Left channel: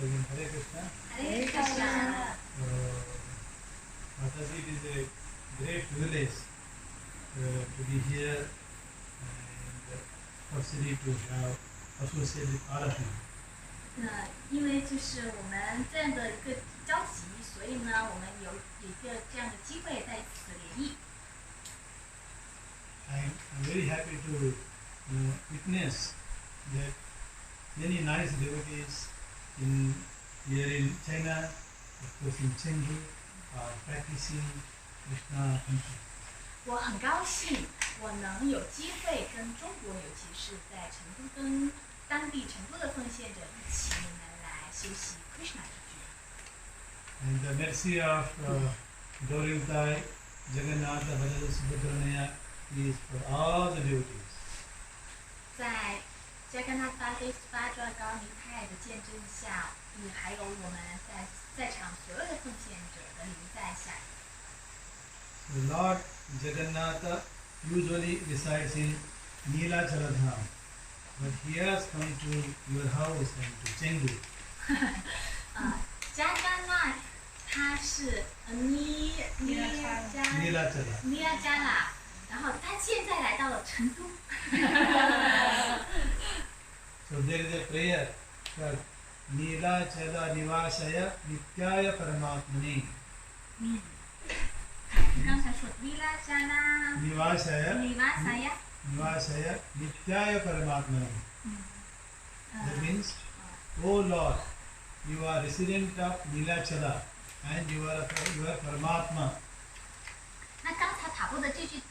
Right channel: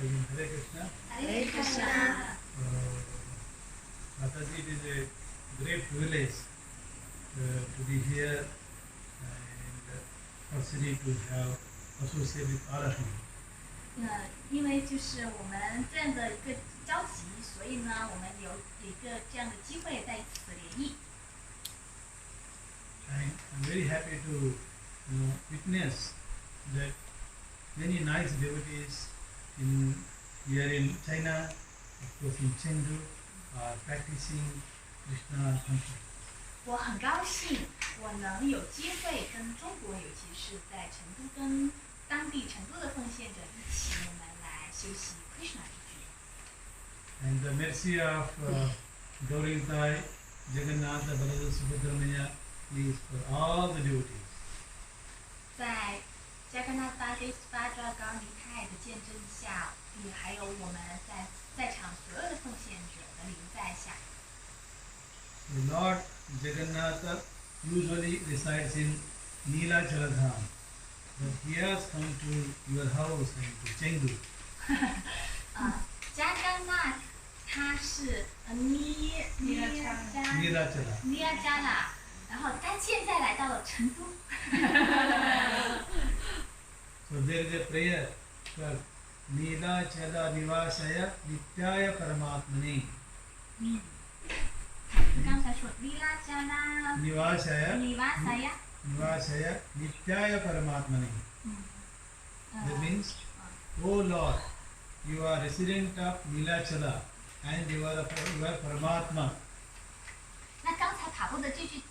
Again, Hare Krishna. Hare Krishna. Mataji, it is a great privilege to be here and opportunity to have associated with all of you. 因为就是我们这样的一个交集，所以呢，我们有一个这样的机会在此联谊。I'm very happy to witness that many nice devotees here in China, of course in Chengdu, are practicing Kṛṣṇa consciousness. 我很高兴，我能有机会跟中国，尤其是在成都，跟当地成都的奉献者一起，我们来修习 Kṛṣṇa 之觉。And the mercy of devotee Jagannatha Baladev Subhadramaya is for all the devotees. 在加甘纳巴德斯巴抓高尼派的见证下，还有我们在场所有的奉献者的临在下。The Lord Jagannatha usually resides in Neelachaladham, but he has come to your house and to Chengdu. 加甘纳他是尼拉加拉，然后他现在来到了成都。So there is a prayer for Neelachala Nivasaya Nityaya Paramatmane. 刚才说尼拉加拉 Nivasaya Nivasaya Nityaya Paramatmane. That means, O Lord, you are resident of Neelachala and you are Paramatma. 那刚才塔布的这句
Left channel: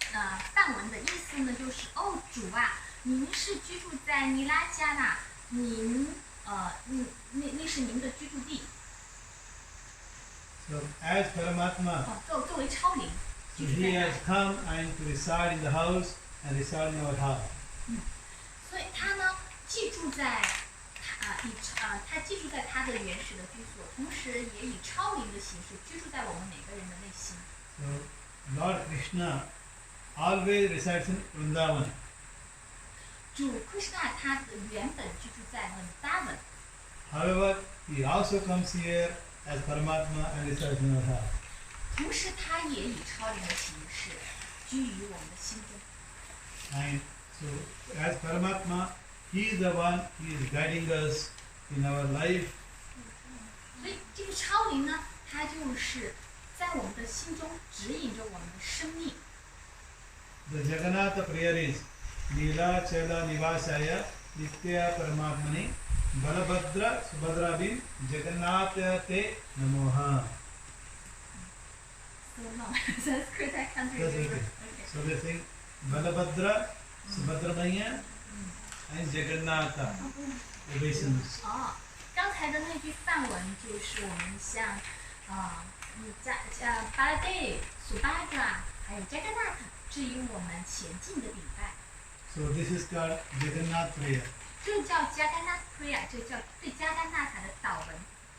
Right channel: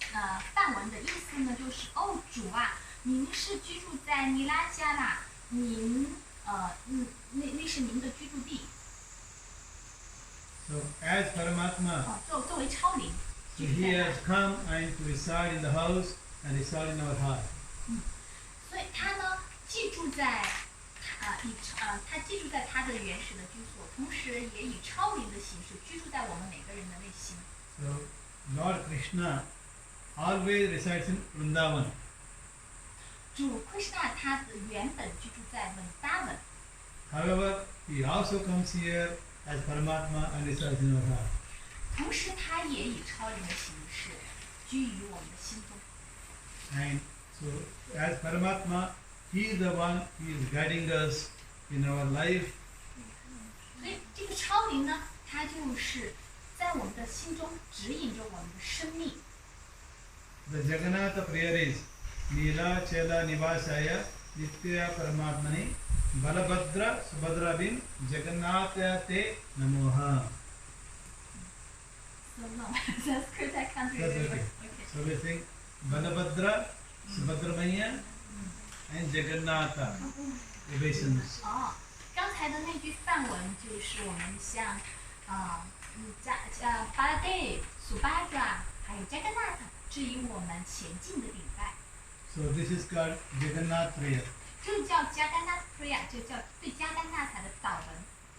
梵文的意思呢，就是哦主啊，您是居住在尼拉加拉，您那是您的居住地。So as Paramatma, 作为超灵， so he has come and to reside in the house and reside in our heart. 所以他呢寄住在他寄住在他的原始的居所，同时也以超灵的形式居住在我们每个人的内心。So Lord Kṛṣṇa always resides in Vrindavan. 主 Kṛṣṇa 他的原本居住在文达文。However, he also comes here as Paramatma and resides in our heart. 同时，他也以超灵的形式居于我们的心中。And so, as Paramatma, he is the one who is guiding us in our life. 所以，这个超灵呢，它就是在我们的心中指引着我们的生命。The Jagannatha prayer is Neelachala Nivasaya Nitya Paramatmane Balabhadra Subhadrabhim Jagannatha Te Namoha. So long. Sanskrit I can't That's remember. okay. Okay. So we sing Balabhadra, Subhadramaya and Jagannatha obeisance. 刚才的那句梵文就是我们向巴拉德、苏巴抓还有加甘纳塔致以我们前进的礼拜。So this is called Jagannath prayer. 这叫加甘纳 prayer， 这叫对加甘纳塔的祷文。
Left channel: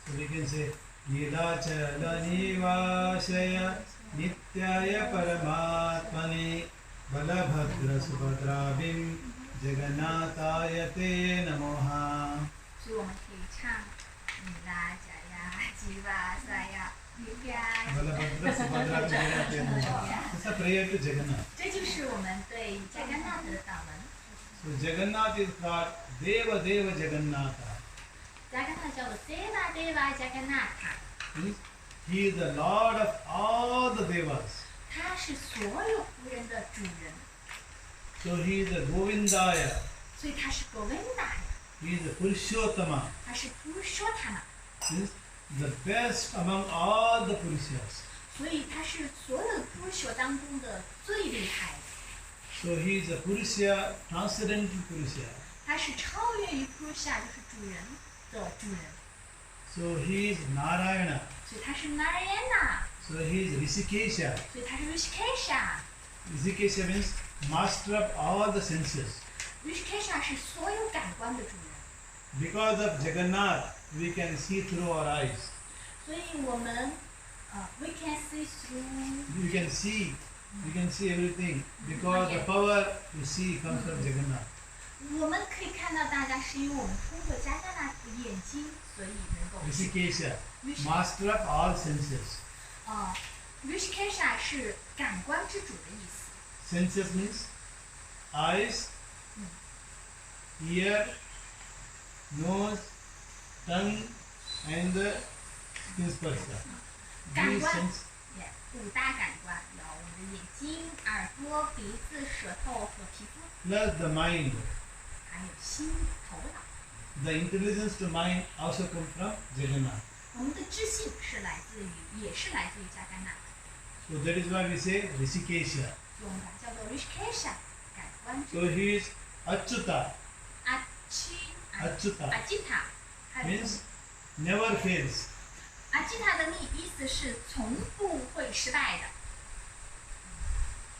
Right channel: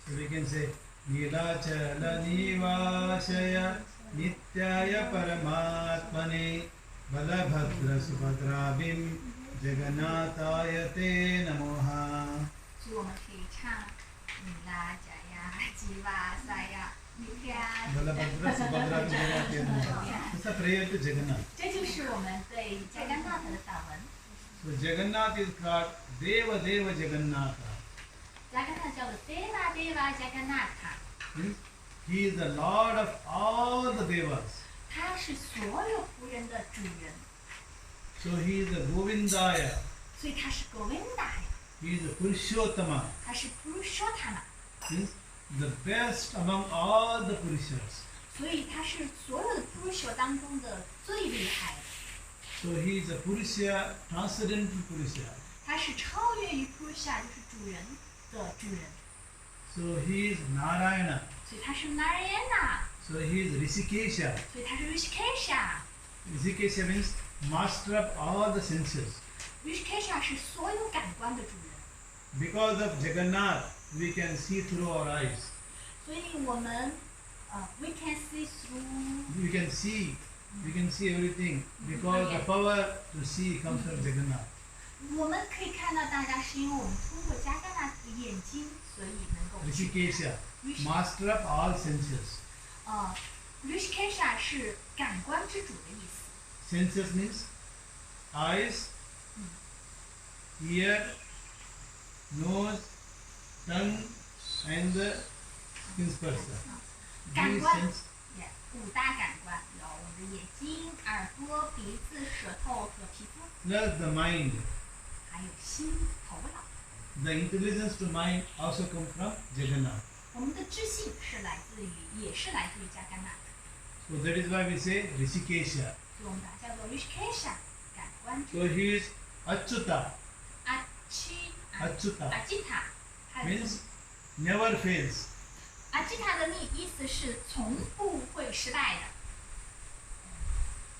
So we can say Neelachala Nivasaya Nityaya Paramatmane Balabhadra Subhadrabhim Jagannathaya Te Namoha. 所以我们可以唱尼拉加呀、吉瓦萨呀、尼亚。Balabhadra Subhadrabhim Jagannathaya Te Namoha. It's a prayer to Jagannath. 这就是我们对加甘纳塔的祷文。So Jagannath is called Deva Deva Jagannatha. 加甘纳叫做 Deva Deva 加甘纳塔。Means he is the Lord of all the Devas. 他是所有仆人的主人， So he is a Govindaya. 所以他是 Govinda 呀， He is a Purushottama. 他是 Purushotama， Means the best among all the Purushas. 所以他是所有的 Purusha 当中的最厉害的。 So he is a Purusha, transcendental Purusha. 他是超越于 Purusha， 就是主人的主人， So he is Narayana. 所以他是 Narayana， So he is Rishikesha. 所以他是 Rishikesha。 Rishikesha means master of all the senses. Rishikesha 是所有感官的主人， Because of Jagannath, we can see through our eyes. 所以我们we can see through， We can see everything because the power to see comes from Jagannath. 我们可以看到大家，是因为我们通过加甘纳因眼睛，所以能够去 Rishikesha, 看。master of all senses. Rishikesha 是感官之主的意思。Senses means eyes, ear, nose, tongue, and the spursa. 感 These 官 sense 五大感官有我们的眼睛、耳朵、鼻子、舌头和皮肤， plus the mind. 还有心、头脑。The intelligence to mind also come from Jagannath. 我们的知性也是来自于加甘纳的， So that is why we say Rishikesha. 所以我们把它叫做 Rishikesha 感官之 So 主。 he is Achyuta. 阿基塔，还有 Means never fails. 阿基塔的意思是从不会失败的。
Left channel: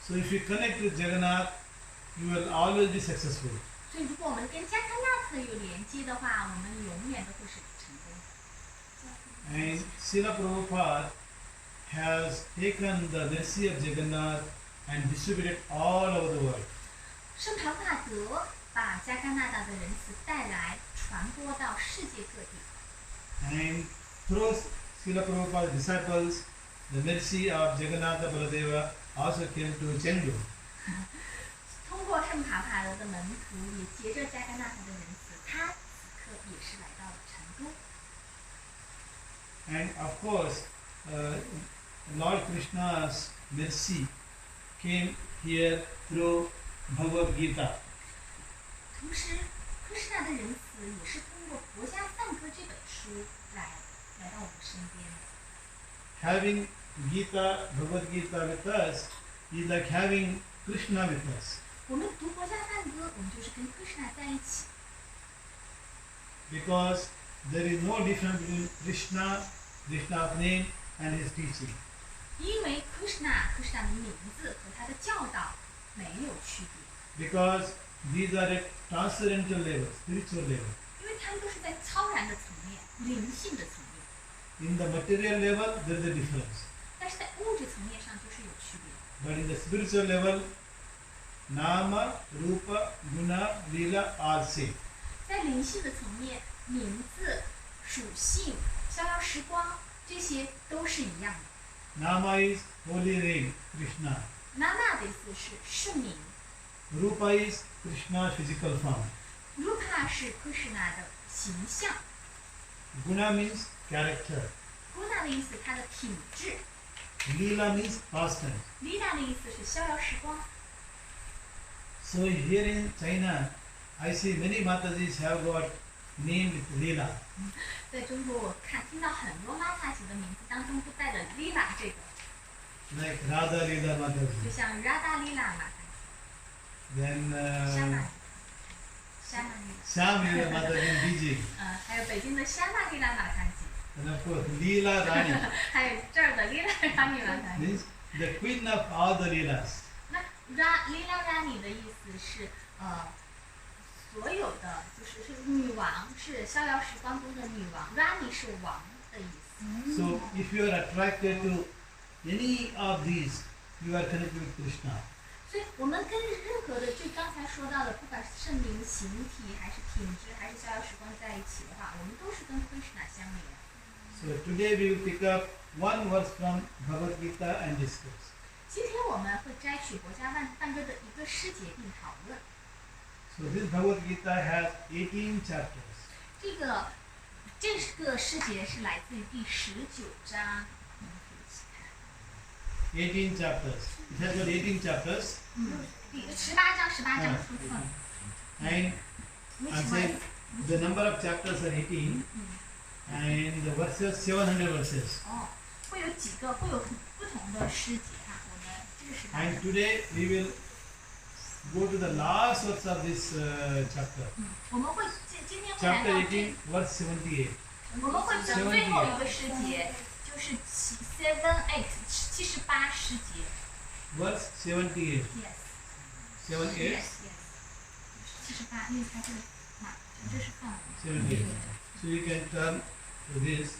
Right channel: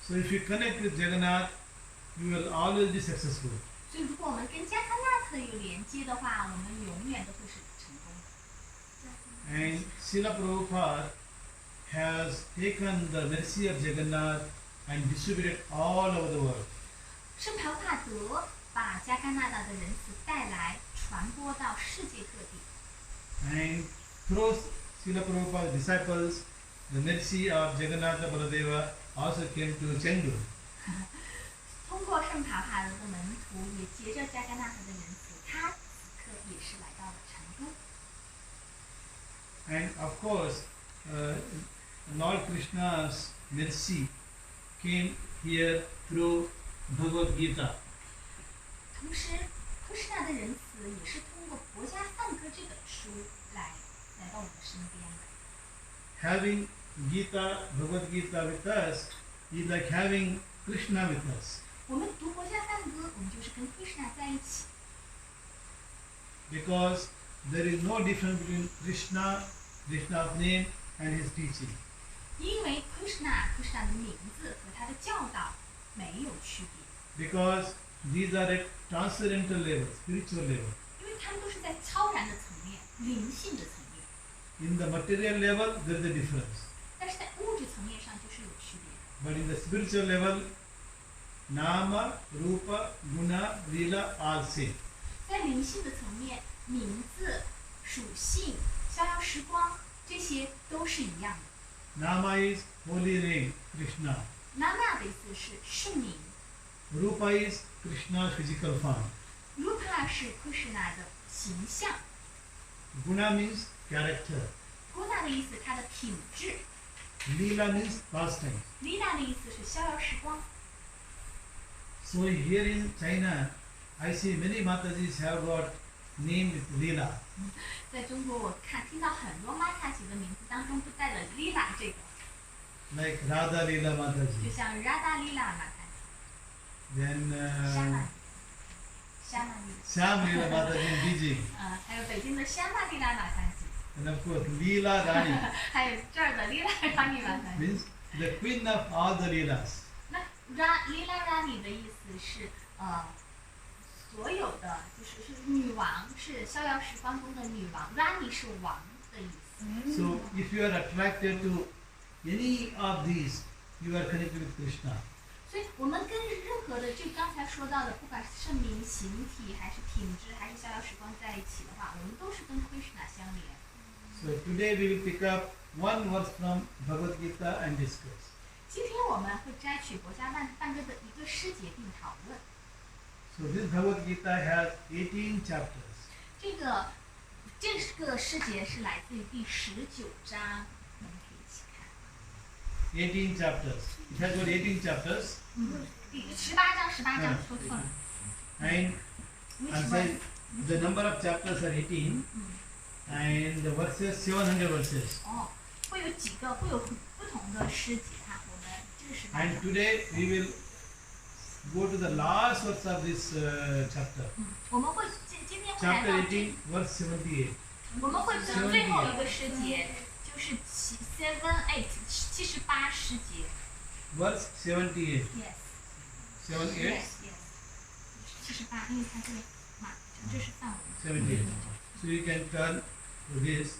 So if you connect with Jagannath, you will always be successful. 所以如果我们跟加甘纳特有连接的话，我们永远都会是成功的。 And Srila Prabhupada has taken the mercy of Jagannath and distributed all over the world. 圣庞帕德把加甘纳达的仁慈带来，传播到世界各地。 And through Srila Prabhupada's disciples, the mercy of Jagannatha Baladeva also came to Chengdu. 通过圣庞帕德的门徒，也结着加甘纳特的仁慈，他此刻也是来到了成都。 And of course, Lord Krishna's mercy came here through Bhagavad Gita. 同时，Kṛṣṇa的仁慈也是通过《佛家赞歌》这本书来到我们身边的。 Having Gita, Bhagavad Gita with us is like having Krishna with us. 我们读《佛家赞歌》，我们就是跟 Kṛṣṇa 在一起， Because there is no difference between Krishna, Krishna's name and his teaching. 因为 Kṛṣṇa 的名字和他的教导没有区别， Because these are at transcendental level, spiritual level. 因为他们都是在超然的层面、灵性的层面， In the material level, there is a difference. 但是在物质层面上就是有区别的。 But in the spiritual level, Nama, Rupa, Guna, Lila are same. 在灵性的层面，名字、属性、逍遥时光这些都是一样的。 Nama is holy name, Krishna. Nama 的意思是圣名 Rupa is Krishna's physical form. ，Rupa 是 Kṛṣṇa 的形象 Guna means character. ，Guna 的意思它的品质 Lila means pastime. ，Lila 的意思是逍遥时光。 So here in China, I see many Matajis have got name with Lila. 在中国，我听到很多 Mataji 的名字当中都带了 Lila 这个， Like Radha Lila 就 Mataji. 像 Radha Lila Mataji、 Then Shama Lila， Sham Lila Mataji in Beijing. 还有北京的 Shama Lila Mataji， And of course, Lila Rani 还有这儿的 Lila Rani Mataji。 means the queen of all the Lilas. 那 Lila Rani 的意思是所有的是女王，是逍遥时光中的女王。Rani 是王的意思。 So if you are attracted to any of these, you are connected with Krishna. 所以我们跟任何的就刚才说到的，不管是圣名、形体，还是品质，还是逍遥时光在一起的话，我们都是跟 Kṛṣṇa 相连。 So today we will pick up one verse from Bhagavad Gita and discuss. 今天我们会摘取国家梵歌的一个诗节并讨论。 So this Bhagavad Gita has 18 chapters. 这个诗节是来自于第19章，我们可以一起看。 18 chapters. It has got 18 chapters. 第18章说错了。 And Which I'm verse？ saying the number of chapters are 18. And the verses, 700 verses. 会有不同的诗节哈。我们这个18 And 章。 today we will go to the last verse of this chapter. 我们会今天会来 Chapter 到 18, verse 78. 我们会讲最后一个诗节，就是78诗节。 Verse 78. Yes. 78. Yes. 78，因为它这个这是范文。 78. So you can turn to this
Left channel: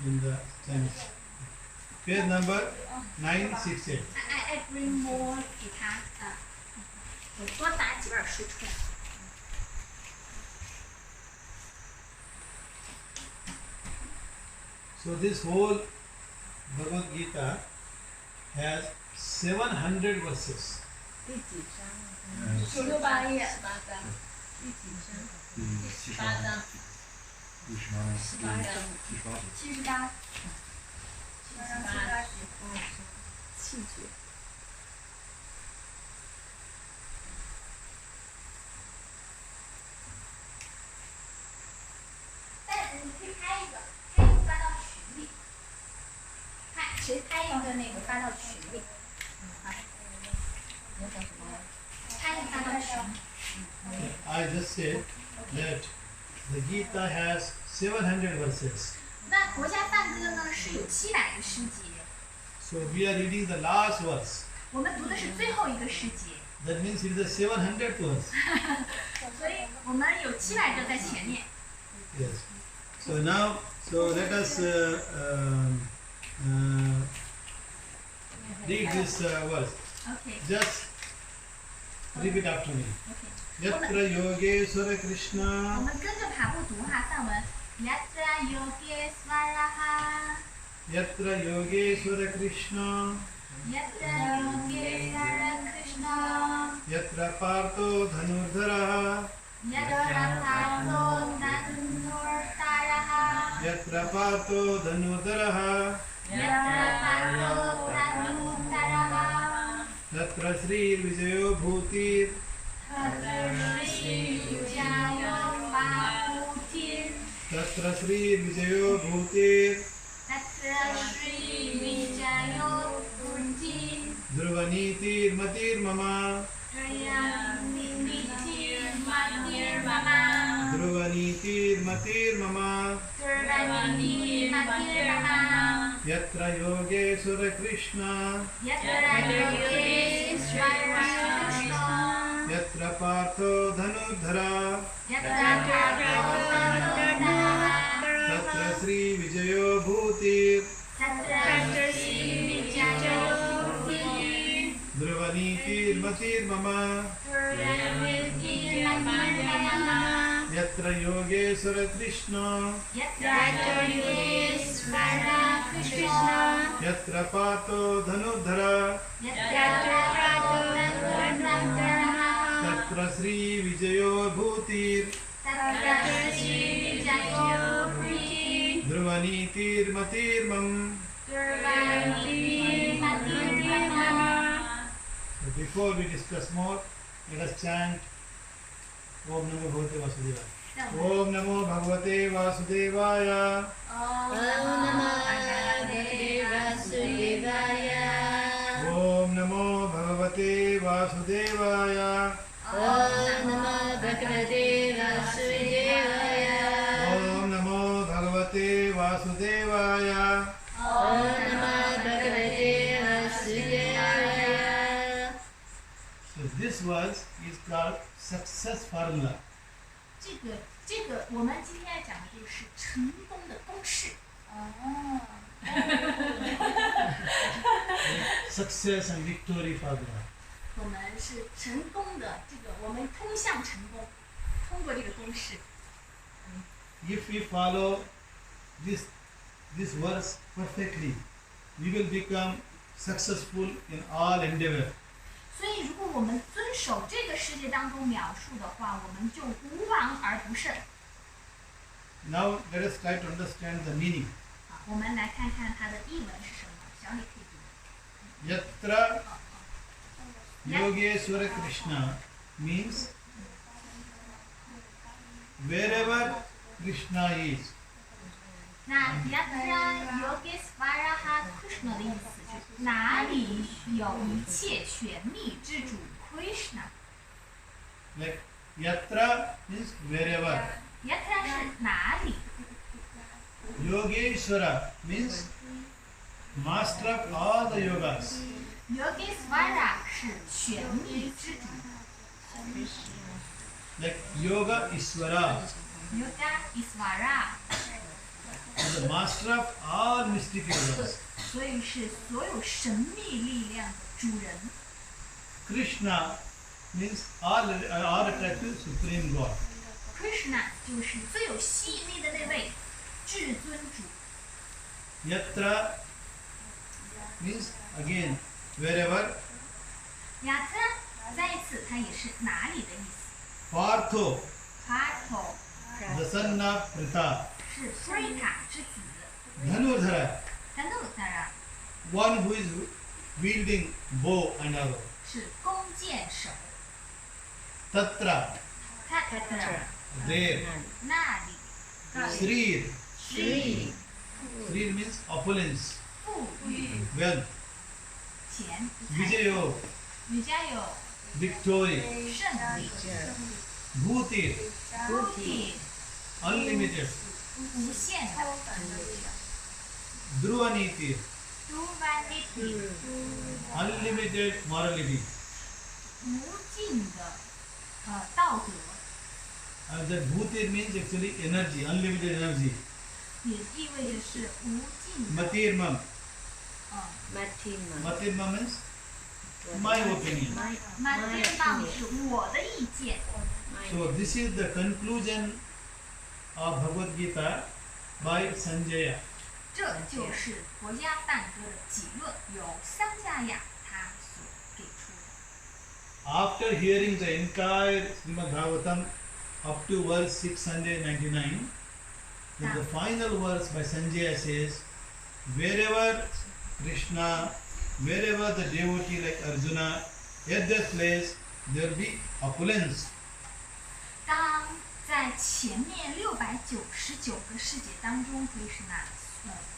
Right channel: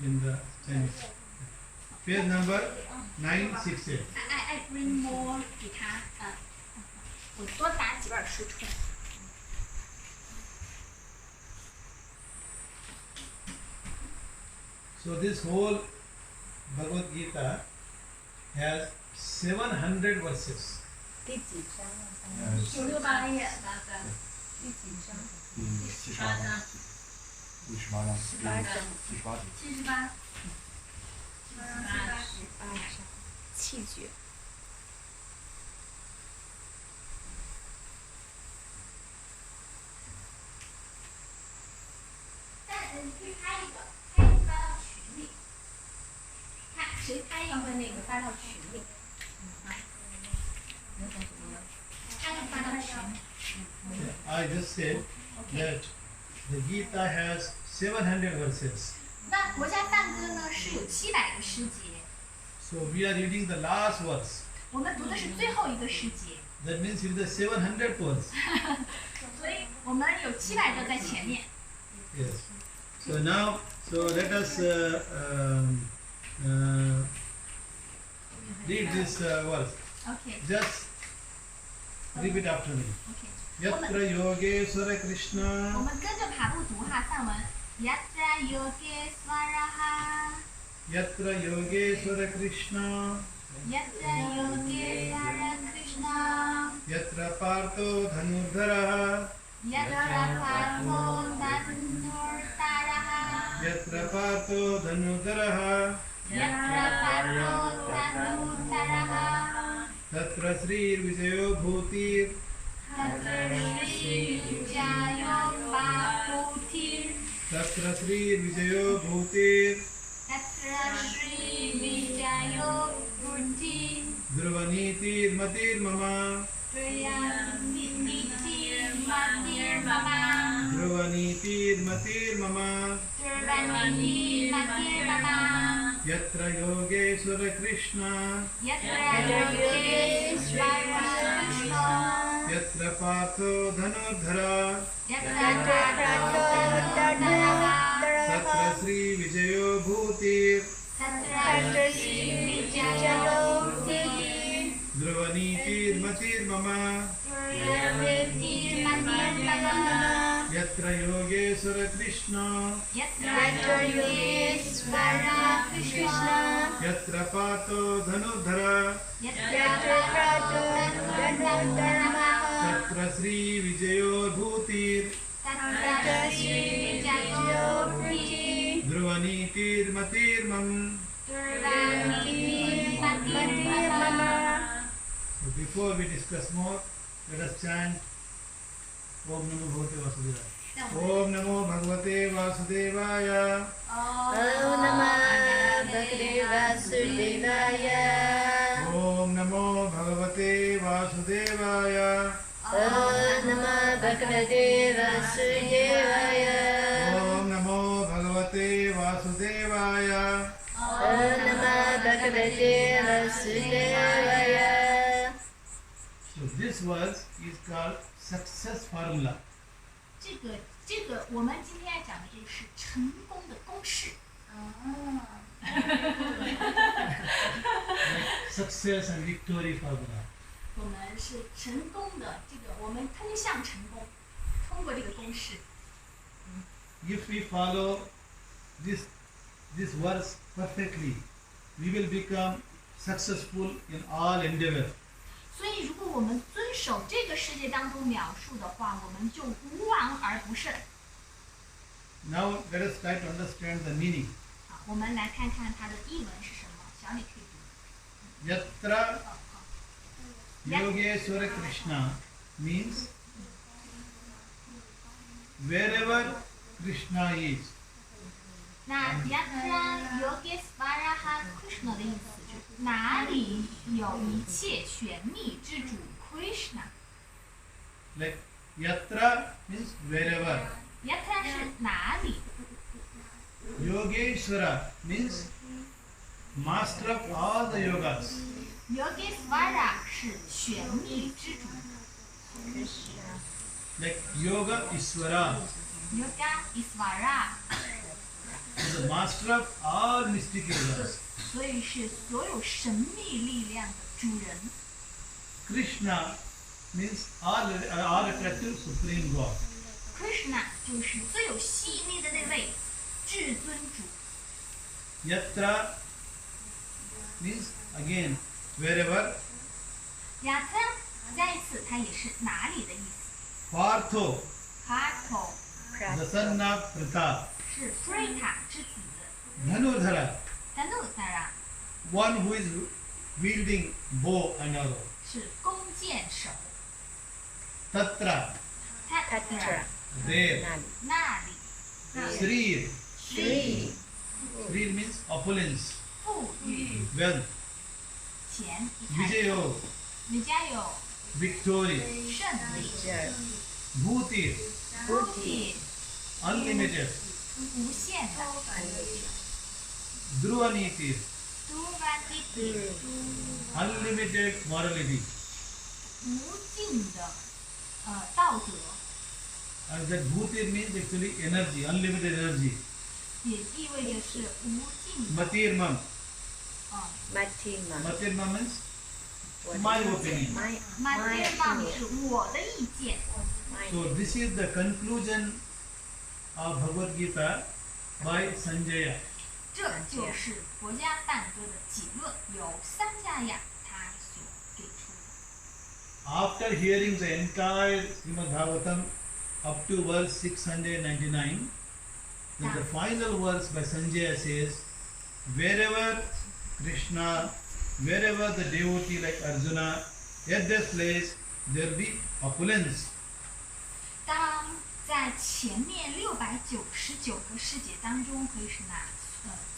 in the Chinese. Page number 968. I bring more 给他我多打几本书出来。So this whole Bhagavad Gita has 700 verses. 第几章啊？ 68页第几章？ 78章，第18章， 18章。 78气绝。你可以拍一个发到群里，谁拍一个那个发到群里，拍一个发到群里。 I just said that the Gita has 700 verses. 那国家梵歌呢是有700个诗节， So we are reading the last verse. 我们读的是最后一个诗节， That means it is the 700th verse. 所以我们有700个在前面。 Yes. So now, so let us read this verse. OK Just repeat after me. OK， Yatra Yogeshwara 我 Kṛṣṇa 们跟着爬步读哈梵文。Yatra Yogeshwaraha Yatra Yogeshwara Kṛṣṇa Yatra Yogeshwara Kṛṣṇa Yatra Partho Dhanurdharaha Yatra Partho Dhanurdharaha Yatra Partho Dhanurdharaha Yatra Partho Dhanurdharaha Tatra Sri Vijayo Bhutir Tatra Shri Vijayo Bhutir Tatra Sri Vijayo Bhutir Tatra Shri Vijayo Bhutir Dhruvaniti Matir Mama Dhruvaniti Matir Mama Dhruvaniti Matir Mama Dhruvaniti Matir Mama Yatra Yogeshwara Kṛṣṇa Yatra Yogeshwara Kṛṣṇa Yatra Partho Dhanurdhara Yatra Partho Dhanurdharaha Tatra Sri Vijayo Bhutir Tatra Shri Vijayo Bhutir Dhruvaniti Matir Mama Dhruvaniti Matir Mama Yatra Yogeshwara Kṛṣṇa Yatra Yogeshwara Kṛṣṇa Yatra Partho Dhanurdhara Yatra Partho Dhanurdharaha Tatra Sri Vijayo Bhutir Tatra Shri Vijayo Bhutir Dhruvaniti Matir Mam. Dhruvaniti Matir Mama. So before we discuss more, let us chant Om Namo Bhagavate Vasudevaya. Om Namo Bhagavate Vasudevaya. Om Om Namo Bhagavate Vasudevaya. Om Namo Bhagavate Vasudevaya. Om Namo Bhagavate Vasudevaya. Om Namo Bhagavate Vasudevaya. So this verse is called success formula. 这个我们今天要讲的这个是成功的公式。 Like success and victory formula. 我们是成功的这个，我们通向成功，通过这个公式。 If we follow this verse perfectly, we will become successful in all endeavor. 所以，如果我们遵守这个世界当中描述的话，我们就无往而不胜。 Now let us try to understand the meaning. 好，我们来看看它的译文是什么。小李可以读。 Yatra Yogeshwara Kṛṣṇa means wherever Krishna is. 那 Yatra Yogeshwara Kṛṣṇa 的意思是哪里有一切玄秘之主 Kṛṣṇa。 Like Yatra means wherever. Yatra 是哪里 Yogeshwara means master of all the yogas. Yogeshwara 是玄秘之主 Like Yoga Iswara Yoga Isvara， is the master of all mystic yogas. 所以是所有神秘力量的主人。 Krishna means all attractive supreme God. Kṛṣṇa 就是最有吸引力的那位至尊主。Yatra means again wherever. Yatra 再一次，它也是哪里的意思。Partho, Partho the son of Pritha. 是 Prita 之子 Dhanurdhara, ，Dhanurdhara one who is wielding bow and arrow. 是弓箭手 Tatra, ，Tatra there. 那里 Srir, Sri Srir means opulence, 富裕 wealth. 钱财 Vijayo, Vijayo victory. 胜利 Bhutir, Bhuti unlimited. 无限的 Dhruvaniti, Dhuvaniti unlimited morality. 无尽的道德， And that Bhutir means actually energy, unlimited energy. 也意味着是无尽的 Matirmam. Matima. Matirmam means my opinion. Matirmam 是我的意见。 So this is the conclusion of Bhagavad Gita by Sanjaya. 这就是国家梵歌的结论，由桑迦亚他所给出的。 After hearing the entire Srimad Bhagavatam up to verse 699, then the final verse by Sanjaya says, wherever Krishna, wherever the devotee like Arjuna, at their place there will be opulence. 当在前面699个世节当中，Kṛṣṇa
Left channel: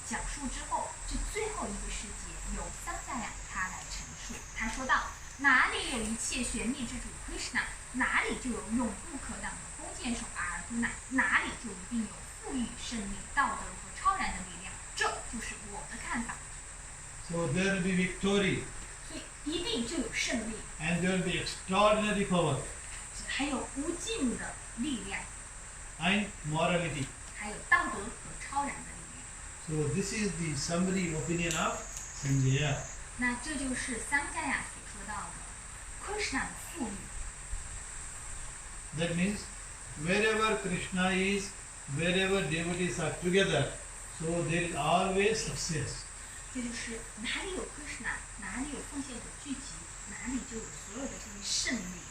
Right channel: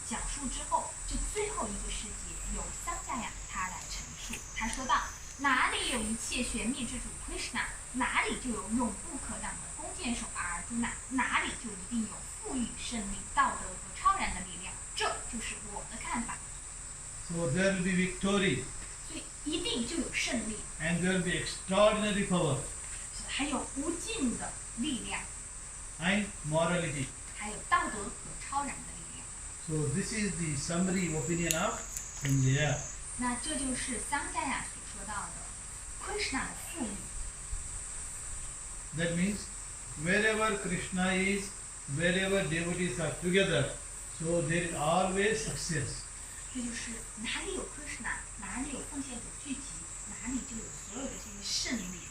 讲述之后，这最后一个世节由桑迦亚他来陈述。他说道：哪里有一切玄秘之主Kṛṣṇa，哪里就有永不可挡的弓箭手Arjuna，哪里就一定有富裕、胜利、道德和超然的力量。这就是我的看法。 So there will be victory 所以一定就有胜利， and there will be extraordinary power 还有无尽的力量， and morality. 还有道德和超然的力量。 So this is the summary opinion of Sanjaya. 那这就是桑迦亚所说到的Kṛṣṇa的富裕。 That means wherever Krishna is, wherever devotees are together, so there is always success. 这就是哪里有Kṛṣṇa，哪里有奉献者聚集，哪里就有所有的这些胜利。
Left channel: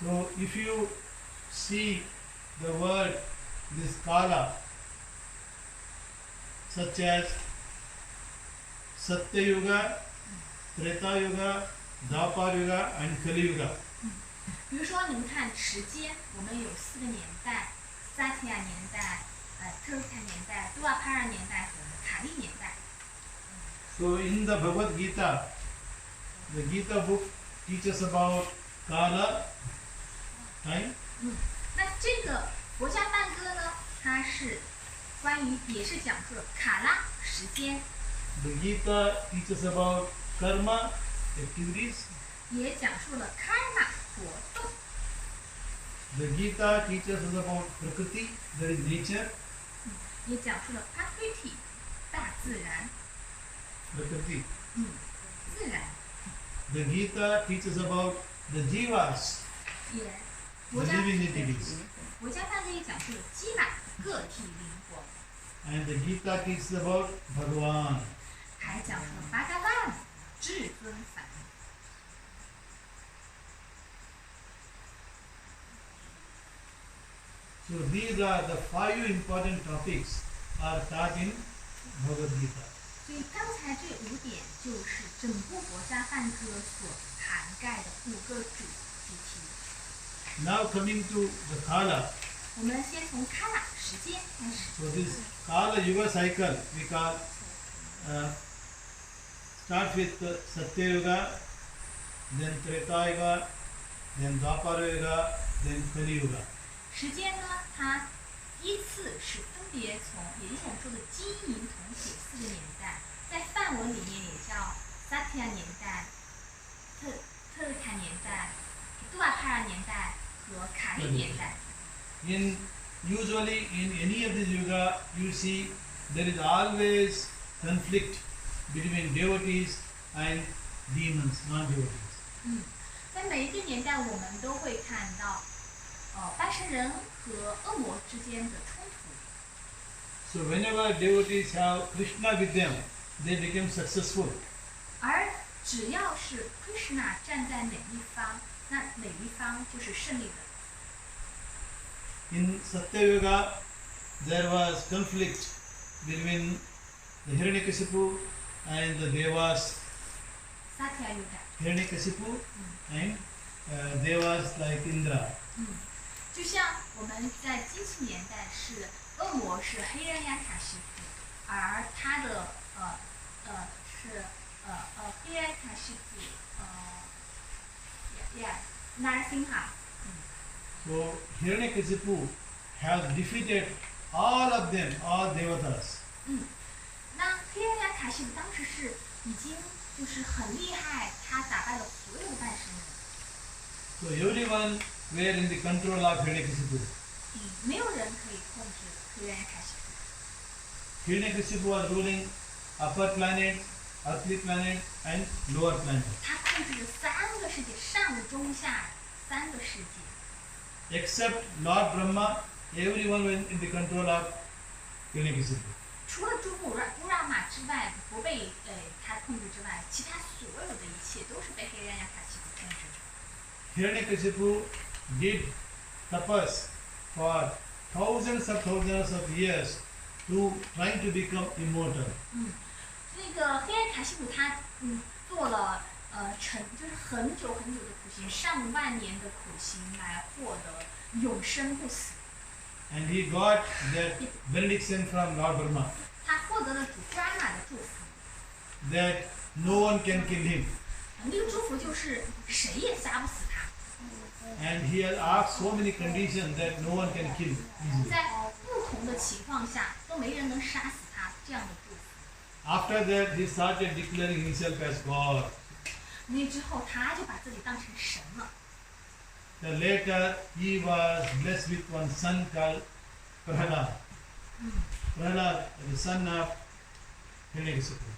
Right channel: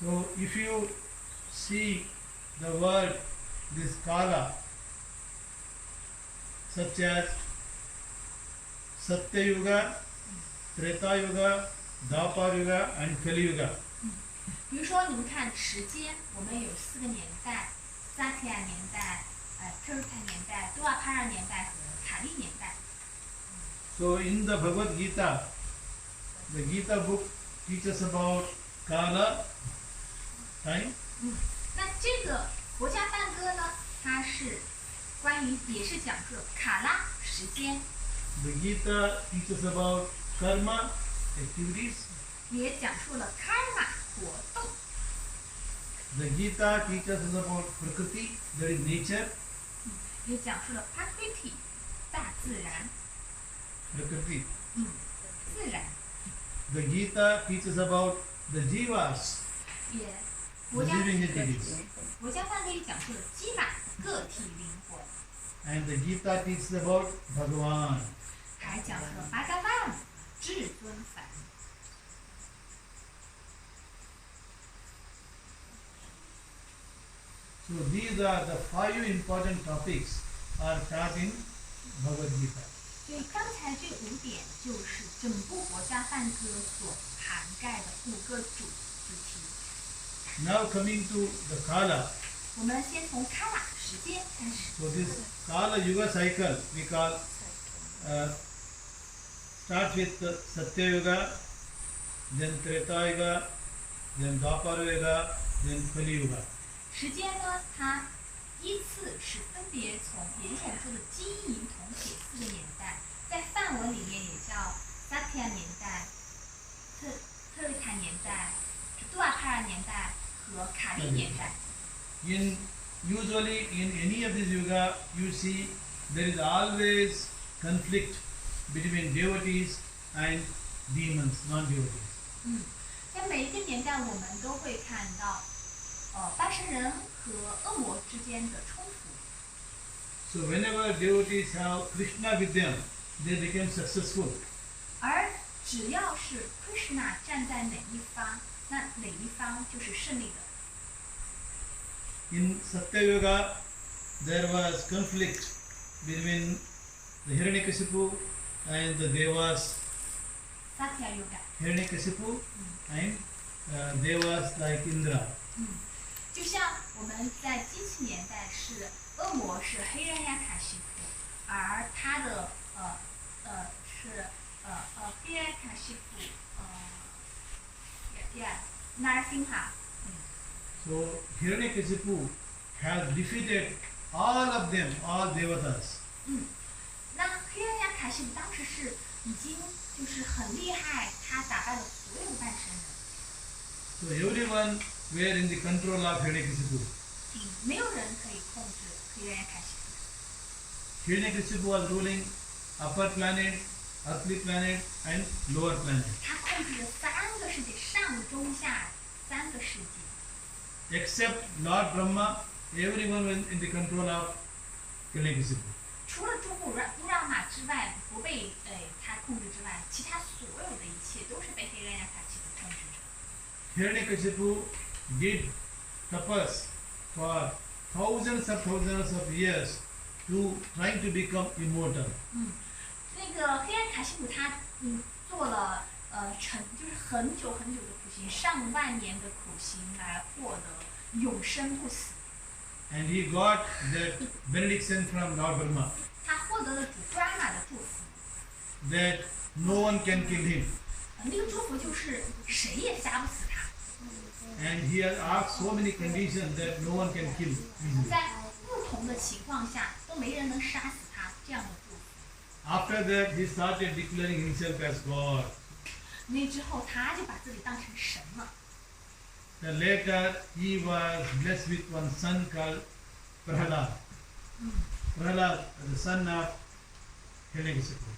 So if you see the word, this kala, such as Satya Yuga, Treta Yuga, Dwapar Yuga and Kali Yuga. 比如说，你们看时间，我们有4个年代：萨提亚年代、特鲁塔年代、杜瓦帕尔年代和卡利年代。 So in the Bhagavad Gita, the Gita book teaches about kala, time, 那这个国家梵歌呢，它是关于也是讲述了卡拉时间， the Gita teaches about karma, activities, 也讲述了 karma 活动， the Gita teaches us about prakriti, that is nature, 也讲述了 prakriti 大自然， prakriti. 自然， The Gita teaches about the jivas, 也 the 国家 living entities. 国家梵歌也讲述了基玛个体灵魂， And the Gita teaches about Bhagavan. 还讲述了巴嘎万至尊梵。 So these are the 5 important topics are taught in Bhagavad Gita. 所以刚才这5点就是整部国家梵歌所涵盖的5个主题。 Now coming to the Kala. 我们先从 Kala 时间开始。 So this Kala Yuga cycle we call start with Satya Yuga, then Treta Yuga, then Dwapara Yuga, then Kali Yuga. 时间呢，它依次是分别从，也就是我们说的金银铜铁4个年代，在梵文里面也叫萨提亚年代、特鲁塔年代、杜瓦帕尔年代和卡利年代。 Usually in any of this yuga, you see there is always conflict between devotees and demons, non-devotees. 在每一个年代，我们都会看到，半神人和恶魔之间的冲突。So whenever devotees have Krishna with them, they become successful. 而只要是 Kṛṣṇa 站在哪一方，那哪一方就是胜利的。In Satyayuga, there was conflict between the Hiranyakasipu and the Devas. Satya Yuga， Hiranyakasipu and Devas like Indra. 就像我们在机器年代是恶魔是黑人亚卡西夫，而他的是黑人亚卡西夫Narasimha。 So Hiranyakasipu has defeated all of them, all devatas. 那黑人亚卡西夫当时是已经就是很厉害，他打败了所有的半神人。So everyone were in the control of Hiranyakasipu. 没有人可以控制黑人亚卡西夫。 Hiranyakasipu was ruling upper planet, earthly planet and lower planet. 他控制着3个世界，上中下3个世界。 Except Lord Brahma, everyone was in the control of Hiranyakasipu. 除了诸布拉玛之外，不被他控制之外，其他所有的一切都是被黑人亚卡西夫控制着。 Hiranyakasipu did tapas for thousands of years to trying to become immortal. 那个黑人卡西普他做了就是很久很久的苦行，上万年的苦行来获得永生不死。 And he got that benediction from Lord Brahma 他获得了主布拉玛的祝福。 that no one can kill him. 那个祝福就是谁也杀不死他。 And he has asked so many conditions that no one can kill easily. 在不同的情况下都没人能杀死他，这样的祝福。 After that, he started declaring himself as God. 那之后他就把自己当成神了。 The later, he was blessed with one son called Prahlad. Prahlad, the son of Hiranyakasipu.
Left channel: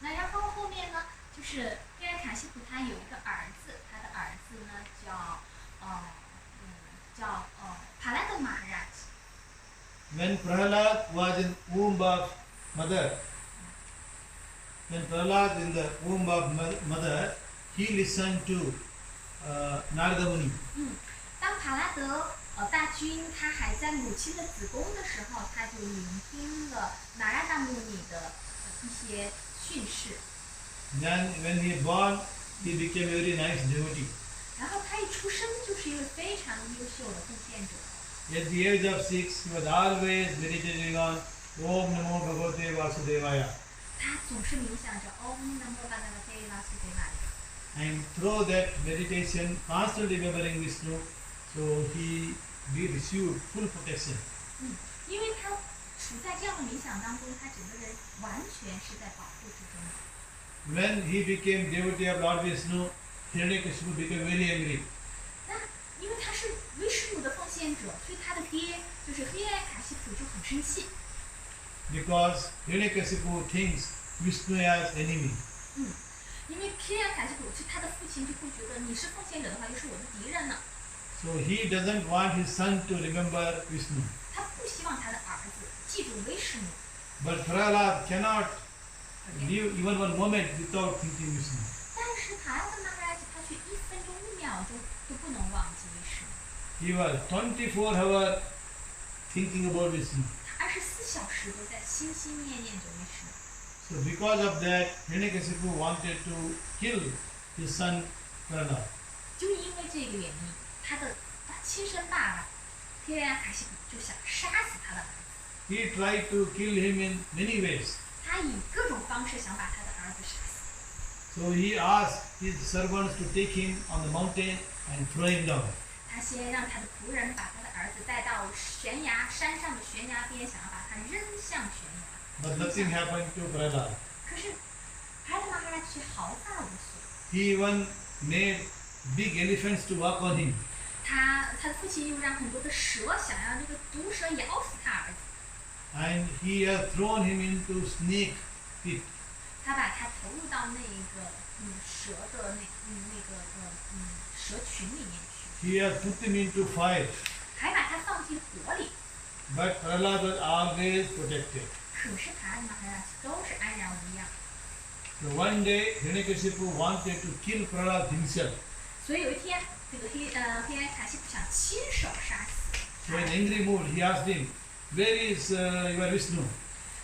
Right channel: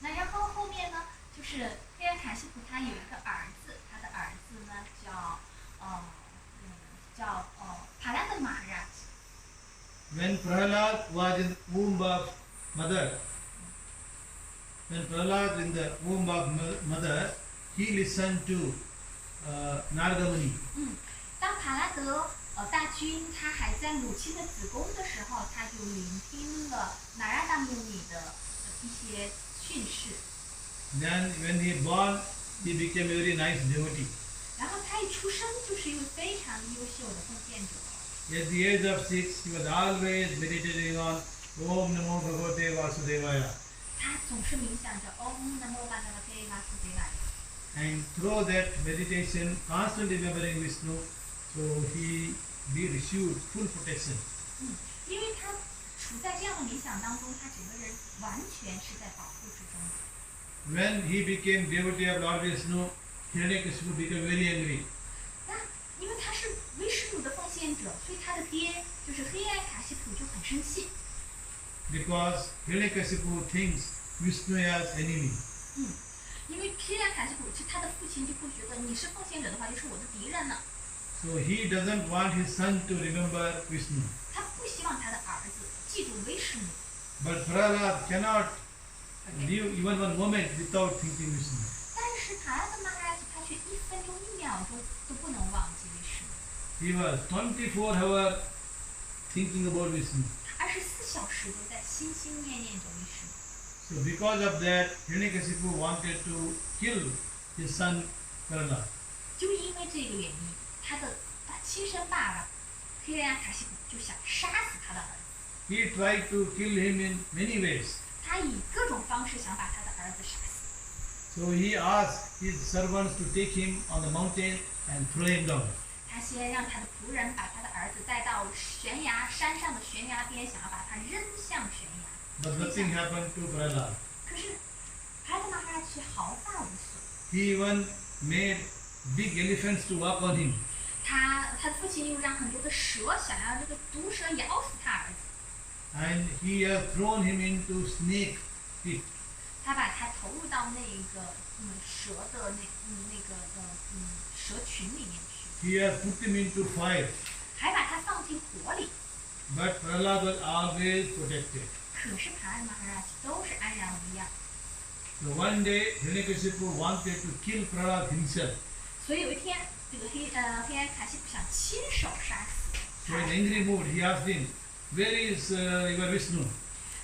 那然后后面呢，就是黑人卡西普他有一个儿子，他的儿子呢叫帕拉德玛哈拉。 When Prahlad was in womb of mother, when Prahlad in the womb of mother, he listened to Narada Muni. 当帕拉德大军他还在母亲的子宫的时候，他就聆听了那拉达穆尼的一些训示。 Then when he born, he became a very nice devotee. 然后他一出生就是一位非常优秀的奉献者。 At the age of 6, he was always meditating on Om Namo Bhagavate Vasudevaya. 他总是冥想着 Om Namo Bhagavate Vasudevaya。 And through that meditation, constantly remembering Vishnu, so he received full protection. 因为他处在这样的冥想当中，他整个人完全是在保护之中的。 When he became devotee of Lord Vishnu, Hiranyakasipu became very angry. 那因为他是威施奴的奉献者，所以他的爹就是黑暗卡西普就很生气。 Because Hiranyakasipu thinks Vishnu as enemy. 因为黑暗卡西普是他的父亲，就会觉得你是奉献者的话，就是我的敌人呢。 So he doesn't want his son to remember Vishnu. 他不希望他的儿子记住威施奴。 But Prahlad cannot live even one moment without thinking Vishnu. 但是塔拉德玛哈拉吉他却1分钟1秒钟都不能忘记威施奴。 He was 24 hours thinking about Vishnu. 他24小时都在心心念念着威施奴。 So because of that, Hiranyakasipu wanted to kill his son Prahlad. 就因为这个原因，他的亲生爸爸黑暗卡西普就想杀死他的儿子。 He tried to kill him in many ways. 他以各种方式想把他的儿子杀死。 So he asked his servants to take him on the mountain and throw him down. 他先让他的仆人把他的儿子带到山上的悬崖边，想要把他扔向悬崖。 But nothing happened to Prahlad. 可是帕拉德玛哈拉却毫发无损。 He even made big elephants to walk on him. 他的父亲又让很多的蛇想要这个毒蛇咬死他儿子。 And he has thrown him into snake pit. 他把他投入到那个蛇的那个蛇群里面去， He has put him into fire. 还把他放进火里。but Prahlad was always protected. 可是帕拉玛哈拉都是安然无恙。 So one day Hiranyakashipu wanted to kill Prahlad himself. 所以有一天，这个黑暗卡西普想亲手杀死 So 帕拉 in 玛。 angry mood, he asked him, "Where is your Vishnu?"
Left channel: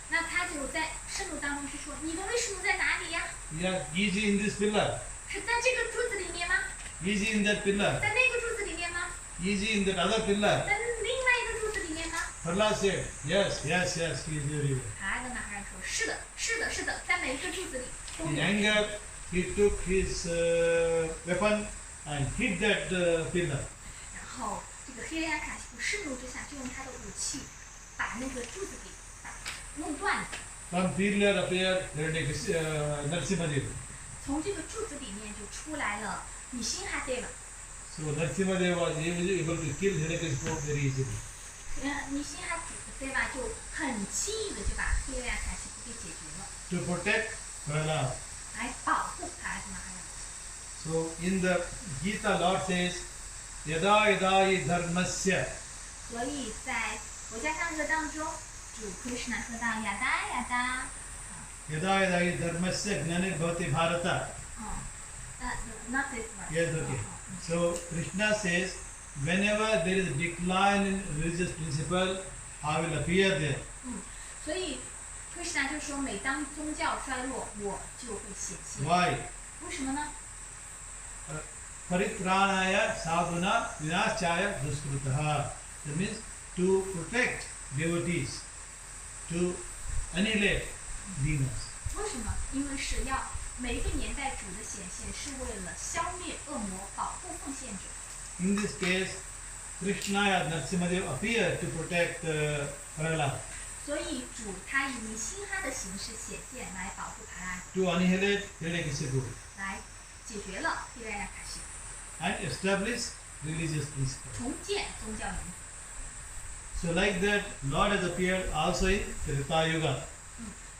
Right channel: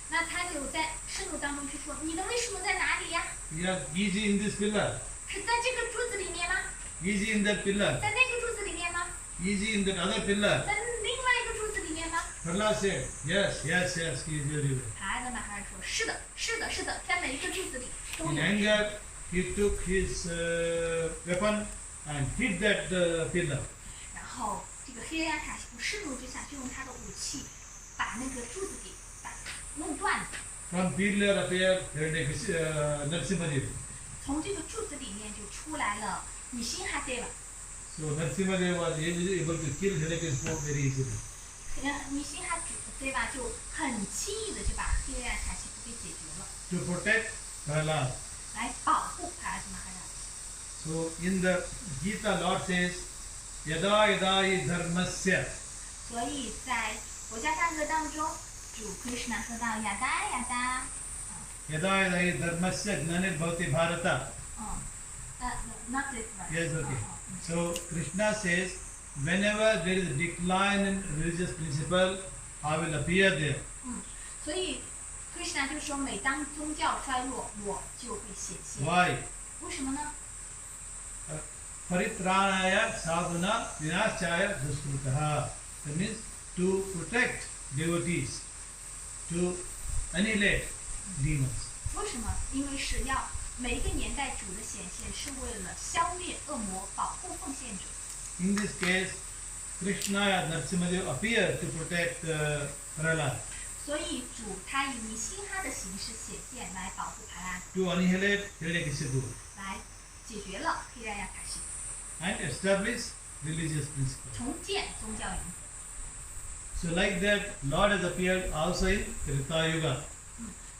那他就在愤怒当中去说：“你的威士奴在哪里呀？ He asked, "Is he in this pillar? 是在这个柱子里面吗？ Is he in that pillar? 在那个柱子里面吗？ Is he in that other pillar?" 在另外一个柱子里面吗？” Prahlad said, "Yes, yes, yes, he is everywhere." 帕拉玛哈拉说：“是的，是的，是的，在每一个柱子里都 In 有。” anger, he took his weapon and hit that pillar. 然后这个黑暗卡西普盛怒之下，就用他的武器把那个柱子给弄断了。 From pillar appeared Narasimhadev. 从这个柱子里面就出来了尼辛哈对吧？ So Narasimhadev was able to kill Hiranyakashipu very easily. 尼辛哈对吧？就很轻易的就把黑暗卡西普给解决了， To protect Prahlad. 来保护帕拉玛哈拉。 So in the Gita, Lord says, "Yada yada hi dharmasya." 所以在佛家赞歌当中，主Kṛṣṇa说到呀哒呀哒， Yada yada hi dharmasya gnanir bhavati bharata. not this verse。 Yes, okay. So Krishna says, whenever there is a decline in religious principle, I will appear there. 所以Kṛṣṇa就说，每当宗教衰落，我就会显现。 Why? 为什么呢？ Paritranaya sadhuna vinashchaya duskrutaha. That means to protect devotees, to annihilate demons. 为什么？因为是要每一个年代主的显现是为了消灭恶魔，保护奉献者。 In this case, Krishna and Narasimhadev appear to protect Prahlad, 所以主他以尼辛哈的形式显现来保护帕拉， to annihilate Hiranyakashipu 来解决了黑暗亚卡西， and establish religious principle. 重建宗教原则。 So like that, Lord has appeared also in Treta Yuga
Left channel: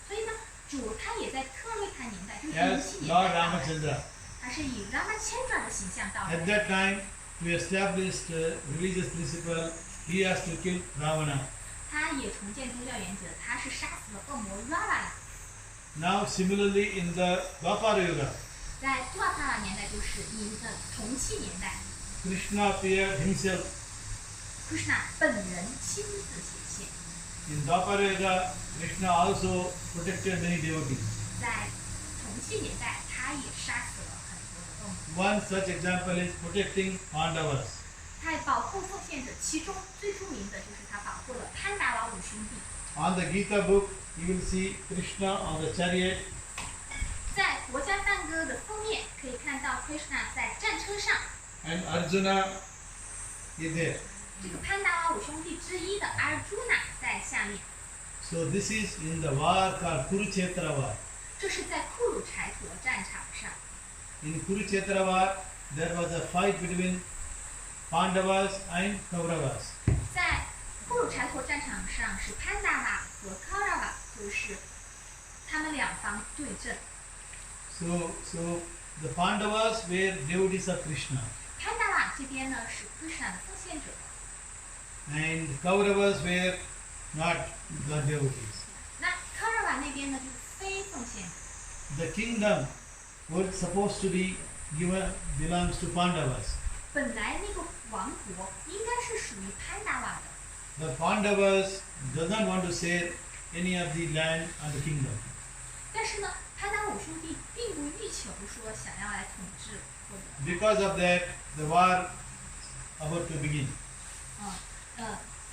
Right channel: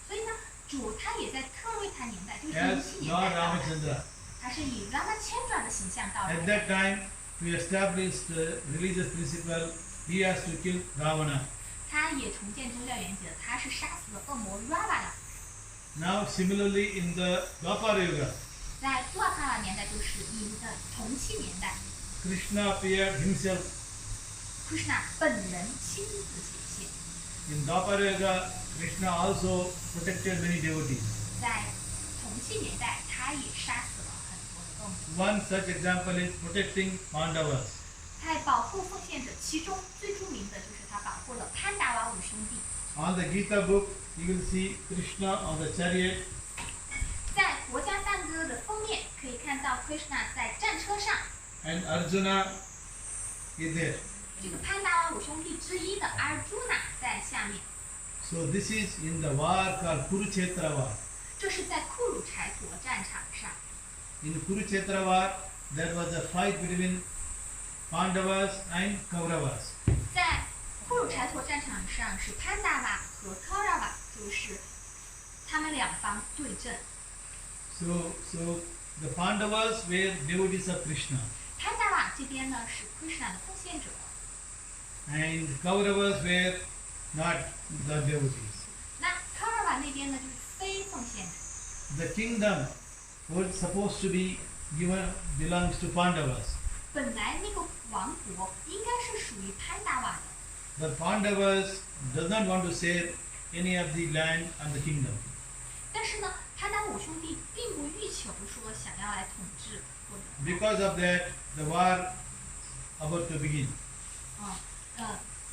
所以呢，主他也在特瑞塔年代，就是as 07年 Lord 代到来， Ramachandra. 他是以 Ramachandra 的形象到 At 来。 that time, to establish religious principle, he has to kill Ravana. 他也重建宗教原则，他是杀死了恶魔 Ravana。 Now, similarly, in the Dwapara Yuga, 在杜阿帕拉年代，就是同期年代 Krishna appeared himself. ，Kṛṣṇa 本人亲自显现。 In Dwapara Yuga, Krishna also protected many devotees. 在同期年代，他也杀死了很多的恶魔。 One such example is protecting Pandavas. 他保护奉献者，其中最著名的就是他保护了潘达瓦五兄弟。 On the Gita book, you will see Krishna on the chariot 在国家赞歌的封面可以看到 Kṛṣṇa 在战车上， and Arjuna is there. 这个潘达瓦五兄弟之一的 Arjuna 在下面。 So this is in the war called Kurukshetra war. 这是在库鲁柴陀战场上， In Kurukshetra war, there was a fight between Pandavas and Kauravas. 在库鲁柴陀战场上是潘达瓦和 Kaurava， 就是他们两方对阵。 So the Pandavas were devotees of Krishna, 潘达瓦这边呢是 Kṛṣṇa 的奉献者， and Kauravas were not the devotees. 那 Kaurava 那边呢就是非奉献者。 The kingdom was supposed to be belongs to Pandavas. 本来那个王国应该是属于潘达瓦的， The Pandavas does not want to share any of the land and the kingdom. 但是呢，潘达瓦五兄弟并不欲求说想要来统治或者， Because of that, the war about to begin.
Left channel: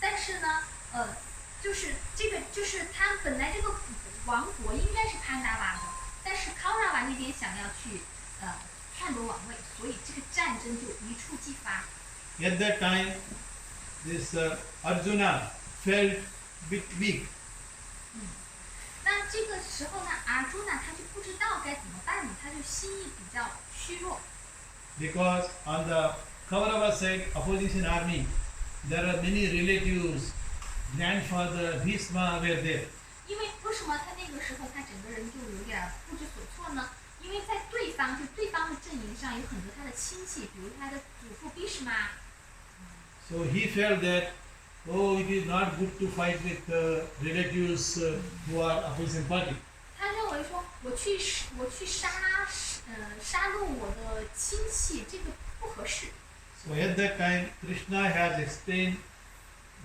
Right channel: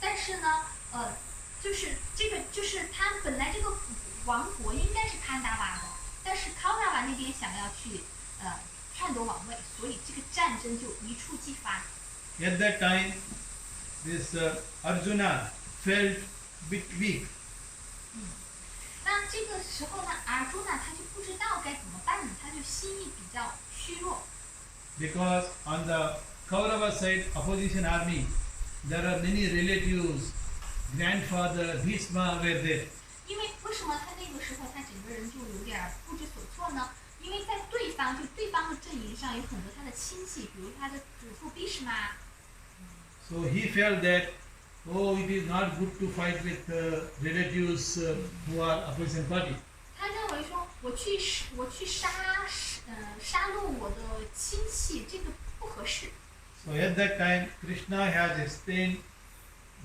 但是呢，就是这个就是他本来这个王国应该是潘达瓦的，但是康纳瓦那边想要去篡夺王位，所以这个战争就一触即发。 At that time, this Arjuna felt bit weak. 那这个时候呢，Arjuna他就不知道该怎么办呢，他就心意比较虚弱。 Because on the Kaurava side, opposition army, there are many relatives, grandfather, Bhishma were there. 因为什么他那个时候他整个人就有点不知所措呢？因为在对方的阵营上有很多他的亲戚，比如他的祖父 Bhishma。 So he felt that oh, it is not good to fight with relatives who are opposition party. 他认为说我去杀戮我的亲戚，这个不合适。 So at that time, Krishna has explained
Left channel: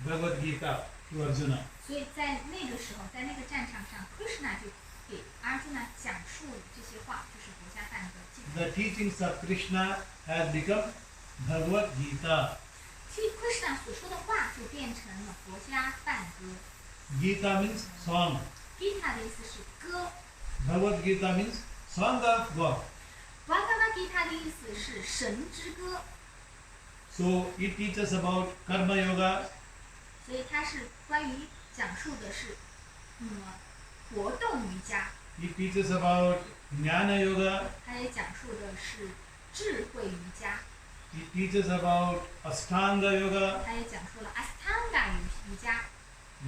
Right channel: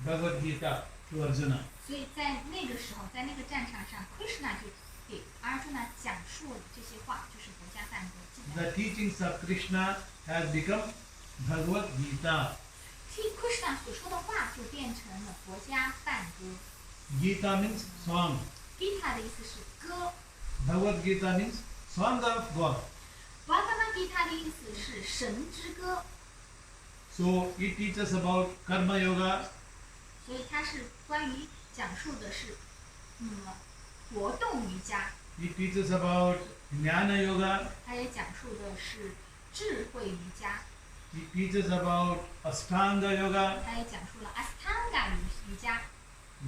Bhagavad Gita to Arjuna. 所以在那个时候，在那个战场上，Kṛṣṇa 就给Arjuna 讲述了这些话，就是国家梵歌记载。 The teachings of Krishna has become Bhagavad Gita. Kṛṣṇa 所说的话就变成了佛家梵歌。 Gita means song. Gita 的意思是歌 Bhagavad Gita means song of God.，Bhagavad Gita 的意思是神之歌， So it teaches about Karma Yoga, 所以它是关于讲述的是活动瑜伽， it teaches about Jnana Yoga, 它也讲述的是智慧瑜伽， it teaches about Ashtanga Yoga, 它也讲述了 Ashtanga 瑜伽，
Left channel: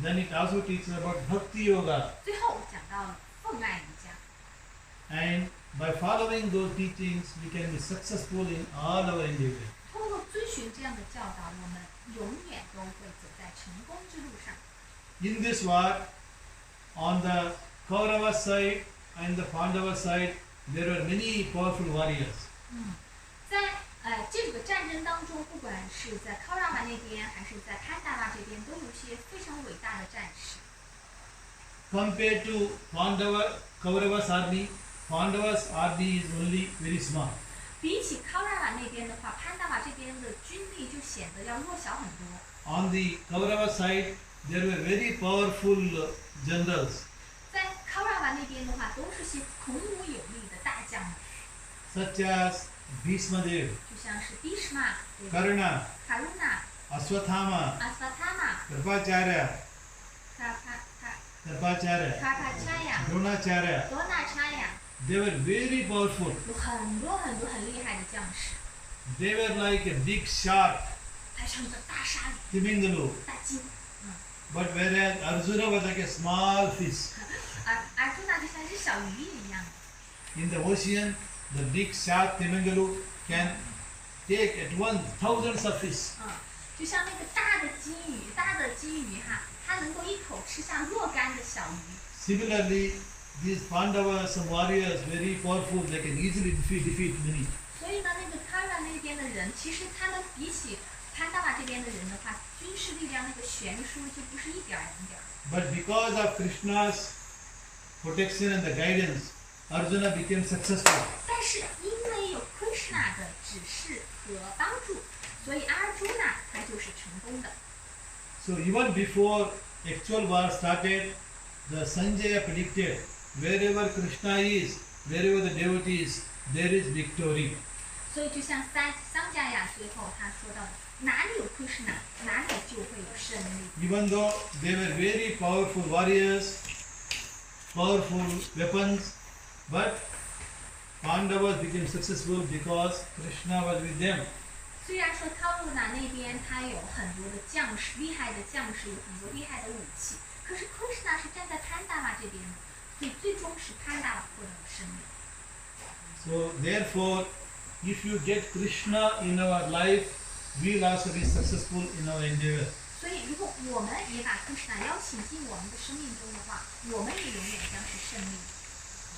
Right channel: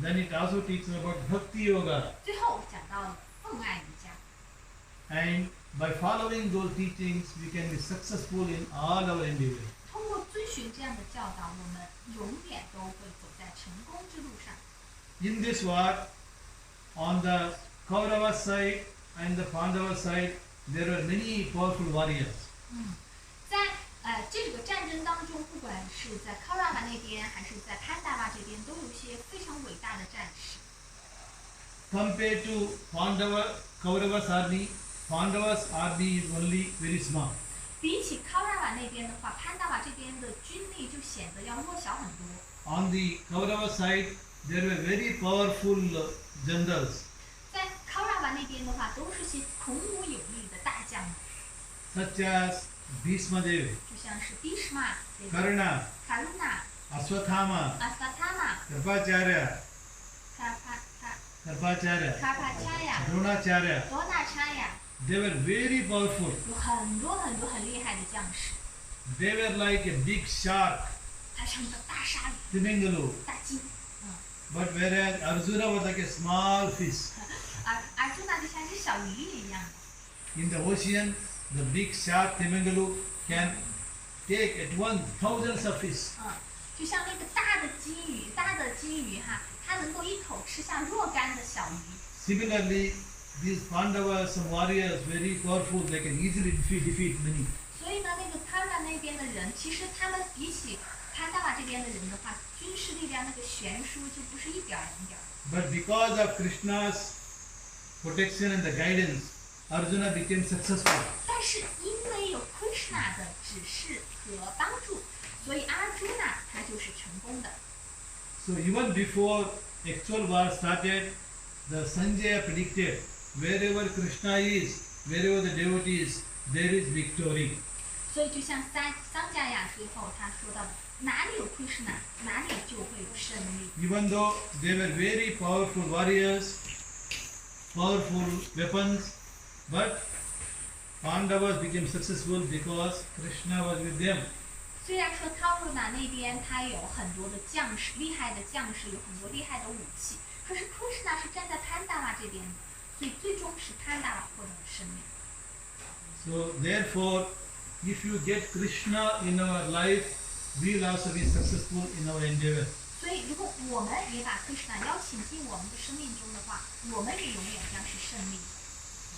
then it also teaches about Bhakti Yoga. 最后讲到了奉爱瑜伽。 And by following those teachings, we can be successful in all our endeavors. 通过遵循这样的教导，我们永远都会走在成功之路上。 In this war, on the Kaurava side and the Pandava side, there were many powerful warriors. 在这个战争当中，不管是在 Kaurava 那边还是在 Pandava 这边，都有一些非常伟大的战士。 Compared to Kaurava's army, Pandava's army is only very small. 比起 Kaurava 那边的话，Pandava 这边的军力就显得要弱小很多。 On the Kaurava side, there were very powerful generals 在 Kaurava 那边的话，都是些孔武有力的大将们， such as Bhishmadev, 就像是 Bhishma、Karna, Karuna、 Ashwathama, Asvatthama、 Kripacharya, Karpacharya、 Dronacharya. Dronacharya， They were very powerful. 有很多很厉害的将士， They were like a big shark, 他像一个大鲨鱼、 Timingalu. 大鲸。 But whereas Arjuna was like a small fish. 而Arjuna就像一只小鱼一样的。 In the ocean, the big shark Timingalu can take at once thousands of fish. 就像那个大的金鱼哈，它能够一口吃下若干的小鱼。 Similarly, these Pandavas, some warriors, very powerful, they can easily defeat many. 所以呢，那个 Kara 那边的人，其实他们比起 Pandava 这边的人的话，军事力量那个悬殊就不是一点儿两点儿。 But because of Krishna's protection and the guidance, Arjuna became successful. 但是因为有 Kṛṣṇa 的指示和帮助，所以 Arjuna 他就是成功的。 So even before actual war started, the Sanjaya predicted wherever Krishna is, wherever the devotees, there is victory. 所以就像桑迦亚最后他说到的，哪里有 Kṛṣṇa， 哪里就会有胜利。 Even though they were very powerful warriors, powerful weapons, but Pandavas became successful because Krishna was with them. 虽然说 Kṛṣṇa 那边他有很多的将士，厉害的将士，有很多厉害的武器，可是 Kṛṣṇa 是站在 Pandava 这边的，所以最终是 Pandava 获得了胜利。 So therefore, if you get Krishna in our life, we will also be successful in our endeavor. 所以如果我们也把 Kṛṣṇa 邀请进我们的生命中的话，我们也永远将是胜利。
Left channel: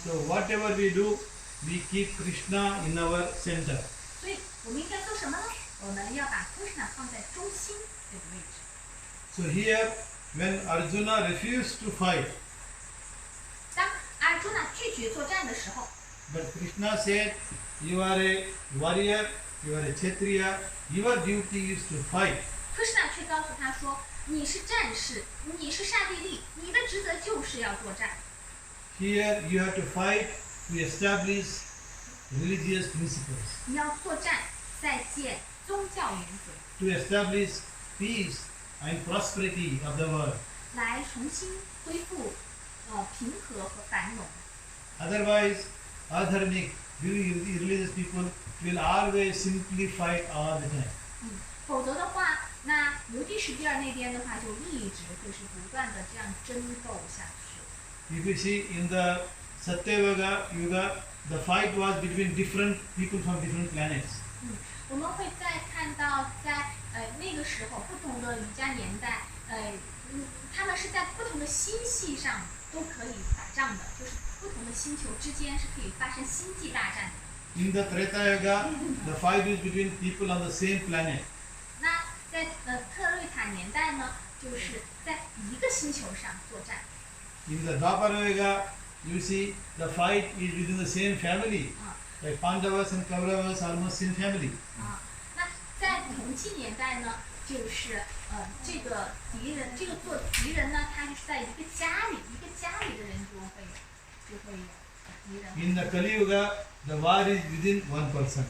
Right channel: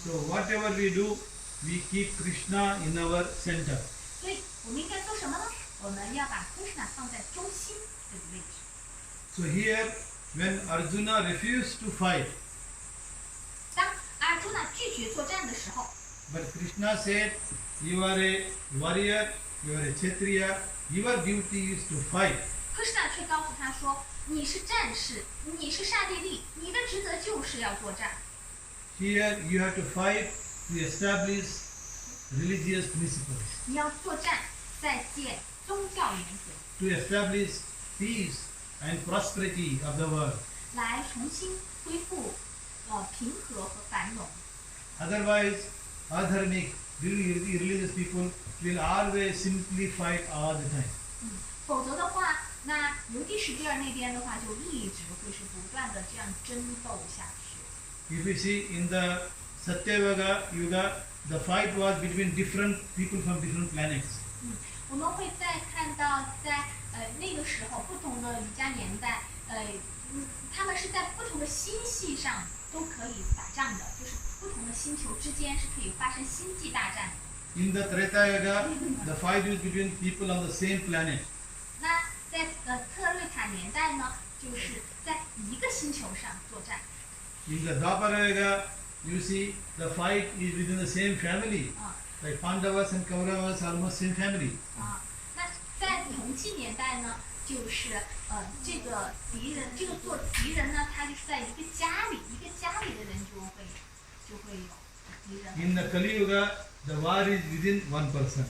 So whatever we do, we keep Krishna in our center. 所以我们应该做什么呢？我们要把 Kṛṣṇa 放在中心这个位置。 So here, when Arjuna refused to fight, 当 Arjuna 拒绝作战的时候， but Krishna said, you are a warrior, you are a Kshatriya, your duty is to fight. Kṛṣṇa 却告诉他说：“你是战士，你是刹帝利，你的职责就是要作战。 Here you have to fight to establish religious principles, 你要作战，再建宗教原则， to establish peace and prosperity of the world. 来重新恢复平和和繁荣。 Otherwise, adharmic, religious people will always simply fight all the time. 否则的话，那尤地什比尔那边的话，就一直会是不断的这样争斗下去。 If you see in the Satyavaka Yuga, the fight was between different people from different planets. 我们会再看到在那个时候不同的瑜伽年代，他们是在不同的星系上都可以打仗的，就是不同的星球之间是可以发生星际大战的。In the Treta Yuga, the fight is between people on the same planet. 那在特瑞塔年代呢，就是在一个星球上作战。In the Dwapara Yuga, you see the fight is within the same family. Like Pandavas and Kauravas are almost same family. 那在同济年代呢，就是这个敌人，这个做敌人呢，他就是在一个家里的人就会有敌人。In the Kali Yuga, the war is within one person.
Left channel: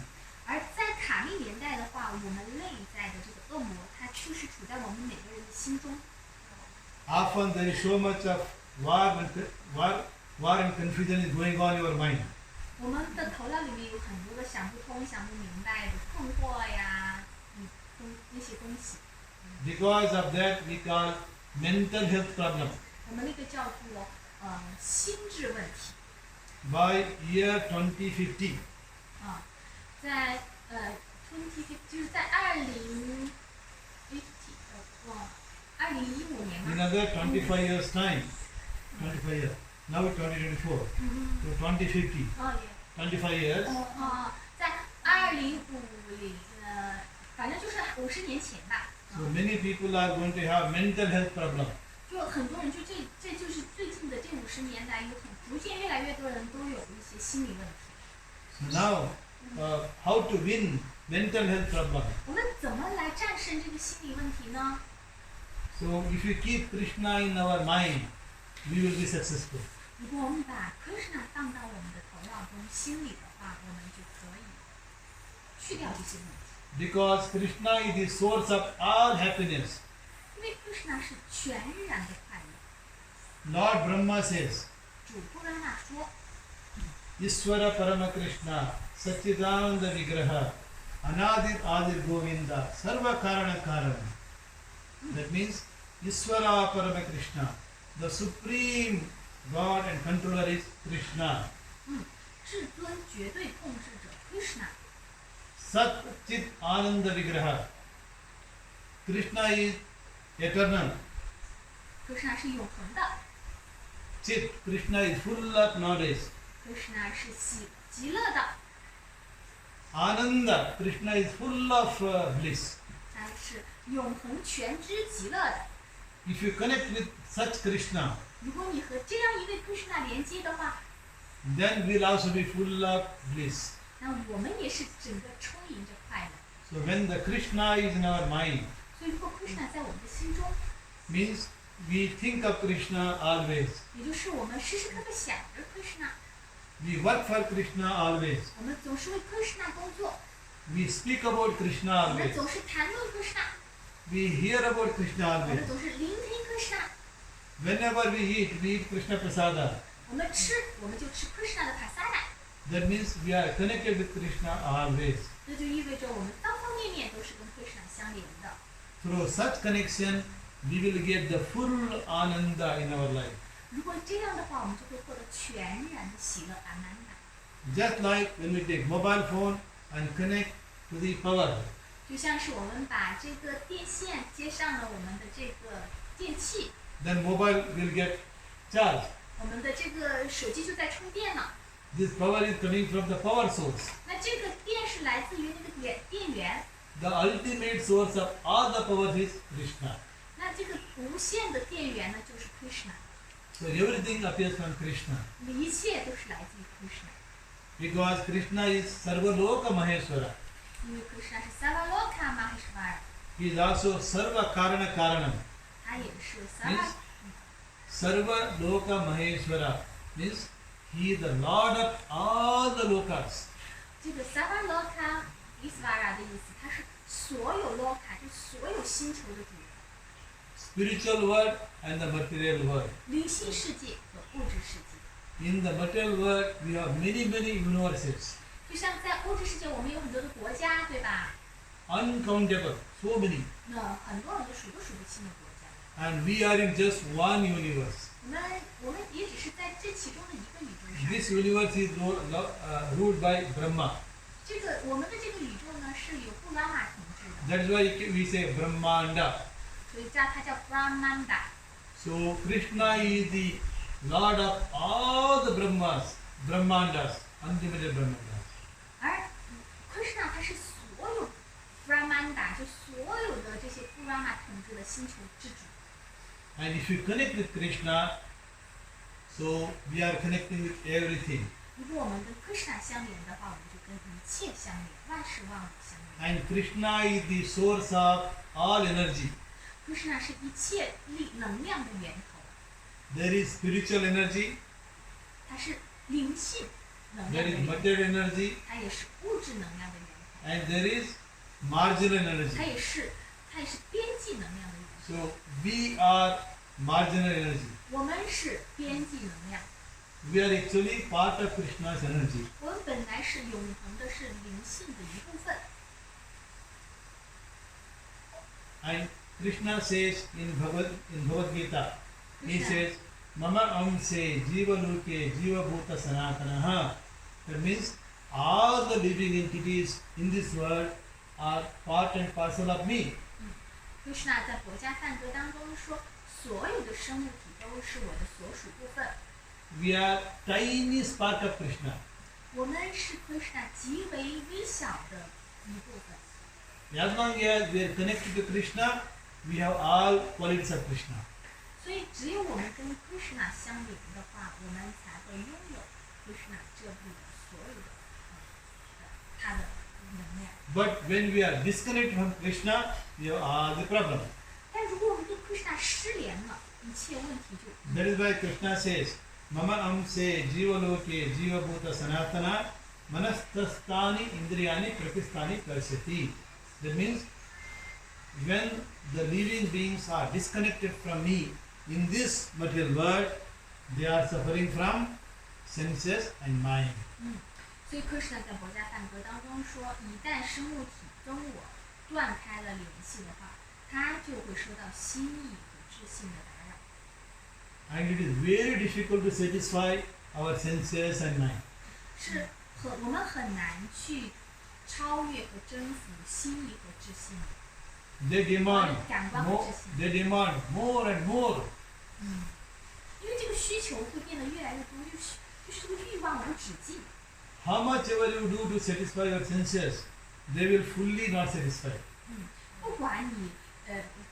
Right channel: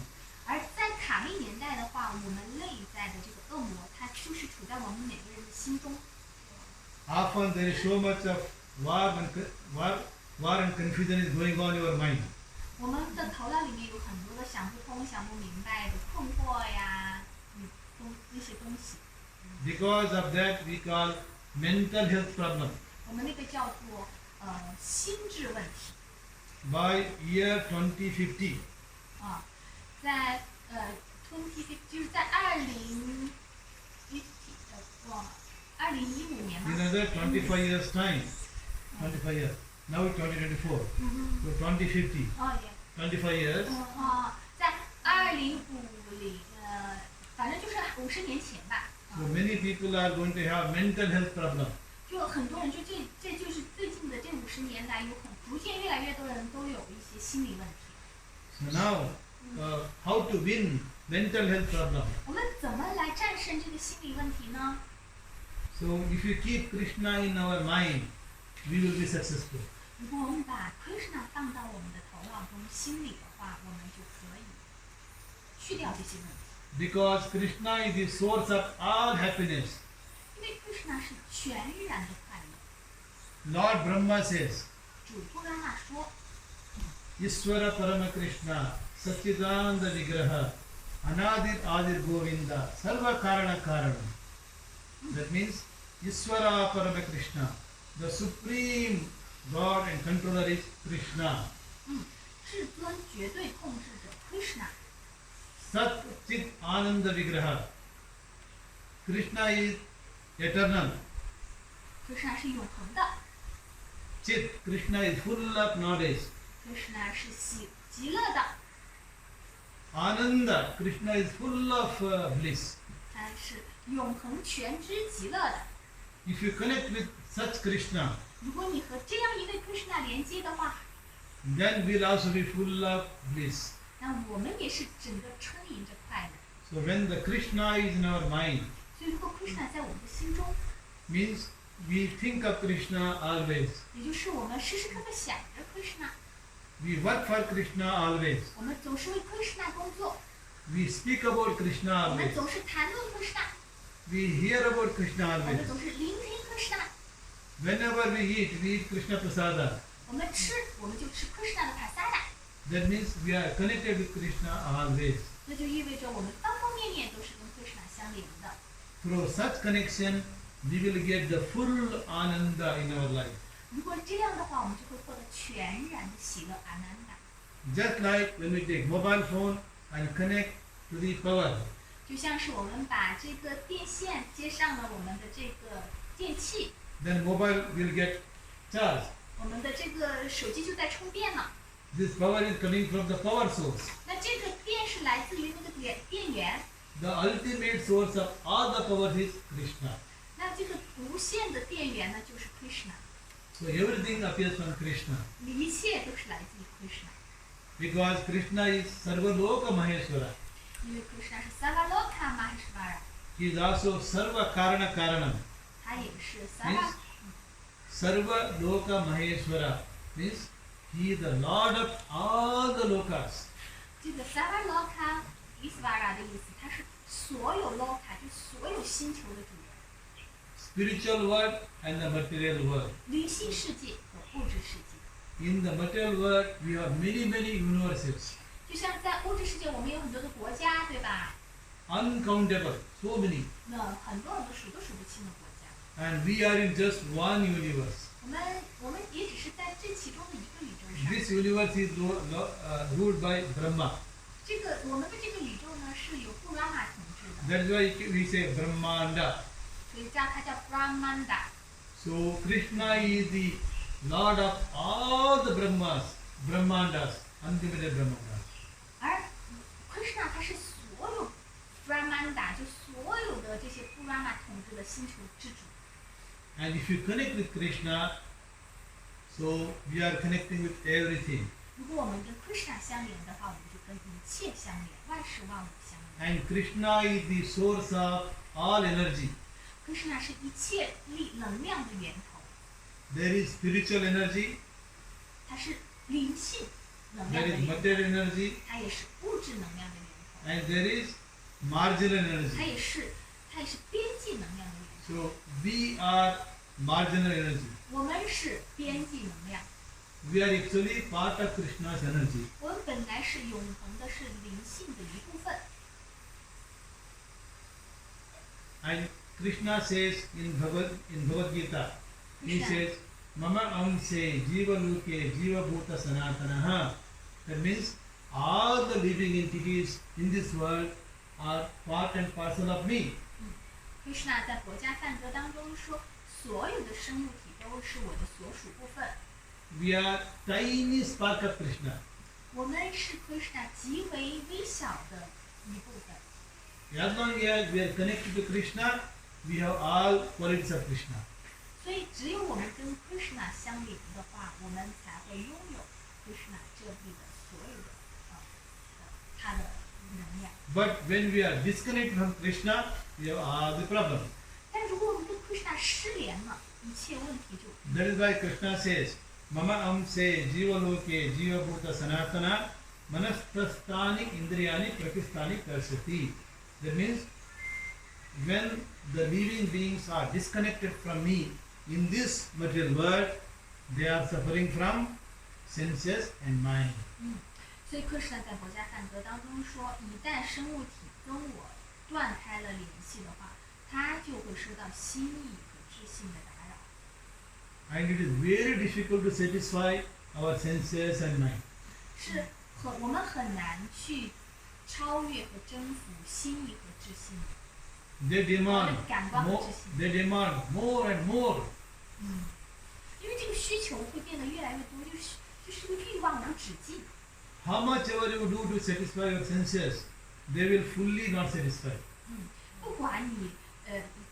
而在卡利年代的话，我们内在的这个恶魔，它就是处在我们每个人的心中。Often there is so much of war and confusion is going on in your mind. 我们的头脑里面有很多的想不通、想不明白的困惑呀，那些东西。Because of that, we call mental health problem. 我们那个叫做心智问题。By year 2050. 在2050就是在2015年嘛。In another 25 years time. 25 years. Now it's 2024. So 2050. 25 years. 在2050反正就是50年前吧。So many people are going to have mental health problem. 就很多人这就是最近的这50年来逐渐越来越多的人都有一些心理问题。So now, how to win mental health problem? 我们怎么来战胜这个心理问题呢？ So if you keep Kṛṣṇa in our mind, we will be successful. 如果我们把 Kṛṣṇa 放到我们的头脑中、心里的话，我们就可以去掉这些问题。Because Kṛṣṇa is the source of all happiness. 因为 Kṛṣṇa 是全然的快乐。Lord Brahma says, 主布拉玛说 Ishvara Parama Kṛṣṇa, Satchidananda Vigraha, Anadir Adir Govinda, Sarva Karana Karanam. That means Ishvara Parama Kṛṣṇa, the supreme God and controller is Kṛṣṇa. 至尊绝对控制者 Kṛṣṇa。 Sat Chit Ananda Vigraha. Kṛṣṇa is eternal. Kṛṣṇa 是永恒的。 Chit, Kṛṣṇa is full of knowledge. Kṛṣṇa 是极乐的。 Ananda, Kṛṣṇa is full of bliss. 它是永恒全知极乐的。 If you connect with such Kṛṣṇa, 如果你和这样一位 Kṛṣṇa 连接的话， then we'll also be full of bliss. 那我们也是整个充盈着快乐。 So when the Kṛṣṇa is in our mind, 所以如果 Kṛṣṇa 在我们的心中， means we think of Kṛṣṇa always. 也就是我们时时刻刻想着 Kṛṣṇa， We work for Kṛṣṇa always. 我们总是为 Kṛṣṇa 工作， We speak about Kṛṣṇa 我们 always. 总是谈论 Kṛṣṇa， We hear about Kṛṣṇa 我们 always. 总是聆听 Kṛṣṇa。 Whenever we eat Kṛṣṇa prasada. 我们吃，我们就吃 Kṛṣṇa 的 prasada， That means we are connected with Kṛṣṇa always. 这就意味着我们方方面面都是跟 Kṛṣṇa 相连的。 Through such connection, we will get the full ananda in our life. 如果这样的话，我们就会获得全然的喜乐阿南达。 Just like when we take mobile phone and connect to the power. 就像是我们把这个电线接上了我们的这个电器， Then mobile will get charged. 我们的这个手机就在充电了。 This power is coming from the power source. 那这个电是来自于那个电源， The ultimate source of all the power is Kṛṣṇa. 那这个无限的电源呢，就是 Kṛṣṇa， So everything appears from Kṛṣṇa. 一切都是来自于 Kṛṣṇa， Because Kṛṣṇa is Sarvaloka Maheshwara. 因为 Kṛṣṇa 是 Sarvaloka Maheshwara， He is also Sarva Karana Karanam. 他也是 Means Sarvaloka Maheshwara means he is the Lord of all the lokas. 这个 Sarvaloka Isvara 的意思，它是所有 loka， 就所有星球的主人， Spiritual world and the material world. 灵性世界和物质世界。 In the material world, we have many universes. 就像在物质世界，我们有很多的国家，对吧？ Uncountable, so many. 那很多很多数都数不清的国家。 And we are in just one universe. 我们也只是在这其中的一个宇宙上。 This universe is ruled by Brahma. 这个我们的这个宇宙呢，是由布拉玛统治的。 That's why we say Brahmanda. 所以这样它叫 Brahmanda。 So Krishna is the Lord of all the Brahmas, Brahmandas, unlimited Brahmandas. 而Kṛṣṇa 它是所有 Brahmanda 就所有的这些 Brahma 统治的星球之主。 And if you connect with Krishna, so we are connecting with everything. 如果我们跟 Kṛṣṇa 相连的话，我们就跟一切相连，万事万物相连。 And Krishna is the source of all energy. Kṛṣṇa 是一切能量的源头， There is spiritual energy, 它是灵性能 there 量的 is 源头， material energy, 它也是物质能量的源头， and there is marginal 它 energy. 也是边际能量的源头。 So we are marginal energy. 我们是边际能量， We are actually part of Krishna's energy. 我们本来是永恒的，是灵性的一部分。 And Krishna says in Bhagavad Gita, he Krishna. says, Mama amse jiva loke jiva bhuta sanatanaha. That means all the living entities in this world are part and parcel of me. Kṛṣṇa 在《佛家梵歌》当中说，所有的生物体都是我的所属部分。 We are tiny spark of Krishna. 我们是 Kṛṣṇa 极为微小的一部分。 As long as we are connected to Krishna, we have all qualities of Krishna. 所以，只有我们跟 Kṛṣṇa 相连的话，我们才会拥有 Kṛṣṇa 这里的所有的它的能量。 But when we are disconnected from Krishna, we have all the problem. 但如果我们跟 Kṛṣṇa 失联了，一切问题就 That is why Krishna says, Mama amse jiva loke jiva bhuta sanatana manastastani indriyani prakistani karsyati. That means when the living beings are disconnected from me in this material world, they are suffering from senses and mind. 所以 Kṛṣṇa 在《佛家梵歌》当中说，一旦生物体跟我断开了联系的话，它就会受到心意和智性的打扰。 And it is very difficult to satisfy our senses and mind. 我们很难去超越和征服心意和智性的。 They demand 感官和 more, 智性。 they demand more and more. 因为这个需求会变得越来越多，就是这个欲望无止境。 How much ever you do to satisfy your senses, they will fully not satisfy. 不管你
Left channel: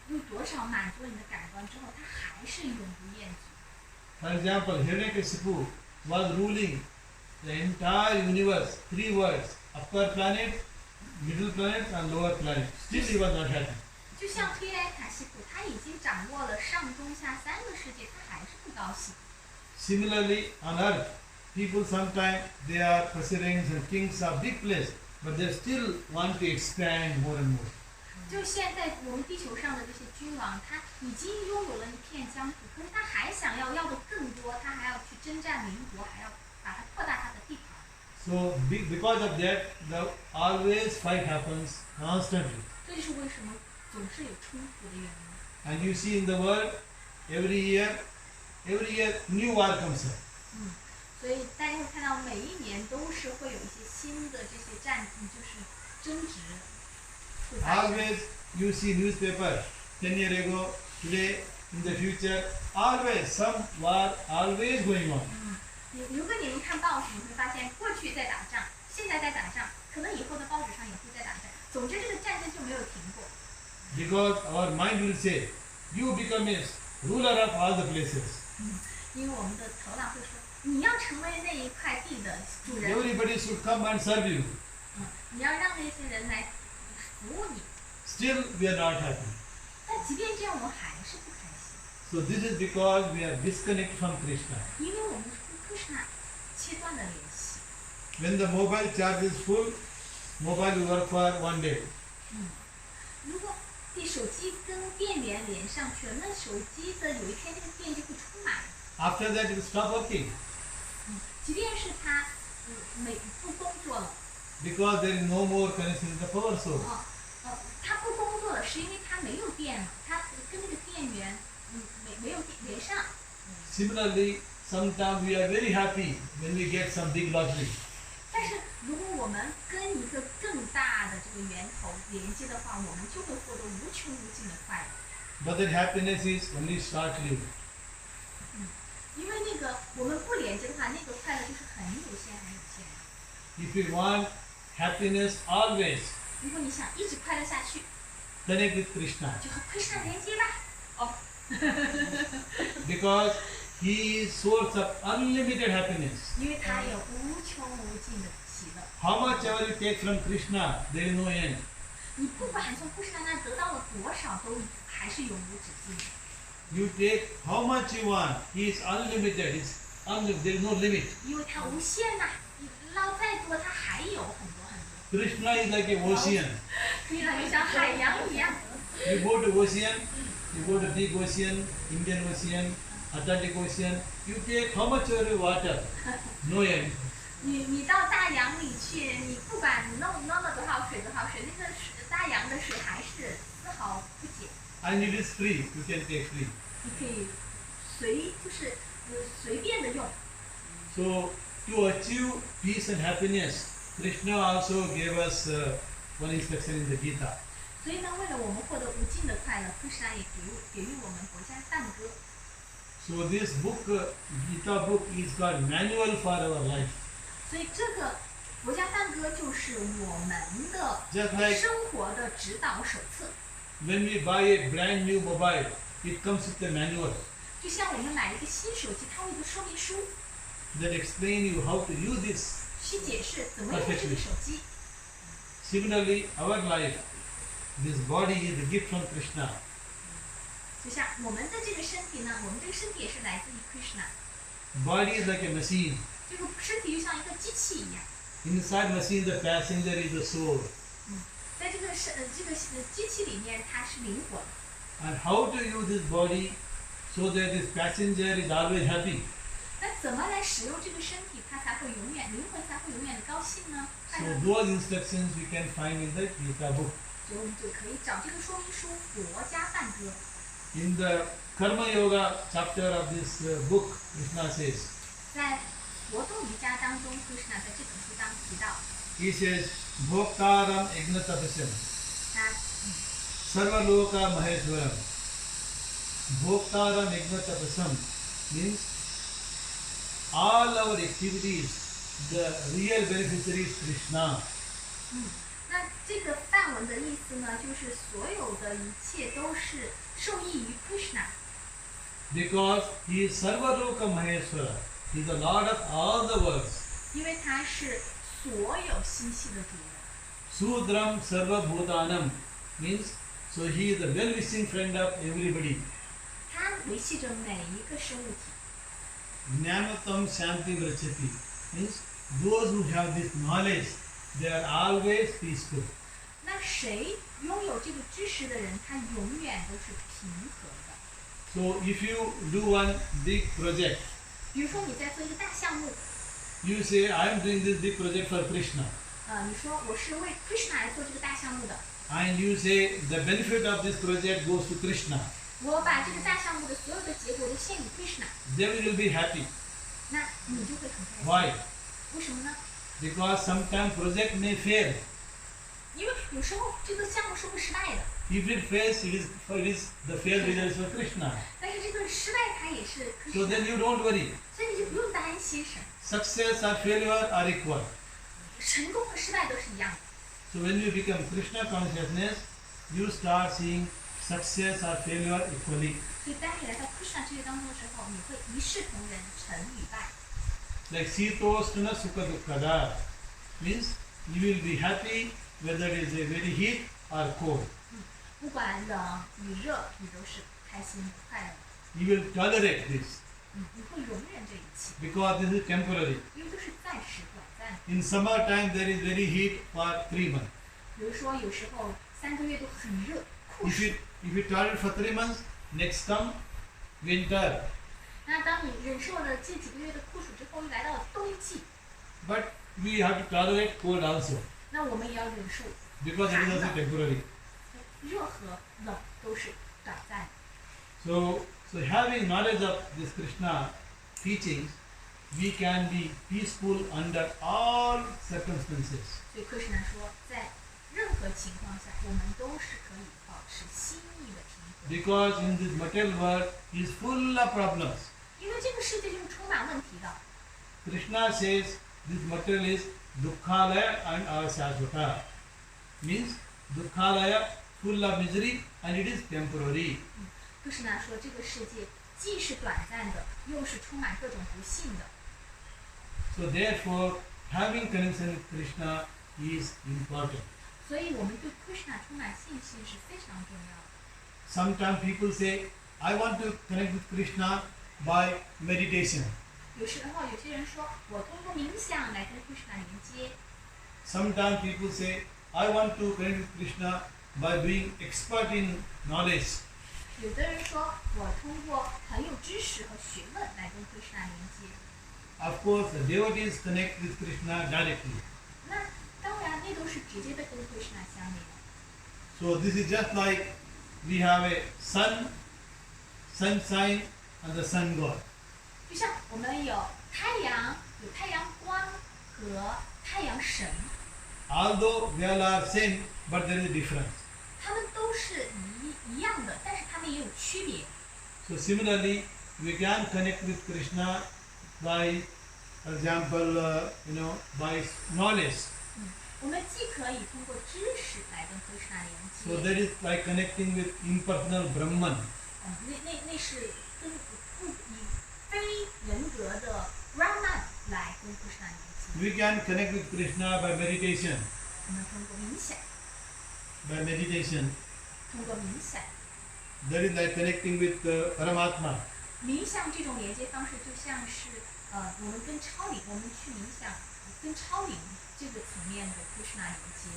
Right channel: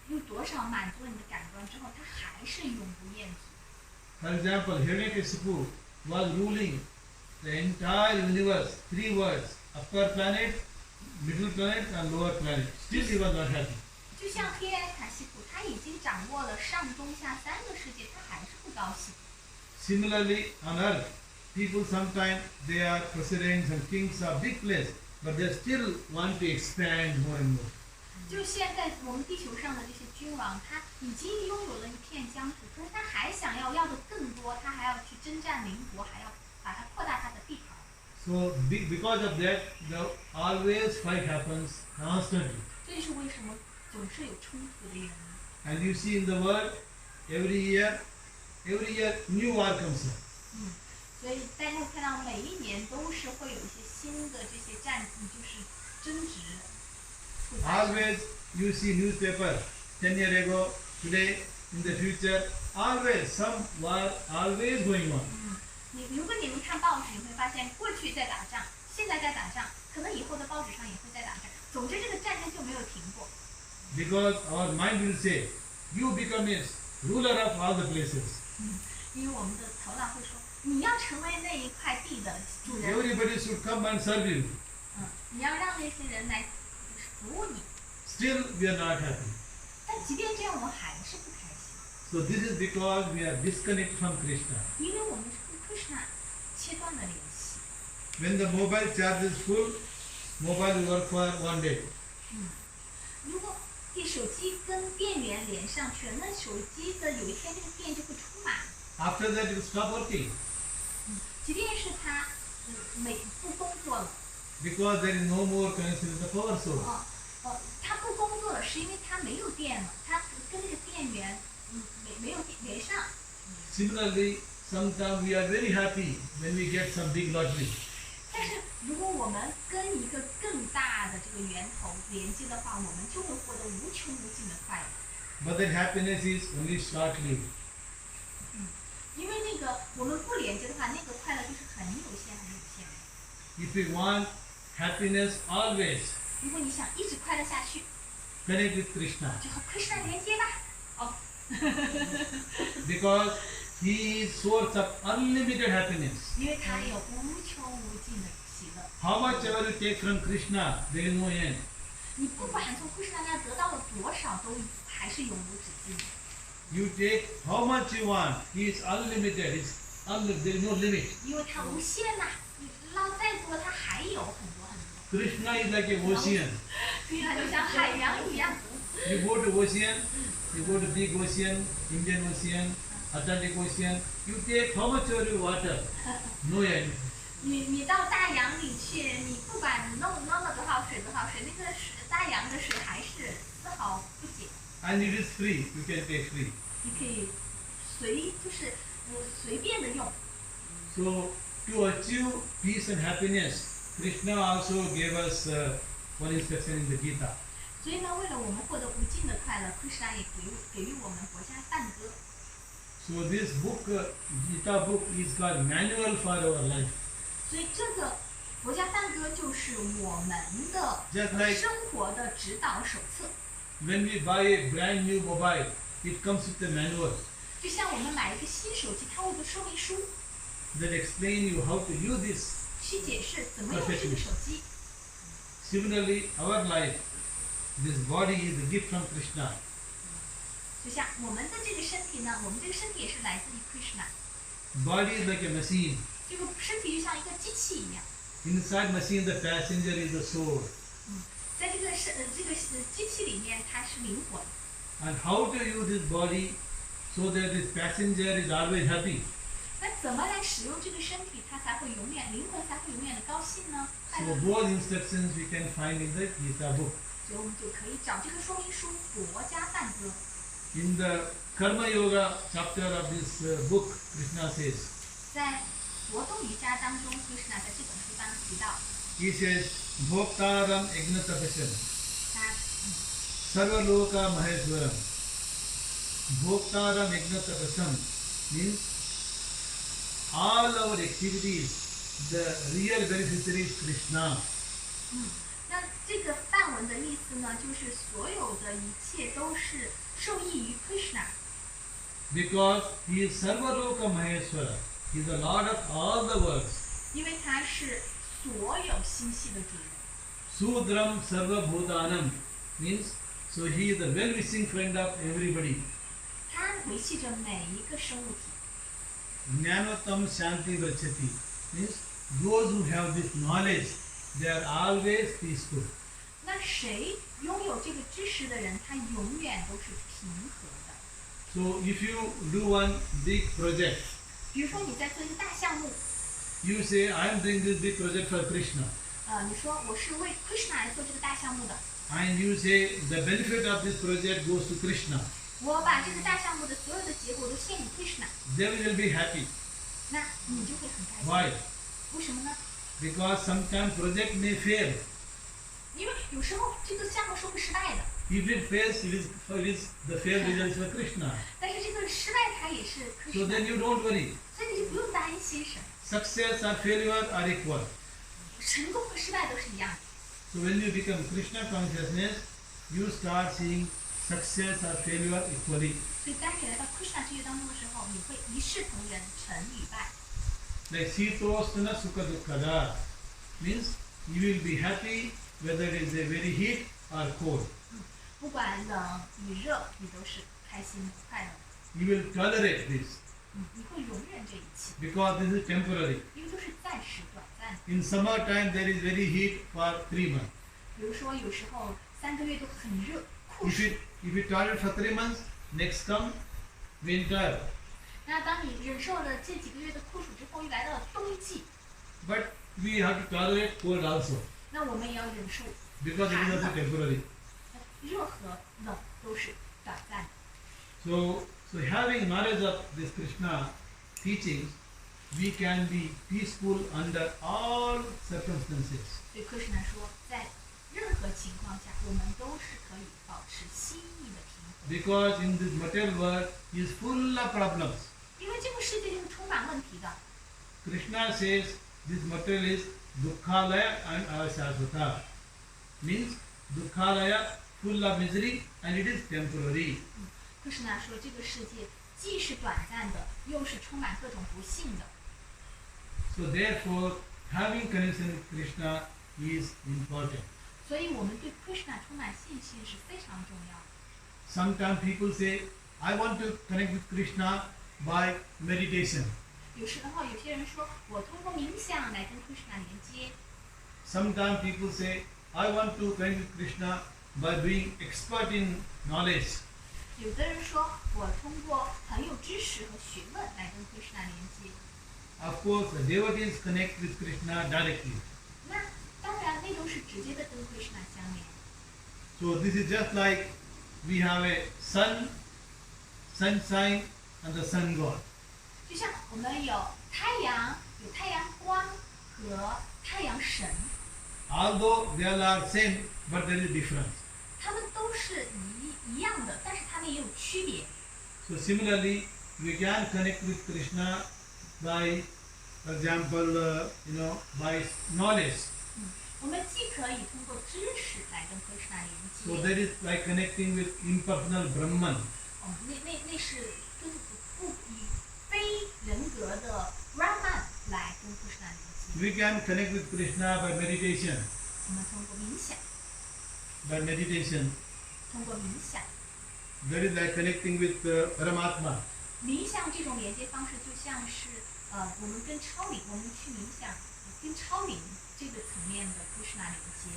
用多少满足了你的感官之后，它还是永不厌足。 For example, Hiranyakashipu was ruling the entire universe, 3 worlds, upper planet, middle planet and lower planet. Still he was not happy. 就像黑埃卡西普，他已经掌握了上中下3个世界，他还是不高兴。 Similarly, on earth, people sometimes they are presidents and kings of big place, but they still want to expand more and more. 就现在我们地球上的这些君王，他已经拥有了一片疆土，可是他还想要的更多，他还要去征战邻国，还要把它扩大他的地盘。 So because of that, the always fight happens constantly. 这就是为什么总是有冲突的原因。 And you see in the world, every year new war comes up. 所以大家会看到每一年都是会有一些新的这些就是争执会发生。 Always you see newspaper, 10 years ago, today, in the future, always some war always going on. 如果你们看报纸，你会发现过去在打仗，现在在打仗，可能以后的报纸上也会在打仗。总之，这个战争就没有停过。 Because our mind will say, you become a ruler of all the places. 因为我们的头脑会说，你要成为那一块地的主人。 Everybody should come and serve you. 你要让那些人来服务你。 Still, we are not happy. 但即便这样，我们还是不开心， So this is because we are disconnected from Krishna. 因为我们是跟 Kṛṣṇa 切断了联系。 When the mobile charge is full, mobile will work for 1 day. 如果手机跟电源连上去了，那手机的有一天这个电就会充满。 After that, it will stop working. 即便是他不工作了， Because there is no more connection with the power source. 他不工作了，是因为他没有电了，他跟那个电源没有连上。 Similarly, sometimes we are very happy when we get some big lottery. 但是如果我们跟一个更大的这个源头连接的话，我们就会获得无穷无尽的快乐。but that happiness is only short-lived. 因为那个我们不连接的话，那个快乐就是很有限、很有限的。 If you want happiness always, 如果你想一直快乐下去， connect with Krishna, 就和 Kṛṣṇa 连接吧。哦， because he is source of unlimited happiness. 因为他有无穷无尽的喜乐。 How much ever you take from Krishna, there is no end. 你不管从 Kṛṣṇa 那得到了多少，都还是永无止境的。 You take how much you want, he is unlimited. There is no limit. 因为它无限呐、你捞再多，它还有很多很多。 Krishna is like a ocean. Kṛṣṇa 就像海洋一样。 You go to ocean, you go to big ocean, Indian Ocean, Atlantic Ocean, you take how much ever you water, no end. 你到大洋里去，你不管弄了多少水，那个水大洋的水还是丝毫不减。 And it is free, you can take free. 你可以随便的用。 So to achieve peace and happiness, Krishna also gave us one instruction in the Gita. 所以呢，为了我们获得无尽的快乐，Kṛṣṇa也给予我们国家梵歌。 So this book, Gita book, is called manual for our life. 所以这个国家梵歌就是我们的 Just like 生活的指导手册。 when we buy a brand new mobile, it comes with a manual 就像我们买一个新手机，它会有一个说明书， that explain you how to use this. 去解释怎么用这个手机。 Similarly, our life, this body is a gift from Krishna. 就像我们的这个身体呢，我们这个身体也是来自于 Kṛṣṇa。 Body is like a machine. 这个身体就像一个机器一样， Inside machine, the passenger is the soul. 在这个机器里面，它是灵魂。 And how to use this body so that this passenger is always happy. 那怎么来使用这个身体，它才会永远灵魂才会永远的高兴呢？快 So 乐。 those instructions we can find in the Gita book. 所以我们就可以找这个说明书《国家梵歌》。 In the Karma Yoga chapter of this book, Krishna says, 在活动瑜伽当中，Kṛṣṇa 在这本书当提到， he says, Bhoktaram Egnatapasham, 他 Sarvaloka Maheshwaram. Bhoktaram Egnatapasham means all our activities, the real beneficiary is Krishna. 那这个梵文的意思呢，就是所有的一切都是受益于 Kṛṣṇa， Because he is Sarvaloka Maheshwara. He is the Lord of all the worlds. 因为他是所有星系的主人。 Sudram Sarva Bhutanam means, so he is the well-wishing friend of everybody. 他维系着每一个生物体。 Jnanotam Shanti Vrachati means those who have this knowledge, they are always peaceful. 那谁拥有这个知识的人，他永远都是平和的。 So if you do one big project, 比如说你在做一个大项目， you say, I am doing this big project for Krishna. 你说我是为 Kṛṣṇa 来做这个大项目的， And you say the benefit of this project goes to Krishna. 我把这个大项目的所有的结果都献给 Kṛṣṇa， Then you will be happy. 那你就会很开心。 Why? 为什么呢？ Because sometimes project may fail. 因为有时候这个项目是会失败的， If it fails, it is the failed result for Krishna. 但是这个失败它也是 So then Kṛṣṇa， you don't worry. 所以你就不用担心什么， Success or failure are equal. 成功和失败都是一样的。 So when you become Krishna consciousness, you start seeing success or failure equally. 所以当你来到 Kṛṣṇa 之业当中的时候，你会一视同仁，成与败。 Like Sitosthana Sukha Dukkada means you will be happy whether it is a very heat or cold. 不管冷与热，你都是开心的、快乐的。 You will tolerate this 你会容忍这一切， because this is temporary. 因为都是暂时、短暂的。 In summertime there is very heat for 3 months. 比如说，有时候3个月都很热，酷 If 暑。 you tolerate for 3 months, next come winter. 那当你忍受了这几个月的酷暑之后，又来到了冬季， But we have to tolerate cold also 那我们也要忍受 because it is also temporary. 热和冷都是短暂的。 So having knowledge of this Krishna teachings, we can be peaceful under all circumstances. 所以Kṛṣṇa说，在任何情况下，我们都是可以保持心意的平和。 Because in this material world is full of problems. 因为这个世界就是充满问题的。 Krishna says this material is dukkhalaya and asasvata. Means dukkhalaya full of misery and it is temporary. 可是呢，说这个世界既是短暂的，又是充满各种不幸的。 So therefore, having connection with Krishna is important. 所以我们对 Kṛṣṇa 充满信心是非常重要的。 Sometimes people say, I want to connect with Krishna by meditation. 有时候有些人说，我通过冥想来跟 Kṛṣṇa 连接。 Sometimes people say, I want to connect with Krishna by being expert in knowledge. 有的人说，我通过很有知识和学问来跟 Kṛṣṇa 连接。 Of course, the devotees connect with Krishna directly. 那当然，那都是直接的跟 Kṛṣṇa 相连。 So this is just like we have a sun, sunshine, and the sun god. 就像我们有太阳、有太阳光和太阳神， Although they all are same, but there is difference. 他们都是一样的，但是他们也有区别。 So similarly, we can connect with Krishna by, for example, by knowledge. 我们既可以通过知识来跟 Kṛṣṇa 连 So 接， that is like connecting with impersonal Brahman. 那是跟不以非人格的 Brahman 来跟 Kṛṣṇa 连接。 We can connect with Krishna by meditation. 我们通过冥想， By meditation, 通过冥想， that is like connecting with Paramatma. 冥想这种连接方式就像是我们跟超灵，我们去冥想跟超灵这个层面的 Kṛṣṇa 连接。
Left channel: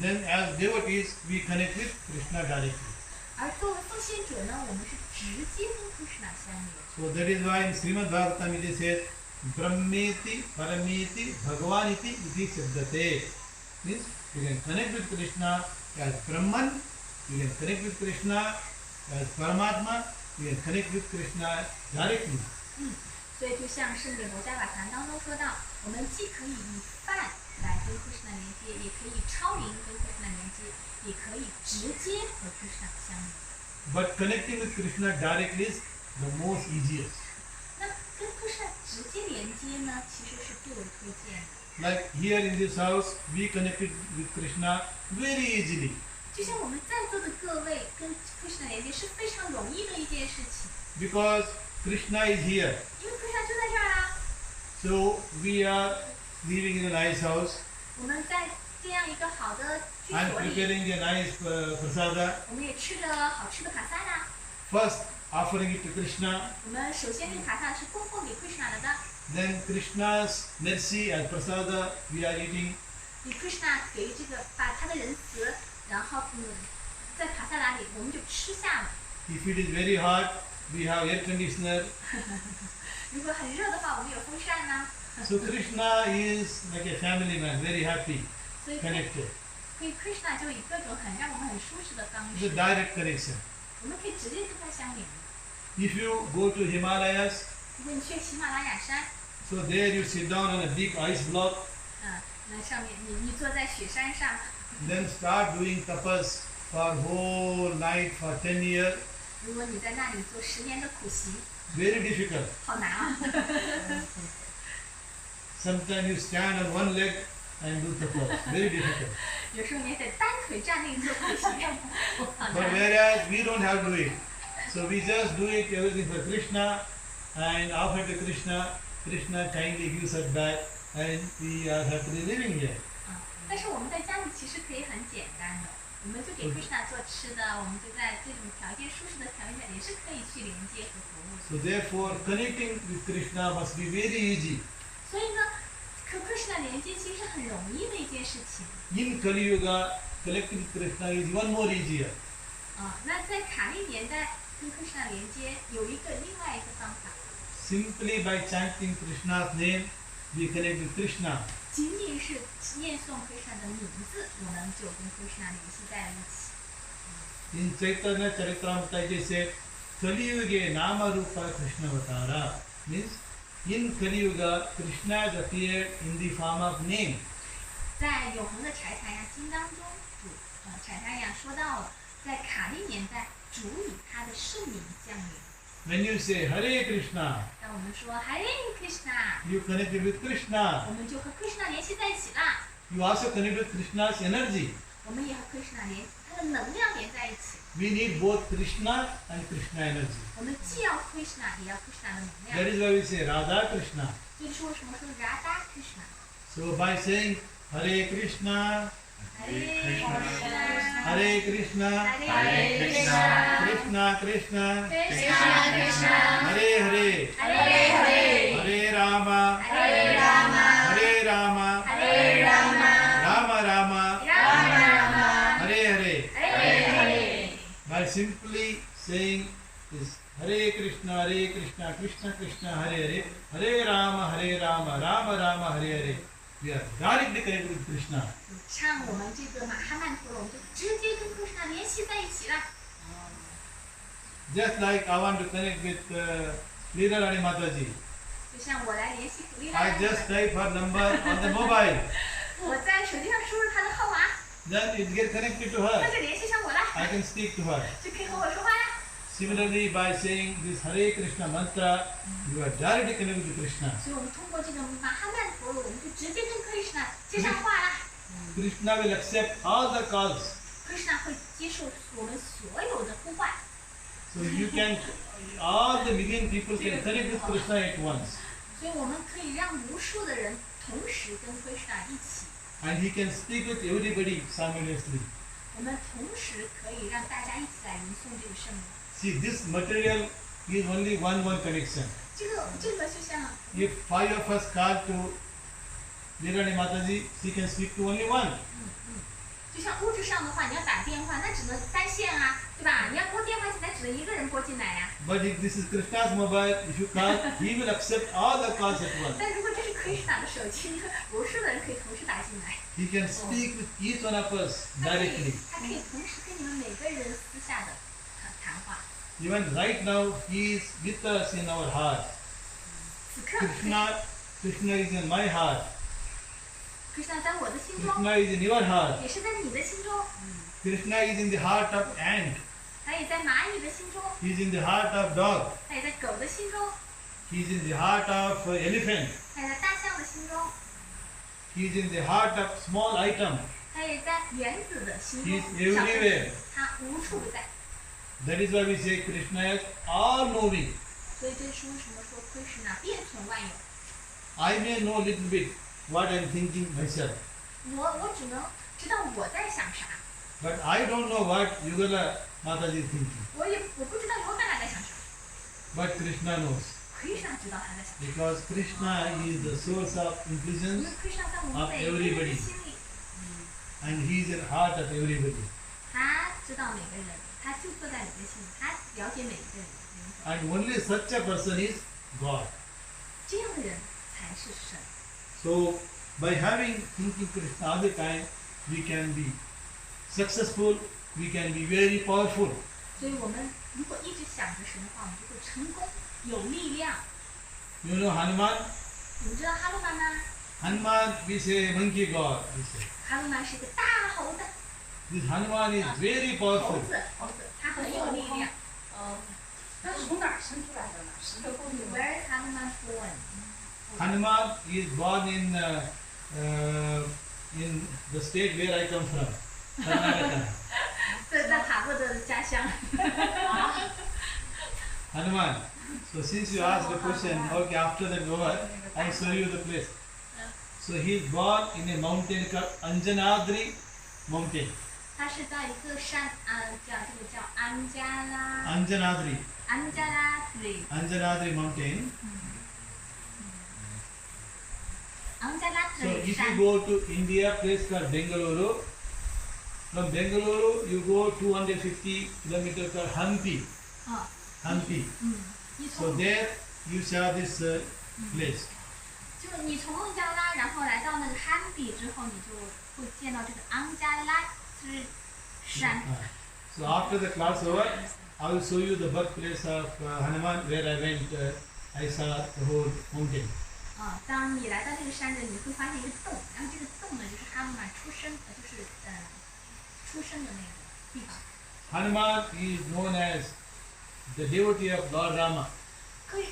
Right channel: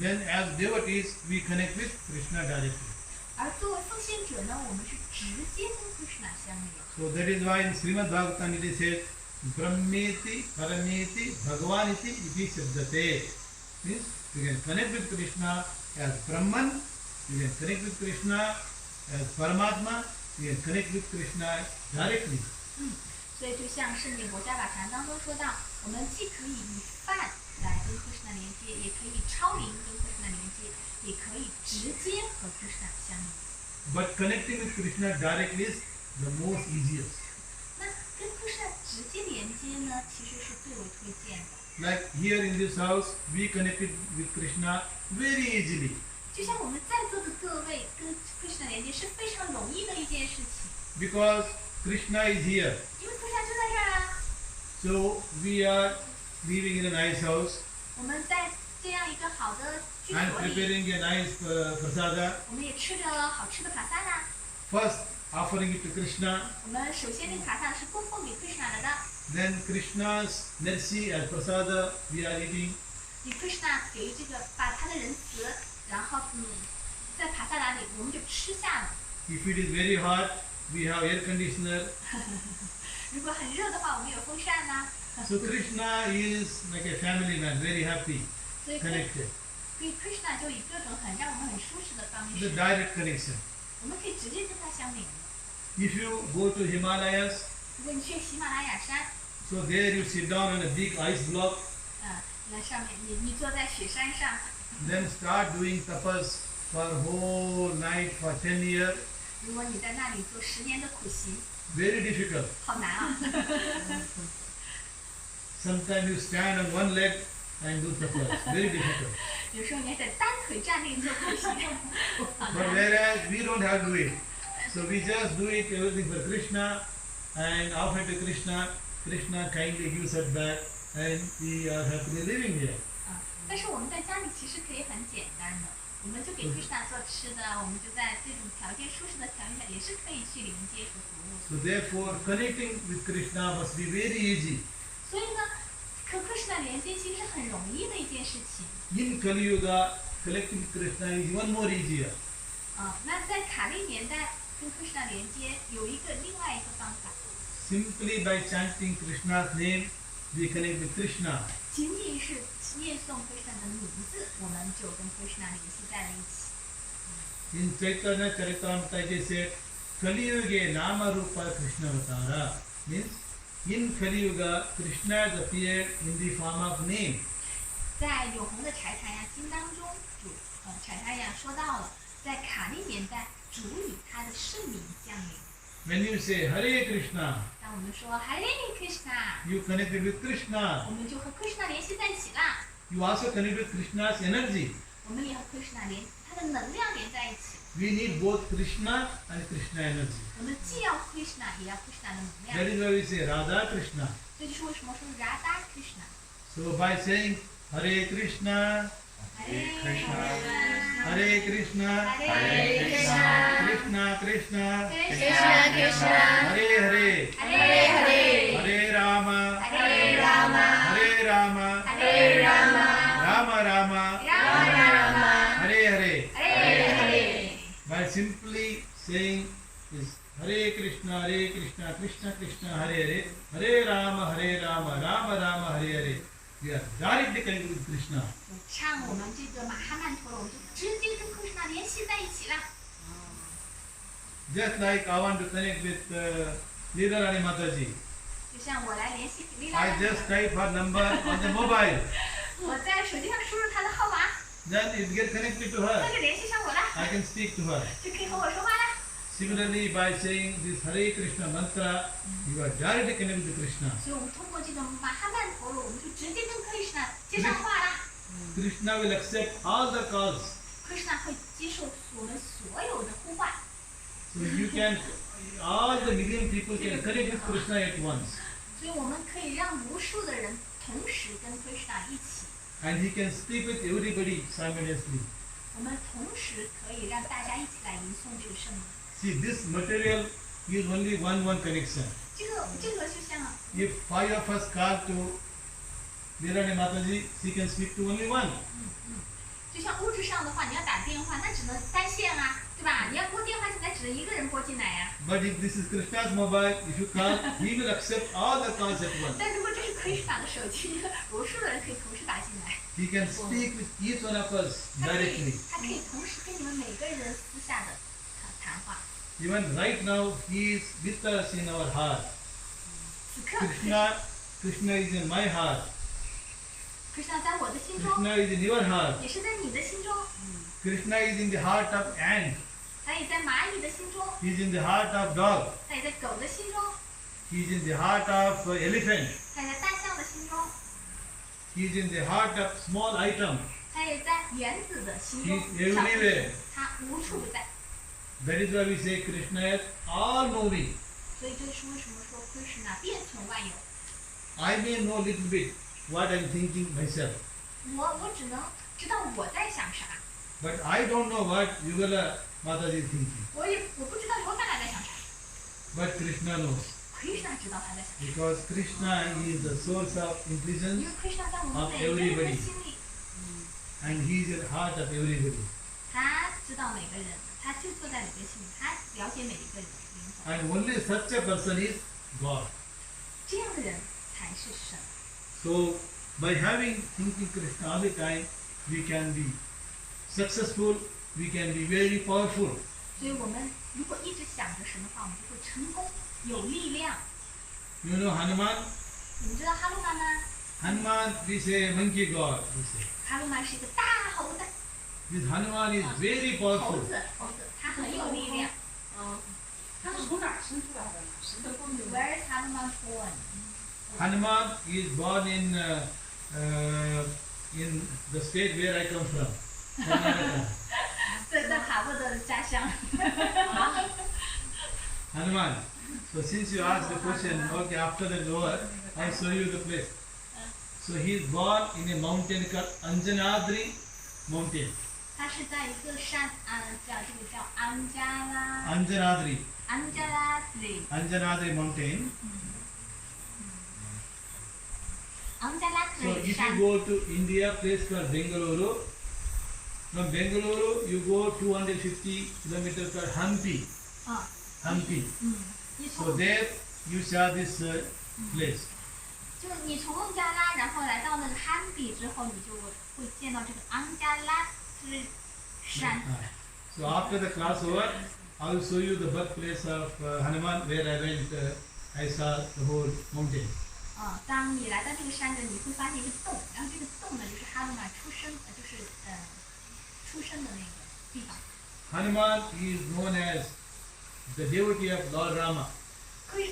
Then as devotees, we connect with Krishna directly. 而作为奉献者呢，我们是直接跟 Kṛṣṇa 相连。 So that is why in Srimad Bhagavatam it is said, Brahmeti Parameti Bhagavaniti iti Siddhate. Means you can connect with Krishna as Brahman, you can connect with Krishna as Paramatma, you can connect with Krishna directly. 所以就像圣典国家法坛当中说到，我们既可以以饭来跟 Kṛṣṇa 连接，也可以超灵跟 Kṛṣṇa 连接，也可以直接和 Kṛṣṇa 相连。 But connecting with Krishna directly is the most easiest. 那跟 Kṛṣṇa 直接连接呢，其实是最为推荐的。 Like here in this house, we connected with Krishna very easily. 就像我们在座的各位跟 Kṛṣṇa 连接是非常容易的一件事情， Because Krishna is here. 因为 Kṛṣṇa 就在这儿啊。 So we are living in a nice house 我们在这样一个好的居 and 所里， preparing a nice prasada. 我们也吃着好吃的卡萨达。 First offering it to Krishna, 我们首先那个卡萨是供奉给 Kṛṣṇa 的， then Krishna's mercy as prasada we are eating. 以 Kṛṣṇa 给这个把他的仁慈，然后在卡萨达里我们就吃下了。 If it is very hot, we have air conditioner. 如果很热的话，我们有风扇呐、 So Krishna is like a family man, very happy, 所以可以 connected. Kṛṣṇa 就以各种让我们很舒适的方 The 式， direct connection. 我们可以直接跟他相连的。 If you go to Himalayas, 如果你去喜马拉雅山， so there you sit down on a big ice block, 来上面你坐在雪山上， then start doing tapas for whole night for 10 years. 如果你在那里做10年的苦行， Very difficult. 好难啊！ Sometimes you stand on one leg and do tapas. Very difficult. 有时候你还得单腿站立做苦行，好 But 难。 whereas we don't have to do it. So we just do it everything for Krishna and offer to Krishna. Krishna kindly gives us back and we are happily living here. 但是我们在家里其实可以很简单的，我们就给 Kṛṣṇa 做吃的，我们就在这种条件舒适的条件下，也是可以去连接和服务的。 So therefore connecting with Krishna must be very easy. 所以呢，和 Kṛṣṇa 连接其实是很容易的一件事情。 In Kali Yuga, connecting with Krishna is even more easier. 那在卡利年代跟 Kṛṣṇa 连接有另外一个方法， Simply by chanting Krishna's name, we connect with Krishna. 仅仅是念诵 Kṛṣṇa 的名字，我们就跟 Kṛṣṇa 联系在了一起。 In Chaitanya Charitamrita it is said, Kali Yuge Nama Rupa Krishna Avatara. Means in Kali Yuga, Krishna has appeared in the form of name. 在永恒的柴台亚经当中，柴台亚说到了，在卡利年代，主以他的圣名降临。 When you say Hare Krishna, 当我们说 Hare Krishna， you connected with Krishna. 我们就和 Krishna 联系在一起啦。 You also connect with Krishna's energy. 我们也和 Krishna 他的能量连在一起。 We need both Krishna and Krishna energy. 我们既要 Krishna， 也要 Krishna 的能 That 量。 is why we say Radha Krishna. 这就是为什么说 Radha Krishna。 So by saying Hare Krishna, Hare Krishna Hare Krishna, Hare Krishna Krishna Krishna, Krishna Krishna Hare Hare, Hare Hare, Hare Rama, Hare Rama, Hare Rama, Hare Rama, Rama Rama, Rama Rama, Hare Hare. Hare Hare. By simply saying this Hare Krishna, Krishna Krishna, Hare Hare, Hare Rama, Rama Rama, Hare Hare, we are directly connected with Krishna. 唱我们这个马哈曼陀罗，我们就直接跟 Krishna 联系在一起啦。 Just like I want to connect with Leela Mataji, 就像我来联系古丽 I 拉， just type her number on the mobile, 我在手机上输入她的号码， then it get connected to 那 her. 就联系上我啦， I can speak to her. 就可以和我说话啦。 Similarly, by saying this Hare Krishna mantra, you are directly connected to Krishna. 所以我们通过这个马哈曼陀罗，我们就直接跟 Krishna 接上话啦。 Krishna will accept all the calls. Krishna 会接受我们所有的呼唤， So you can, all the million people can connect with Krishna at once. 所以我们可以让无数的人同时跟 Krishna 一起， And he can speak with everybody simultaneously. 我们同时可以让大家一起来吟诵这个圣名。 See, this material is only one connection. 这个就像 If 5 of us call to Leela Mataji, she can speak to only one. 就像物质上的话，你要打电话，那只能单线啊，对吧？你要拨电话进来，只能一个人拨进来呀、 But if this is Krishna's mobile, if you call, he will accept all the calls at once. 但如果这是 Krishna 的手机，无数的人可以同时打进来， He can speak with each one of us 他可 directly. 以同时跟你们每个人私下的谈话。 Even right now, he is with us in our heart. 此刻 Krishna is in my heart. Krishna 在我的心中， Krishna is in your heart. 也是在你的心中， Krishna is in the heart of ant. 他也在蚂蚁的心中， He is in the heart of dog. 他也在狗的心中， He is in the heart of elephant. 他也在大象的心中， He is in the heart of small item. 他也在原子的心 He 中 is，小分 everywhere. 子，他无处不在。 That is why we say Krishna is all knowing. 所以这是为什么说 Krishna 遍存万有。 I may know little bit what I am thinking myself, 我只能知道我在想啥， but I don't know what Yugala Mataji is thinking. 我不知道尤嘎拉在想啥。 But Krishna knows. Krishna 知道他在想啥， Because Krishna is the source of 因 intelligence 为 Krishna 在我们每个人的心里， and he is in the heart of everybody. 他知道每个人，他就坐在每个心里，他了解每一个人的灵魂。 And only such a person is God. 这样的人才是神。 So by having thinking Krishna all the time, we can be successful, we can be very powerful. 所以我们如果一直想着神的话，我们就会成功，有力量。 You know Hanuman? 你们知道哈鲁曼吗？ Hanuman, we say monkey god. We say. 哈鲁曼是一个大猴子， This Hanuman is very 猴 powerful. 子，他很有力量。他是从哪儿生出来的呢？是个公主。 Where is Hanuman born? Hanuman is born in the state where I come from. Karnataka. 在爬布的家乡。 Hanuman. So since you asked the question, okay, after that over, I show you the place. So he is born in a mountain called Anjanadri mountain. 他是在一个山，叫安加拉 Anjanadri. 里， Anjanadri mountain. 安加拉 So 里 if 山 you。go to India, place called Bengaluru. From Bengaluru, you go 250 kilometers called Hampi. 啊， Hampi. 你 So 从 there you saw this place. 就你从孟加拉，然后来到那个汉比之后，你就会见到这个安加拉之山。 So after the class over, I will show you the birthplace of Hanuman where I went. I saw the whole mountain. 当你来到这个山的，你会发现一个洞，然后这个洞呢就是哈努曼出生的那个地方。Hanuman is known as the devotee of Lord Rama.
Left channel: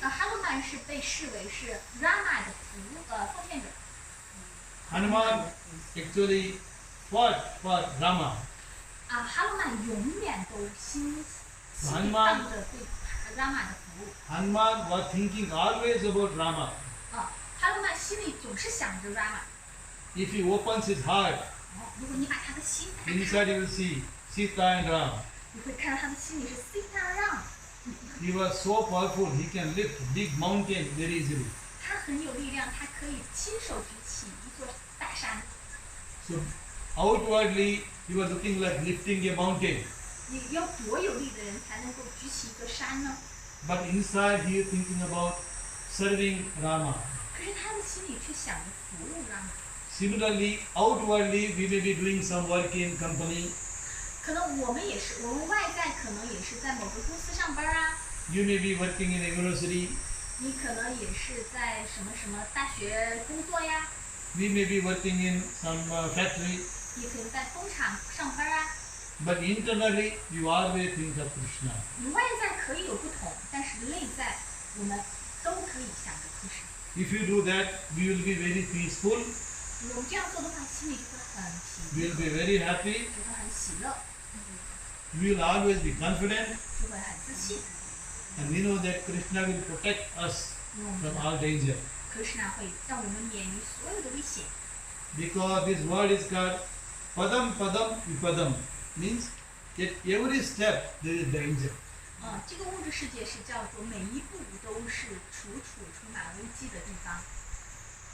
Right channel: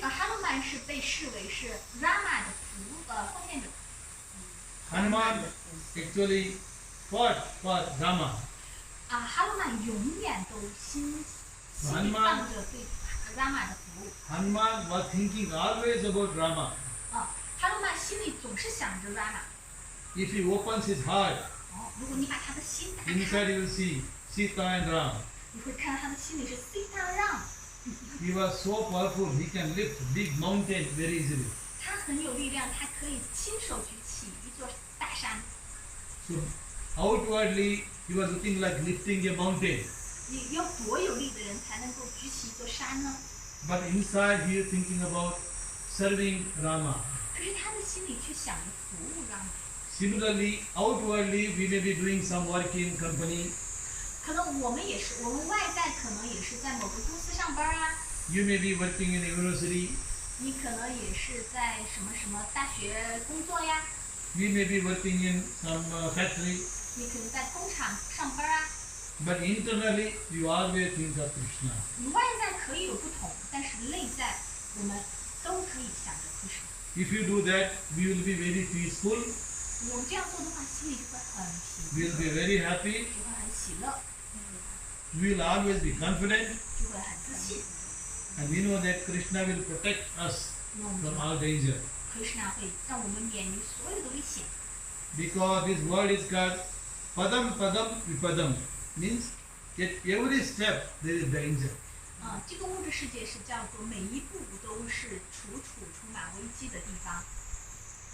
哈努曼是被视为是 Rama 的奉献者。Hanuman actually fought for Rama. 哈努曼永远都心里放着对 Rama 的服务。Hanuman was thinking always about Rama. 哈努曼心里总是想着 Rama。 If he opens his heart, 如果你把他的心打 inside 开， you will see Sita and Ram. 你会看到他的心里是 Sita Ram。 He was so powerful, he can lift big mountain very easily. 他很有力量，他可以亲手举起一座大山。 So outwardly, he was looking like lifting a mountain. 你要多有力的人才能够举起一座山呢？ But inside, he is thinking about serving Rama. 可是他的心里却想着服务 Rama。 Similarly, outwardly, we may be doing some work in company. 可能我们也是，我们外在可能也是在某个公司上班啊。 You may be working in a university. 你可能也是在什么什么大学工作呀。 We may be working in some factory. 你可能在工厂上班啊。 But internally, you always think of Krishna. 你外在可以有不同，但是内在我们都可以想着 Kṛṣṇa。 If you do that, we will be very peaceful. 我们这样做的话，心里就会很 We 平 will 静， be very happy. 就会很喜乐， We will always be confident. 就会很自信。 And we know that Krishna will protect us 因为我们知 from 道 all danger. Kṛṣṇa会让我们免于所有的危险。 Because this word is called Padam Padam Vipadam. Means at every step there is danger. 这个物质世界是叫做每一步都是充满危机的地方。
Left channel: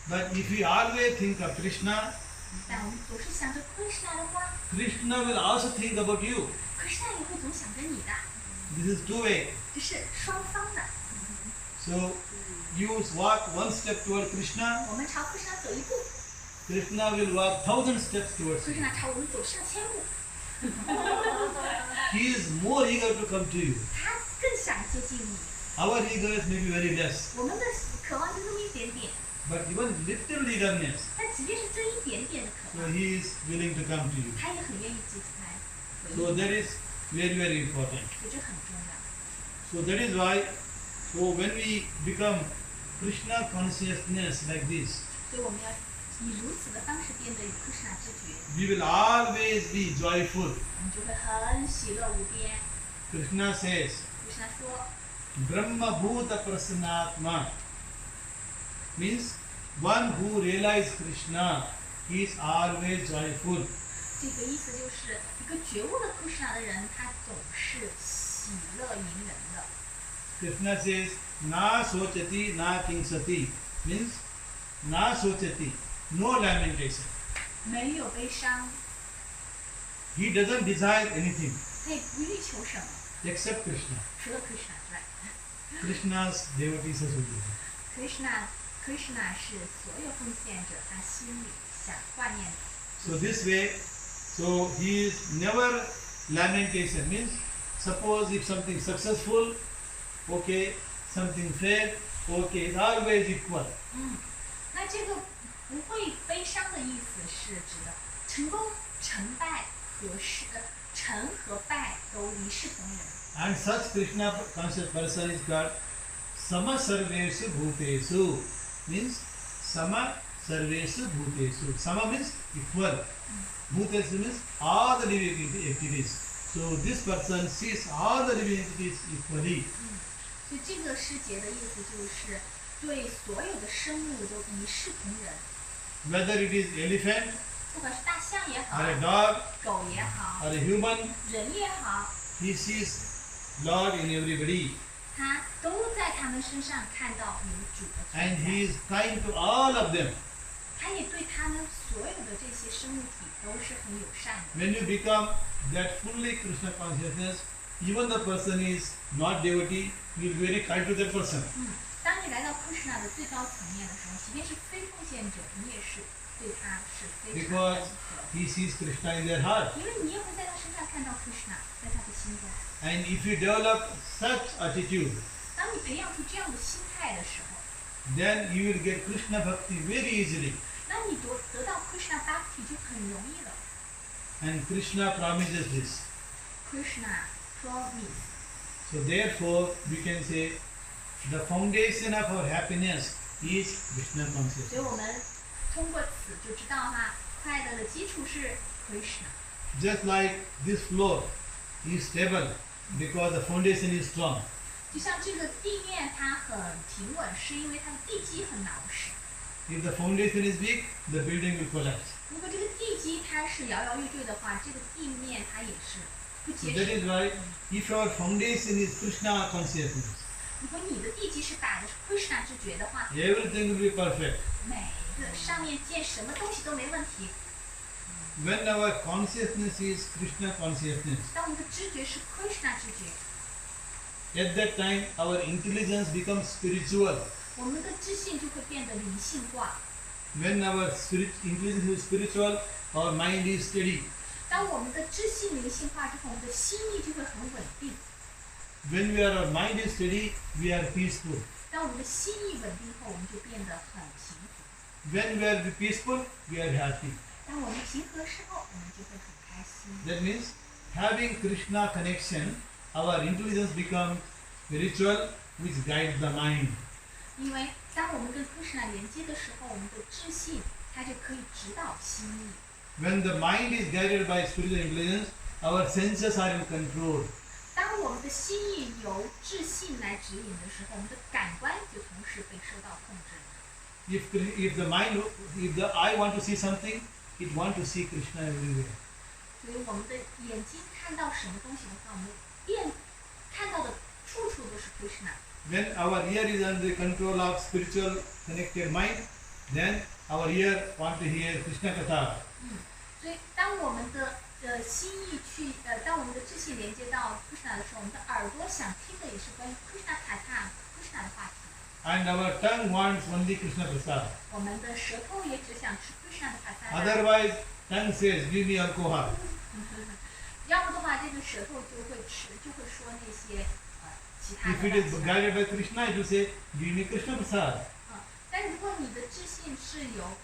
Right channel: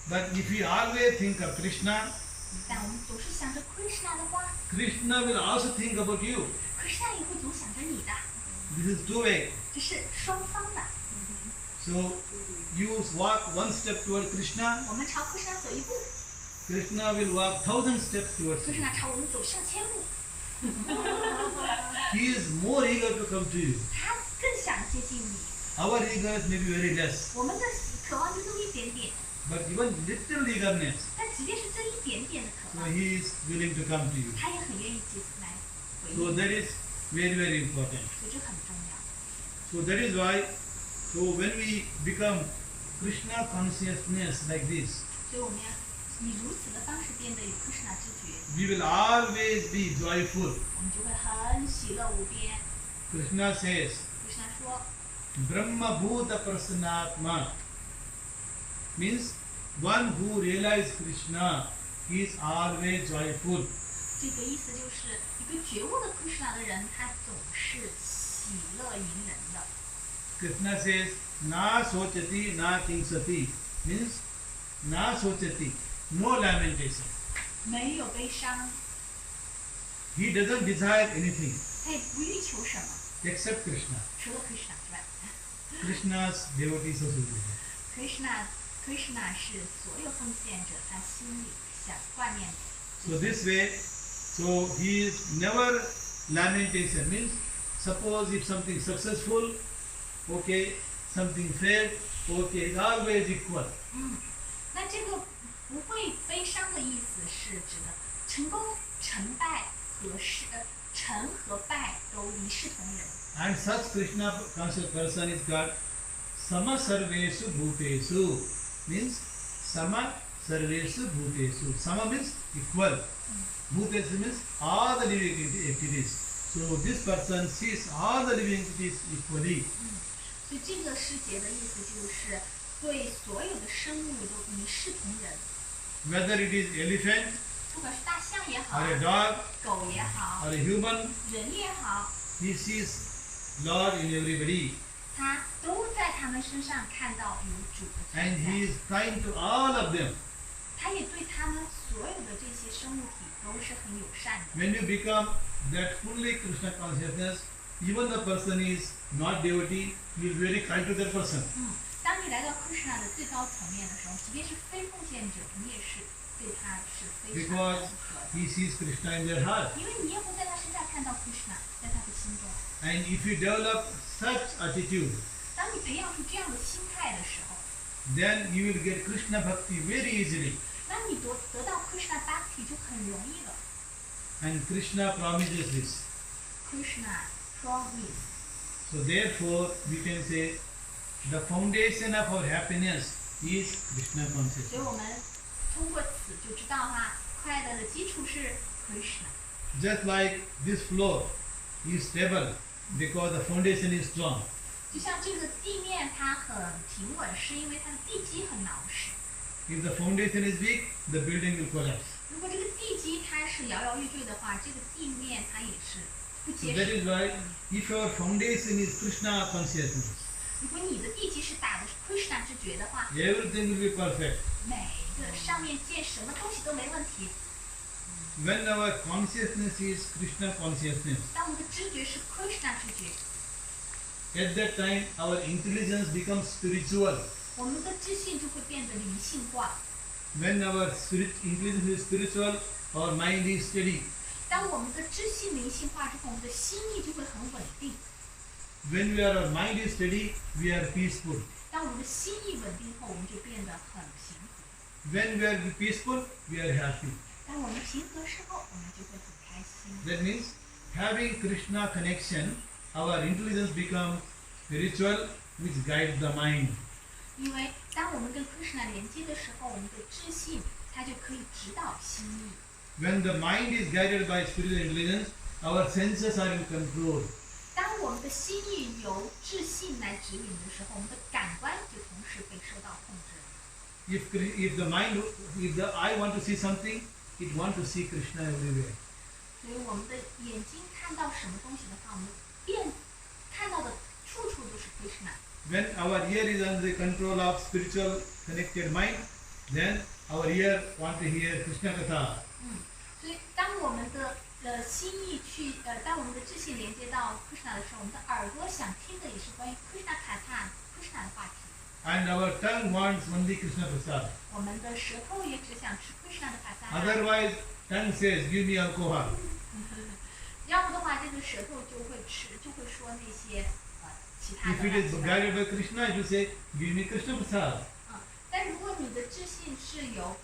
But if we always think of Krishna, 但我们总是想着 Kṛṣṇa 的话 Krishna will also think about you. ，Kṛṣṇa 也会总想着你的， This is two-way. 这是双方的。 So you walk one step toward Krishna, 我们朝 Kṛṣṇa 走一步 Krishna will walk 1,000 steps towards you. ，Kṛṣṇa 朝我们走上千步， He is more eager to come to you. 他更想接近你。 Our eagerness may be very less, 我们的渴望就那么一点点， but even little eagerness, 但即便是这一点点的渴 so 望， he is willing to come to you. 他也很愿意接来回 So 应， that is very, very important. 所以这很重要。 So that is why, so when we become Krishna consciousness like this, 所以我们要以如此的方式变得与 Kṛṣṇa 知觉， we will always be joyful. 我们就会很喜乐无边。 Krishna says, Kṛṣṇa 说， Brahma Bhuta Prasanatma means one who realizes Krishna is always joyful. 这个意思就是一个觉悟的 Kṛṣṇa 的人，他总是喜乐迎人的。 Krishna says, Na sochati na kingsati means na sochati, no lamentation. 没有悲伤， He doesn't desire anything 他也不欲求什么， except Krishna. 除了 Kṛṣṇa 之外。Krishna's devotees also do that. Kṛṣṇa 是所有奉献者他心里想挂念的。 So this way, so he is never lamentation means suppose if something successful, okay, something failed, okay, it's always equal. 那这个不会悲伤的意思是指的成功、成败成和败都一视同仁。 And such Krishna conscious person is called Sama Sarveshu Bhutesu means Sama Sarveshu Bhutesu. Sama means equal. Bhutesu means all the living entities. So this person sees all the living entities equally. 所以这个诗节的意思就是对所有的生物都一视同仁， Whether it is elephant 不管是大象也好 or，a dog 狗也好 or，a human, 人也好， he sees Lord in everybody. 他都在他们身上看到有主的 And 存 he 在。 is kind to all of them. 他也对他们所有的这些生物体都是很友善的。 When you become that fully Krishna consciousness, even the person is not devotee, you will be very kind to that person. 当你来到 Kṛṣṇa 的最高层面的时候，即便是非奉献者，你也是对他是非常 Because 温和的， he sees Krishna in their heart. 因为你也会在他身上看到 Kṛṣṇa，在他的心中。 And if you develop such attitude, 当你培养出这样的心态的时候， then you will get Krishna Bhakti very easily. 那你得到 Kṛṣṇa Bhakti 就很容易了。 And Krishna promises this. Kṛṣṇa promise. So therefore, we can say the foundation of our happiness is Krishna 所以 consciousness. 我们通过此就知道哈，快乐的基础是 Kṛṣṇa。 Just like this floor is stable because the foundation is strong. 就像这个地面它很平稳，是因为它的地基很牢实。 If the foundation is weak, the building will collapse. 如果这个地基它是摇摇欲坠的话，这个地面它也是不 So 结 that 实 is 的。 why if our foundation is Krishna consciousness, 如果你的地基是打的是 Kṛṣṇa 知觉的话， everything will be perfect. 每个上面建什么东西都没问题。 When our consciousness is Krishna consciousness, 当我们的知觉是 Kṛṣṇa 知觉， at that time our intelligence becomes spiritual. 我们的知性就会变得灵性化。 When our intelligence is spiritual, our mind is steady. 当我们的知性灵性化之后，我们的心意就会很稳定。 When our mind is steady, we are peaceful. 当我们的心意稳定后，我们就变得很平和。 When we are peaceful, we are happy. 当我们平和时候，我们就会很开心。 That means having Krishna connection, our intelligence becomes spiritual, which guides the mind. 因为当我们跟 Kṛṣṇa 连接的时候，我们的知性它就可以指导心意。 When the mind is guided by spiritual intelligence, our senses are in control. 当我们的心意由智性来指引的时候，我们的感官就同时被受到控制。 If the eye want to see something, it want to see Krishna everywhere. 所以我们的眼睛看到什么东西的话，我们看到的处处都是 Kṛṣṇa。 When our ear is under the control of spiritual connected mind, then our ear want to hear Krishna Katha. 所以当我们的心意当我们的智性连接到 Kṛṣṇa 的时候，我们的耳朵想听的也是关于 Kṛṣṇa Katha Kṛṣṇa 的话题。 And our tongue wants only Krishna Prasad. 我们的舌头也只想吃 Kṛṣṇa 的 Prasada。 Otherwise, tongue says, give me alcohol. 要不的话，这个舌头就会说那些其他 If 的 it 乱 is 七八糟 guided by Krishna, it will say, give me Krishna Prasad. 但如果你的智性是由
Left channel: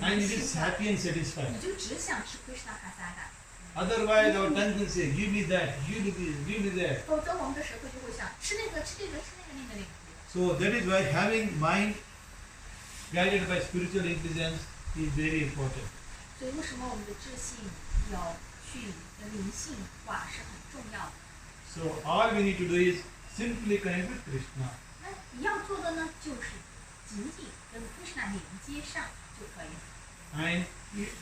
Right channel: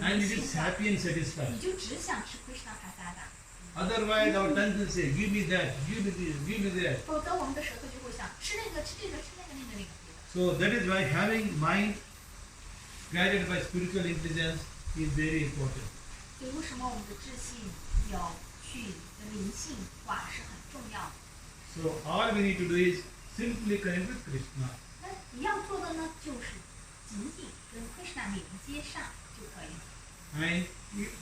And 灵 it 性 is 化， happy and satisfied. 你就只想吃 Kṛṣṇa Prasada。 Otherwise, our tongue will say, give me that, give me this, give me that. 否则我们的舌头就会想吃那个吃这个吃那个那个那个。 So that is why having mind guided by spiritual intelligence is very important. 所以为什么我们的智性有去灵性化是很重要的？ So all we need to do is simply connect with Krishna. 那你要做的呢，就是仅仅跟 Kṛṣṇa 连接上就可以了。 And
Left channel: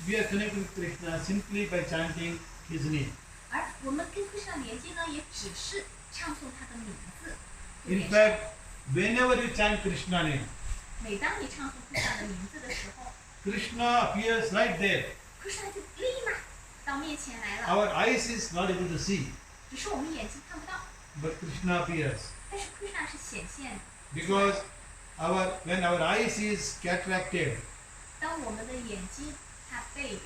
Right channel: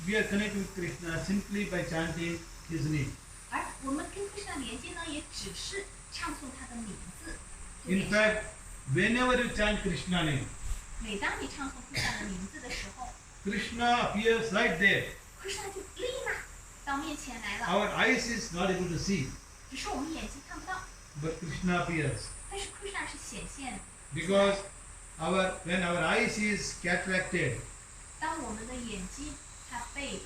we are connected with Krishna simply by chanting his name. 而我们跟 Kṛṣṇa 连接呢，也只是唱诵他的名字。就 In 连上 fact, whenever you chant Krishna name, 每当你唱诵 Kṛṣṇa 的名字的时候 Krishna appears right there. ，Kṛṣṇa 就立马到面前来了。 Our eyes is not able to see, 只是我们眼睛看不到， but Krishna appears. 但是 Kṛṣṇa 是显现的。 Because when our eyes is cataracted, 当我们的眼睛它被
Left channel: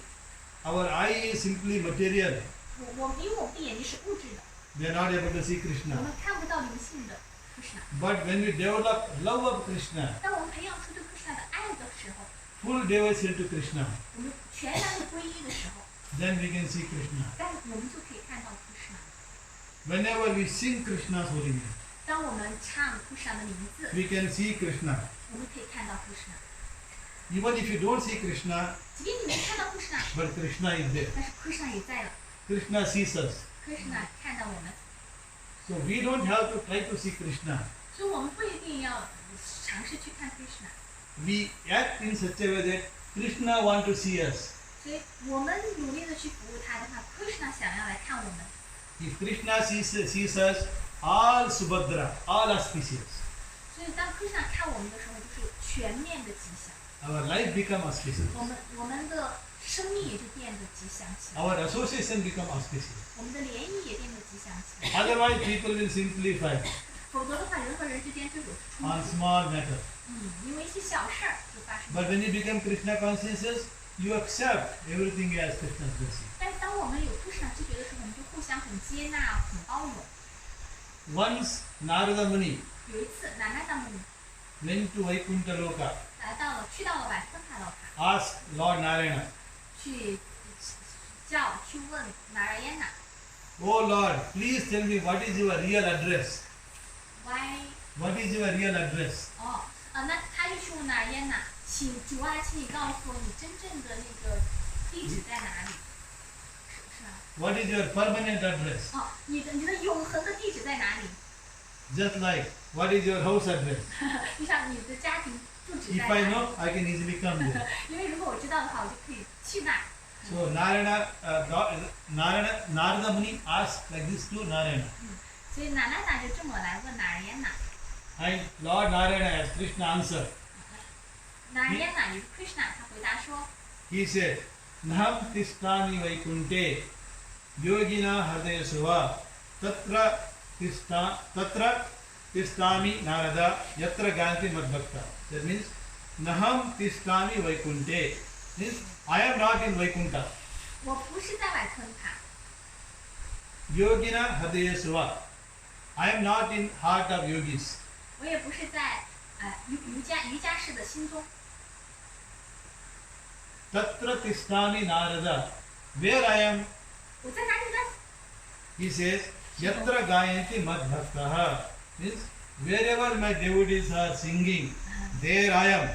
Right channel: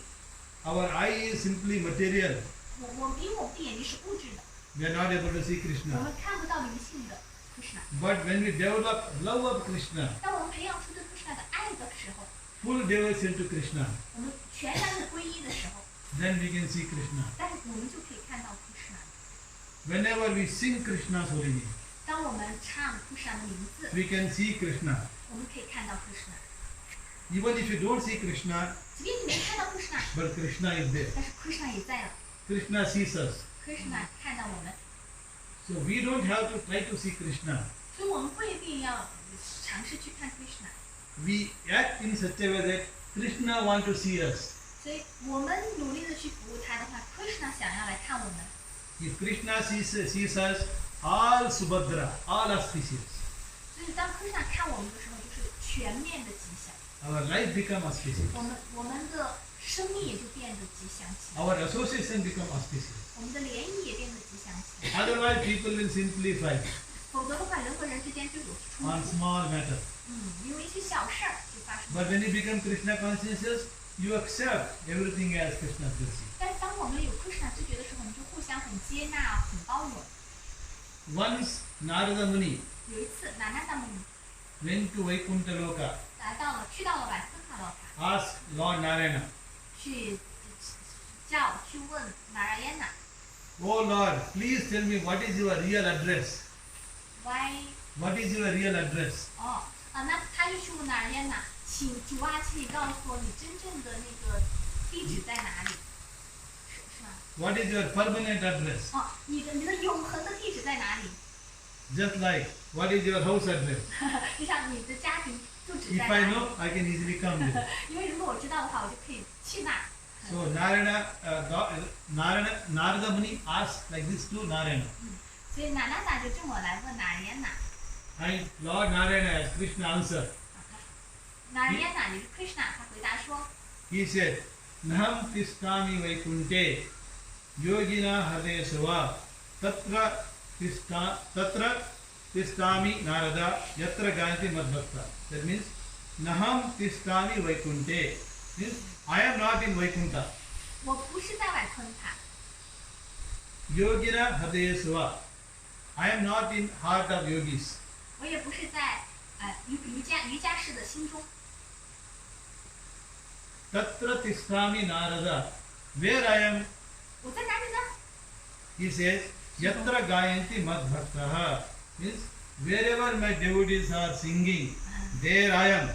our eye is simply material. 因为我们的眼睛是物质的， We are not able to see 我 Krishna. 们看不到灵性的 Kṛṣṇa。 But when we develop love of Krishna, 当我们培养出对 Kṛṣṇa 的爱的时候， full devotion to Krishna, 我们全然的皈依的时候， then we can see Krishna. 但我们就可以看到 Kṛṣṇa。 Whenever we sing Krishna's holy name, 当我们唱 Kṛṣṇa 的名字， we can see Krishna. 我们可以看到 Kṛṣṇa。 Even if you don't see Krishna, 即便你没看到 Kṛṣṇa， but Krishna is there. 但是 Kṛṣṇa 也在了。 Krishna sees us. Kṛṣṇa 看到我们， So we don't have to try to see Krishna. 所以我们不一定要尝试去看 Kṛṣṇa。 We act in such a way that Krishna want to see us. 所以我们努力的去服务他的话，Kṛṣṇa 想要来看我们。 If Krishna sees us, all Subhadra, all auspicious. 所以当 Kṛṣṇa 看我们的时候，就是全面的吉祥， Our life become auspicious. 我们的生命也就变得吉祥起来， Our association become auspicious. 我们的联谊也变得吉祥起来。 Otherwise, people will simply fight 否则的话，人和人之间就有冲 on 突。 small matters. 因为一些小事儿就发生。 But when you become Krishna conscious, you accept everything as Krishna's blessing. 但当我们有 Kṛṣṇa 知觉的时候，我们就互相很接纳、很包容。 Once Narada Muni 有一次，南达达姆尼 went to Vaikuntha Loka, 去到了瓦森卡洛卡， asked Lord Narayana, 去问纳拉耶纳 "Oh Lord, please tell me what is your real address? why What is your real address?" 那他就去问纳拉耶纳，请主啊，请你告诉我你真正的那个地址在哪里？是吧？ What is your permanent address? 你的永恒的地址在哪里？ Just like, what is your house address? 就像你的家庭住址 If 在 I 哪里？ know, I can easily come there. 因为如果我知道的话，我就可以去那儿。 So Narada Muni asked like this to Narayana. 所以娜娜达就这么来问纳拉耶纳， And Lord Narayana, as Krishna answered, 纳拉耶纳也是 Kṛṣṇa， 他回答说， he said, "Naham tishtami vaikunte yogina hridayasva tatra tishtami narada yatra ganti madbhakta." That means, Naham tishtami vaikunte means I am not in Vaikuntha. 我不是在外昆塔， Yogina hridayasva. I am not in heart of yogis. 我也不是在瑜伽士的心中。 Tatra tishtami narada. Where I am, 我在哪里呢？ he says, yatra gayanti madbhaktaha. Means wherever my devotees are singing, there I am.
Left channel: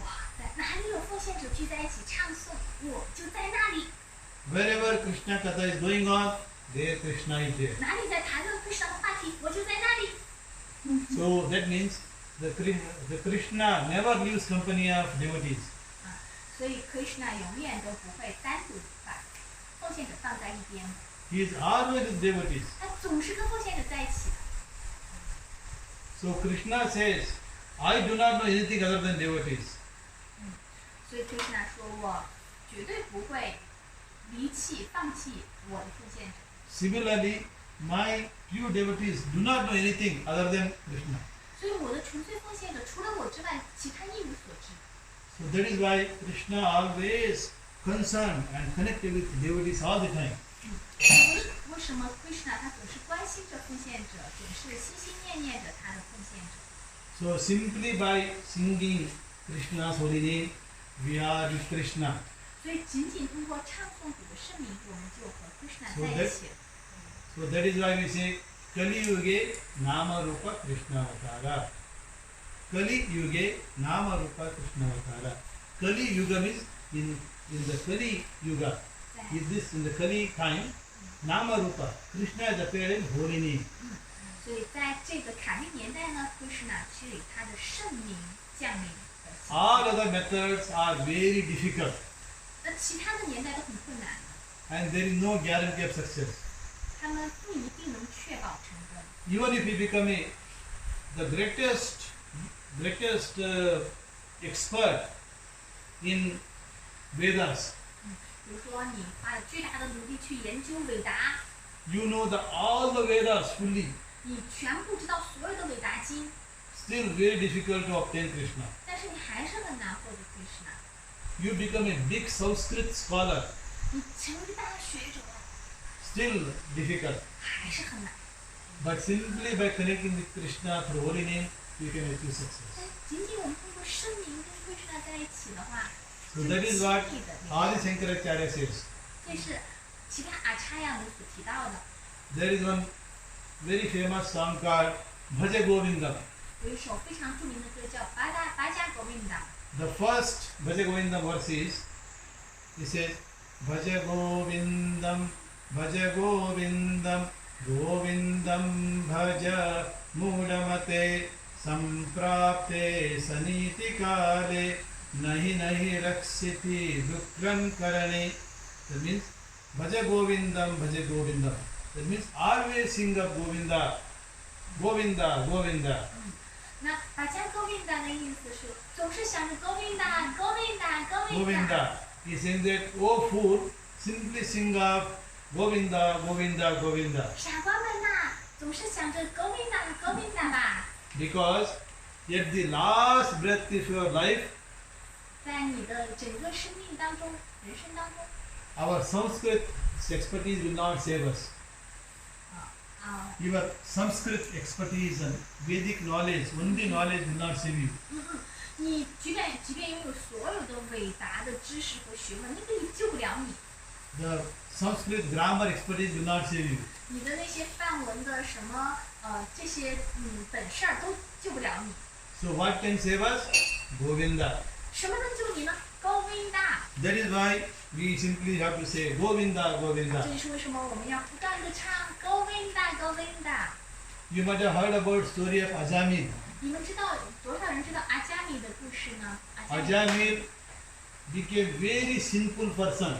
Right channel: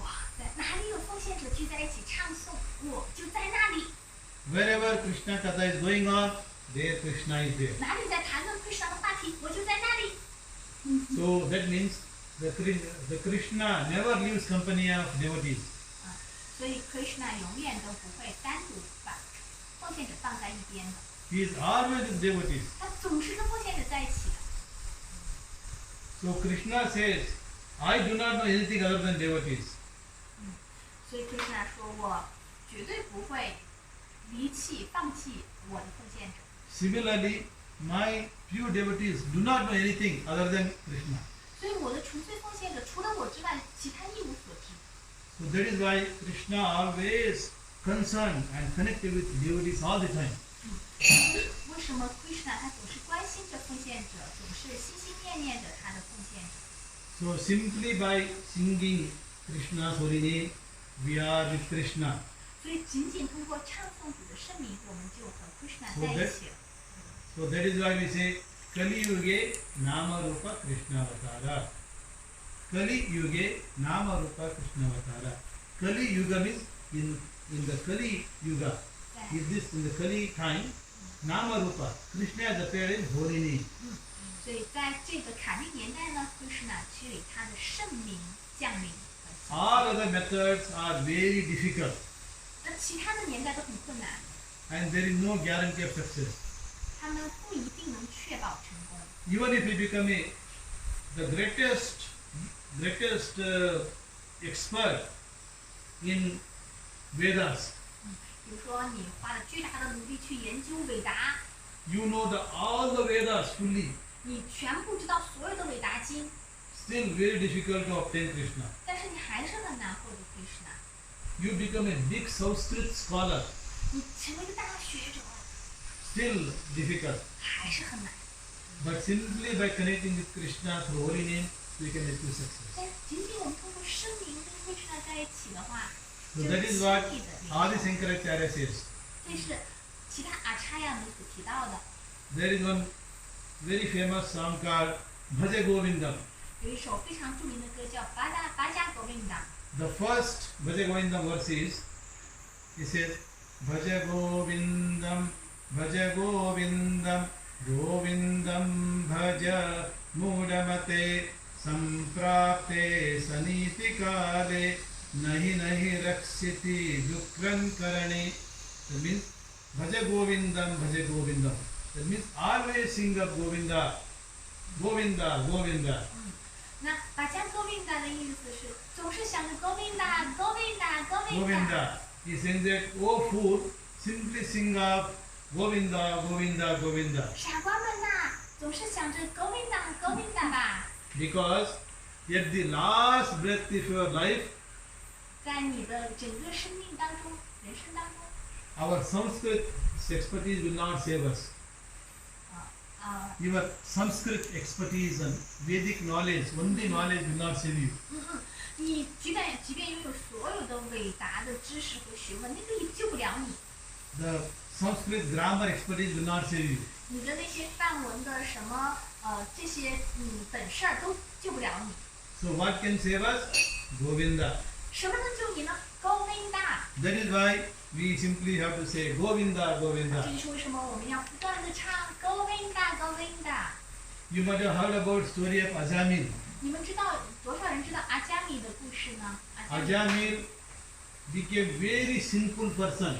哇，在哪里有奉献者聚在一起唱诵，我就在那里。 Wherever Krishna Katha is going on, there Krishna is there. 哪里在谈论 Kṛṣṇa 的话题，我就在那里。 So that means the Krishna never leaves company of devotees. 所以 Kṛṣṇa 永远都不会单独把奉献者放在一边的， He is always with devotees. 他总是跟奉献者在一起的。 So Krishna says, I do not know anything other than devotees. 所以 Kṛṣṇa 说，我绝对不会放弃我的奉献者。 Similarly, my pure devotees do not know anything other than Krishna. 所以我的纯粹奉献者除了我之外，其他一无所知。 So that is why Krishna always concerned and connected with devotees all the time. 为什么 Kṛṣṇa 他总是关心着奉献者，总是心心念念着他的奉献者？ So simply by singing Krishna's holy name, we are with Krishna. 所以仅仅通过唱诵主的圣名，我们就和 Kṛṣṇa So 在一起了。 So that is why we say Kali Yuge Nama Rupa Krishna Avatara. Kali Yuge Nama Rupa Krishna Avatara. Kali Yuga means in the Kali Yuga. Is this in the Kali time? Nama Rupa. Krishna has appeared in holy name. 所以在这个卡利年代呢，Kṛṣṇa是以他的圣名降临的。 All other methods are very difficult 那其他的年代都很困难的， and there is no guarantee of success. 他们不一定能确保成功。 Even if you become the greatest expert in Vedas, 比如说，你花了巨大的努力去研究韦达， you know all the Vedas fully, 你全部知道所有的韦达经， still very difficult to obtain Krishna. 但是你还是很难获得 Kṛṣṇa。 You become a big Sanskrit scholar, 你成为一个大学者， still difficult. 还是很难。 But simply by connecting with Krishna through holy name, we can achieve success. 但仅仅我们通过圣名跟 Kṛṣṇa 在一起的话， So 就 that is what 轻易的 Adi Shankaracharya says. 这是其他阿叉亚们所提到的。 There is one very famous song called Bhaja Govindam. 有一首非常著名的歌叫《巴加狗命达》。 The first Bhaja Govindam verse is, he says, Bhaja Govindam, Bhaja Govindam, Govindam Bhaja Mudamate, Samprapte Saniti Kale, Nahi Nahi Raksiti Dukran Karani. That means, Bhaja Govindam, Bhaja Govindam. That means, always sing of Govinda, Govinda, Govinda. 那巴加狗命达的意思是总是想着狗命达，狗命达，狗命达。 Govinda. He says that, oh fool, simply sing of Govinda, Govinda, Govinda. 傻瓜们呐，总是想着狗命达，狗命达吧。 Because at the last breath of your life, 在你的整个生命当中、人生当中， our Sanskrit expertise will not save us. Your Sanskrit expertise and Vedic knowledge, only knowledge will not save you. 你即便拥有所有的伟大的知识和学问，那个也救不了你。The Sanskrit grammar expertise will not save you. 你的那些范文的什么这些本事儿都救不了你。So what can save us? Govinda. 什么能救你呢？Govinda。That is why we simply have to say Govinda, 这 Govinda. 就是为什么我们要不断的唱 Govinda Govinda。 You might have heard about story of Ajamil. 你们知道多少人知道阿伽米的故事呢？阿伽米 Ajamil became very sinful person.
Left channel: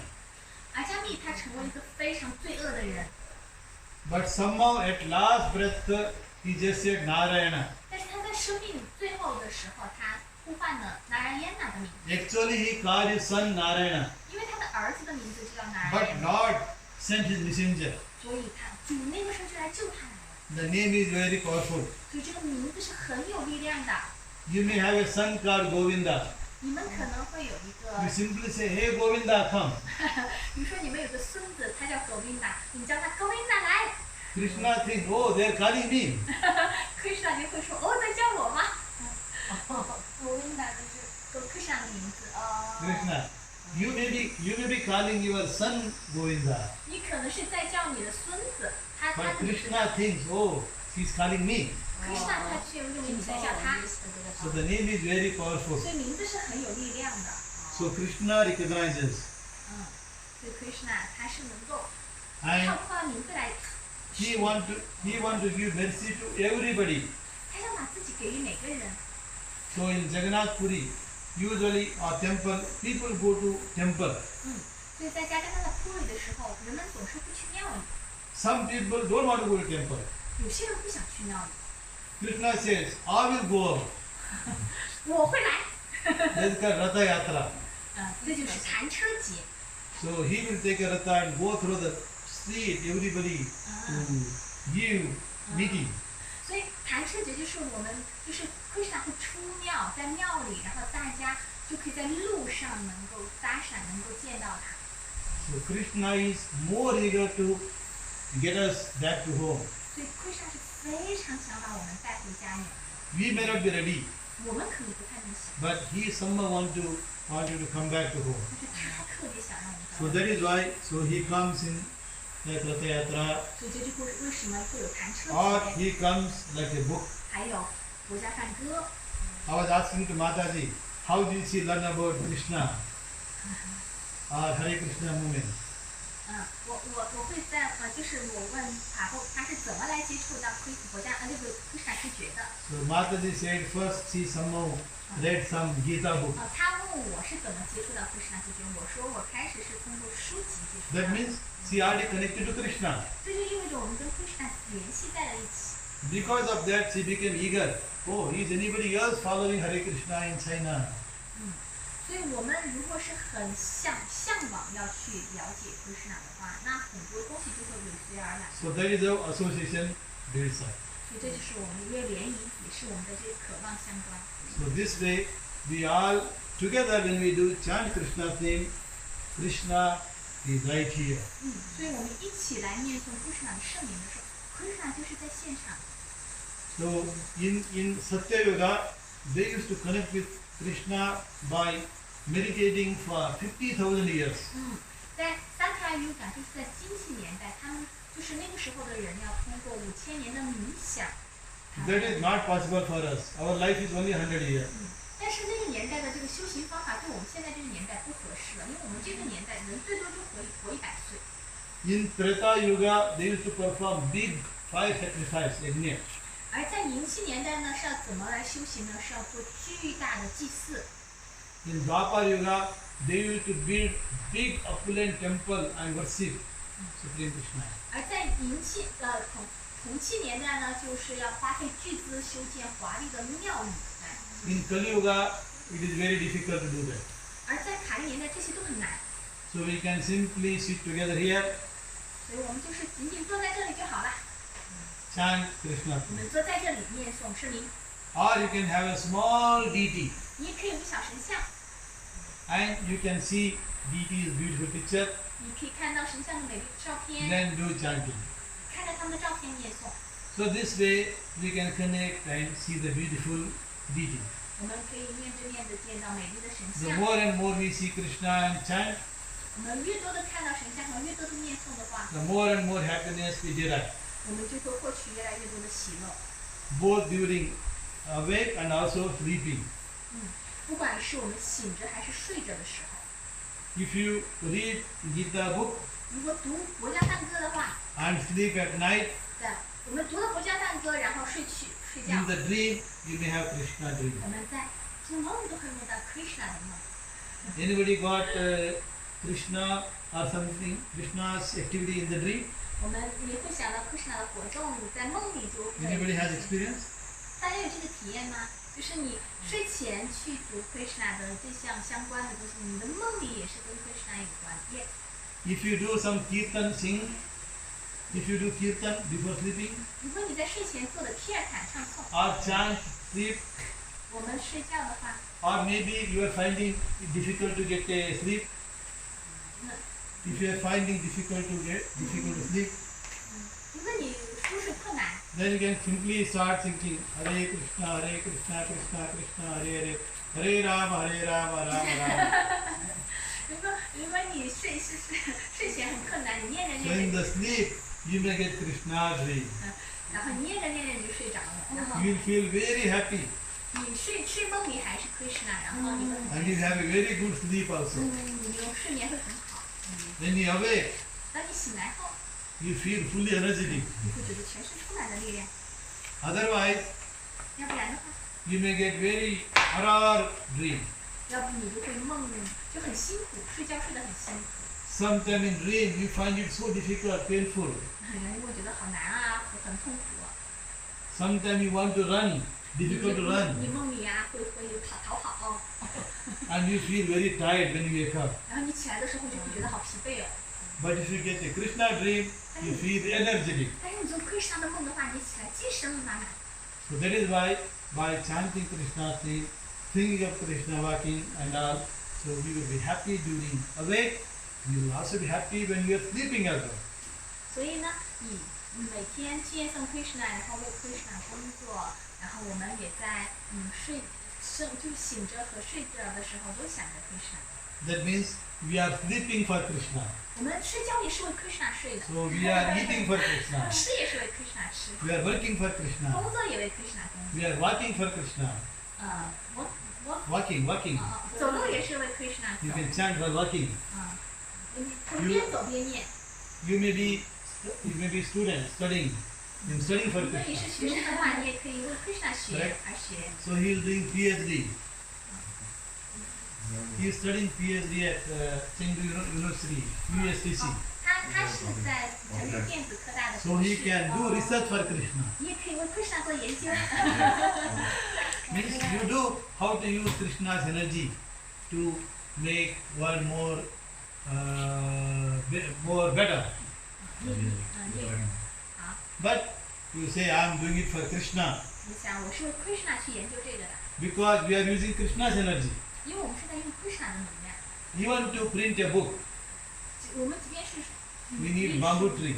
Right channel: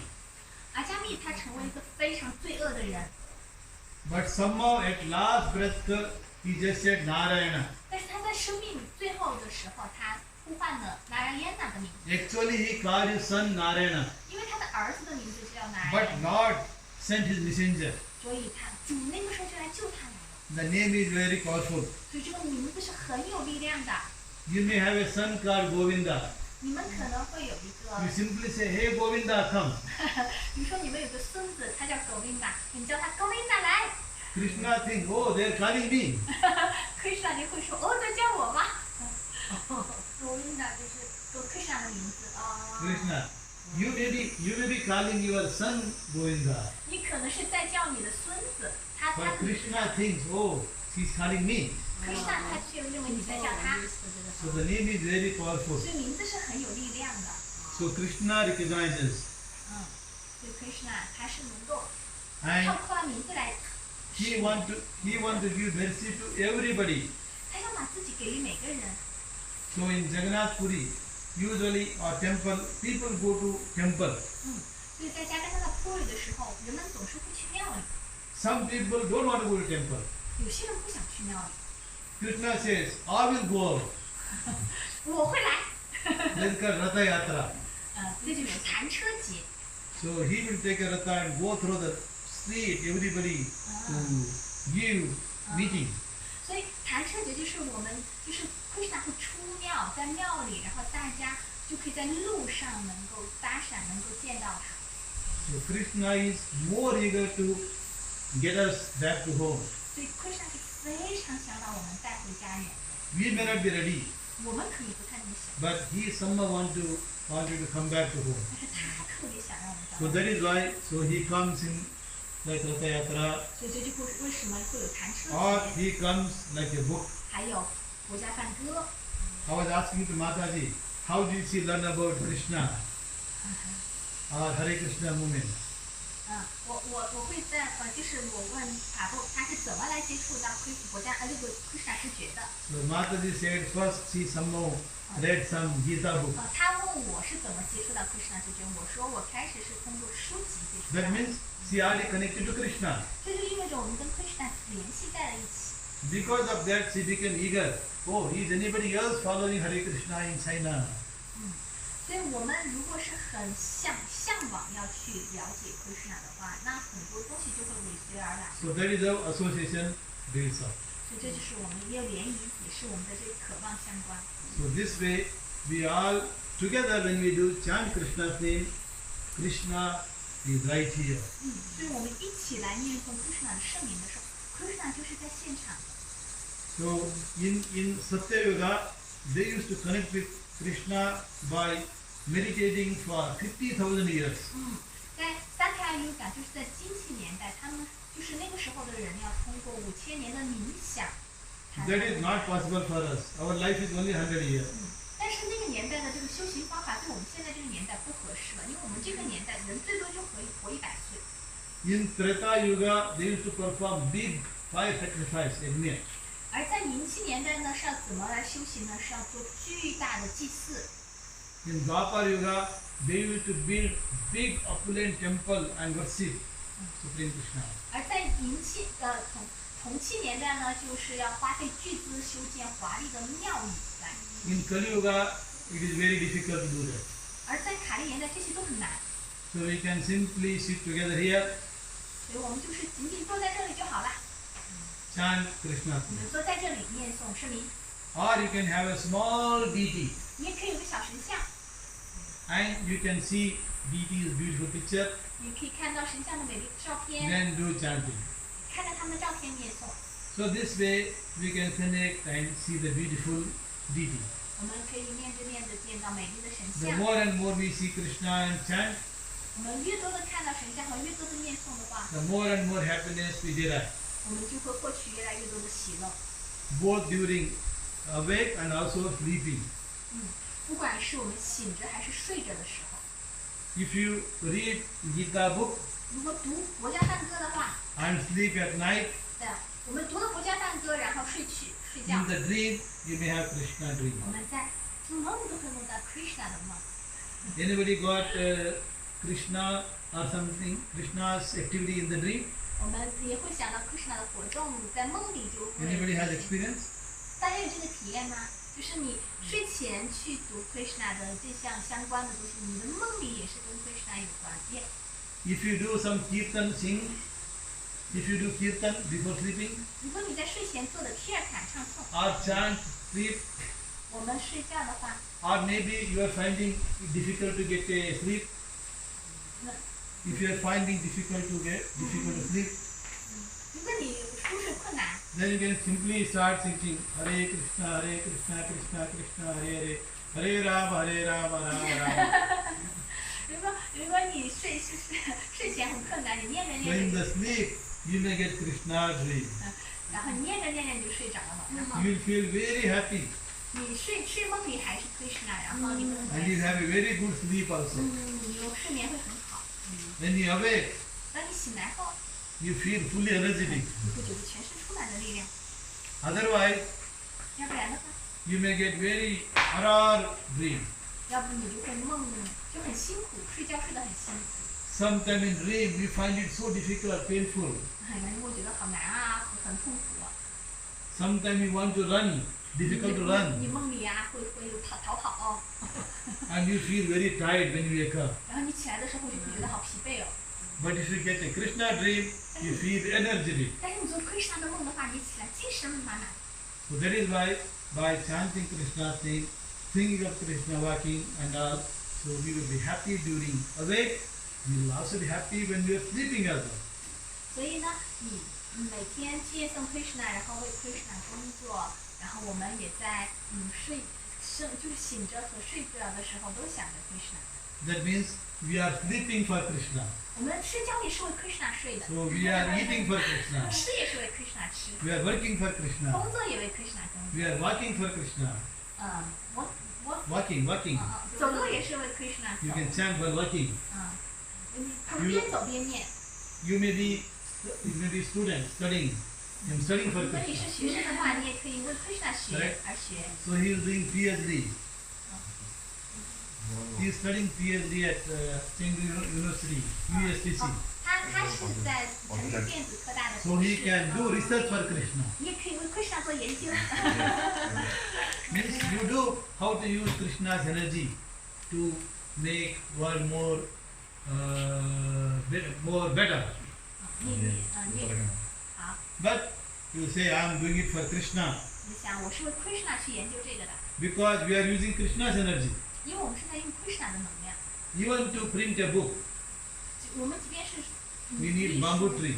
阿伽米他成为一个非常罪恶的人， But somehow at last breath he just said Narayana. 但是他在生命最后的时候，他呼唤了拿拉耶娜的名字， Actually he called his son Narayana. 因为他的儿子的名字就叫拿拉 But 耶娜， Lord sent his messenger. 所以主那个时候就来救他来了。 The name is very powerful. 所以这个名字是很有力量的。 You may have a son called Govinda. 你们可能会有一个 You，simply say, Hey Govinda, come. 比如说你们有个孙子，他叫 Govinda，你叫他 Govinda 来 Krishna thinks, oh, they are calling me. ，Kṛṣṇa 就会说哦，在叫我吗？Govinda 就是Kṛṣṇa 的名字。Krishna, you may be calling your son Govinda. 你可能是在叫你的孙子，他 But 的名字叫 Krishna thinks, oh, he's calling me. Kṛṣṇa，他却认为你在叫他， So the name is very powerful. 所以名字是很有力量的。 So Krishna recognizes. 所以 Kṛṣṇa 他是能够 And 透过名字来， he want to give mercy to everybody. 他要把自己给予每个人。 So in Jagannath Puri, usually or temple, people go to temple. 所以在加拿大的普里的时候，人们总是会去庙里， Some people don't want to go to temple. 有些人不想去庙里。 Krishna says, I will go. 我会来， That's called Ratha Yatra. 这就是禅车节。 So he will take a Ratha and go through the street, everybody to give meeting. 所以禅车节就是我们就是Kṛṣṇa会出庙，在庙里，然后大家就可以在路上能够搭讪，能够见到他。 So Krishna is more eager to get us back to home. 所以Kṛṣṇa是非常想把我们带回家园的。 We may not be ready, 我们可能不太能想， but he somehow want you to come back to home. 但是他特别想让我们 So 到。 that is why, so he comes in like Ratha Yatra, 所以这就会为什么会有禅车 or 节， he comes like a book. 还有国家梵歌。 I was asking to Mataji, how did she learn about Krishna or Hare Krishna movement? 我会在就是我问法布他是怎么来接触到国家那个Kṛṣṇa之觉的。 So Mataji said first she somehow read some Gita book. 他问我是怎么接触到Kṛṣṇa之觉，我说我开始是通过书籍接触 That 到的。 means she already connected to Krishna. 这就意味着我们跟Kṛṣṇa联系在了一起。 Because of that she became eager. Oh, is anybody else following Hare Krishna in China? 所以我们如果是很向往要去了解Kṛṣṇa的话，那很多东西就会尾随而来。 So that is how association builds up. 所以这就是我们一个联谊，也是我们的这个渴望相关。 So this way we all together when we do chant Krishna's name, Krishna is right here. 所以我们一起来念诵Kṛṣṇa的圣名的时候，Kṛṣṇa就是在现场的。 So in Satya Yuga, they used to connect with Krishna by meditating for 50,000 years. 在三开有感，就是在金器年代，他们就是那个时候的人要通过5000年的冥想。 That is not possible for us. Our life is only 100 years. 但是那个年代的这个修行方法对我们现在这个年代不合适了，因为我们这个年代人最多就可以活100岁。 In Treta Yuga, they used to perform big fire sacrifice, yajna. 而在银器年代呢，是要怎么来修行呢？是要做巨大的祭祀。 In Dwapar Yuga, they used to build big opulent temple and worship Supreme Krishna. 而在铜器年代呢，就是要花费巨资修建华丽的庙宇来。 In Kali Yuga, it is very difficult to do that. 而在卡利年代，这些都很难， So we can simply sit together here, 所以我们就是仅仅坐在这里就好了。 chant Krishna. 我们坐在这里念诵圣名， Or you can have a small deity 你也可以有个小神像， and you can see deity's beautiful picture, 你可以看到神像的美丽的照片， then do chanting. 看着他们的照片念诵， So this way we can connect and see the beautiful deity. 我们可以面对面的见到美丽的神 The 像。 more and more we see Krishna and chant, 我们越多的看到神像和越多的念诵的话， the more and more happiness we derive, 我们就会获取越来越多的喜乐。 both during awake and also sleeping. 不管是我们醒着还是睡着的时候， If you read Gita book 如果读佛家梵歌的话， and sleep at night, 对，我们读了佛家梵歌，然后睡觉， in the dream you may have Krishna dream. 我们在做梦都会梦到 Kṛṣṇa 的梦。 Anybody got Krishna or something, Krishna's activity in the dream? 我们也会想到 Kṛṣṇa 的活动，在梦里就会。 Anybody has experience? 大家有这个体验吗？就是你睡前去读 Kṛṣṇa 的这项相关的东西，你的梦里也是跟 Kṛṣṇa 有关。也 If you do some kirtan sing, if you do kirtan before sleeping 如果你在睡前做的提尔坦唱诵， or chant sleep, 我们睡觉的话， or maybe you are finding it difficult to get a sleep. 那 If you are finding difficult to sleep, 如果你入睡困难， then you can simply start singing Hare Krishna, Krishna Krishna, Hare Hare, Hare Rama, Rama Rama. 如果你睡前很困难，你念着 So in 念 the 着， sleep, you may get Krishna dream. 然后你念着念着你就睡着了，然后 You will feel very happy 你睡梦里还是 Kṛṣṇa，然后你会很 and 开 you 心， have a very good sleep also. 你就睡眠会很好。 When you awake, 当你醒来后， you feel fully energetic. 你会觉得全身充满了力量， Otherwise, 要不然的话， you may get very horror dream. 要不你就会梦就很辛苦，睡觉睡得很辛苦， Sometime in dream, you find it so difficult, painful. 你会觉得好难啊，很痛苦啊。 Sometimes you want to run, difficult to 你 run. 梦里啊会有逃跑， And you feel very tired when you wake up. 然后你起来的时候就会觉得好疲惫哦。 But if you get a Krishna dream, you feel energetic. 但是你做 Kṛṣṇa 的梦的话，你起来精神满满。 So that is why by chanting Krishna, thinking of Krishna, walking and all, so we will be happy during awake. We will also be happy when we are sleeping as well. 所以呢，你每天去念诵 Kṛṣṇa，然后为 Kṛṣṇa 工作，然后我们也在就是醒着和睡着的时候都想着 Kṛṣṇa。 That means we are sleeping for Krishna. 我们睡觉也是为 Kṛṣṇa 睡的， So we are eating for Krishna. 吃也是为 Kṛṣṇa 吃， We are working for Krishna. 工作也为 Kṛṣṇa 工作。 We are walking for Krishna. 我 Walking. 走路也是为 Kṛṣṇa You 走。 can chant while walking. 你从边走边念。 You may be student studying. I'm studying for 如果你是 Krishna. 学生的话，你也可以为 Kṛṣṇa 学而学。 So he is doing PhD. He is studying PhD at Chengdu University, USTC. 他是在成都电子科大的 So 博 he 士。 can do research for Krishna. 你也可以为 Kṛṣṇa 做研究。 Means you do how to use Krishna's energy to make world more better. 你好， But you say I am doing it for Krishna 你想我是为 Kṛṣṇa 去研究这个的， because we are using Krishna's energy. 因为我们是在用 Kṛṣṇa 的能量。 Even to print a book, 我们即便是 we need 艺术 bamboo tree.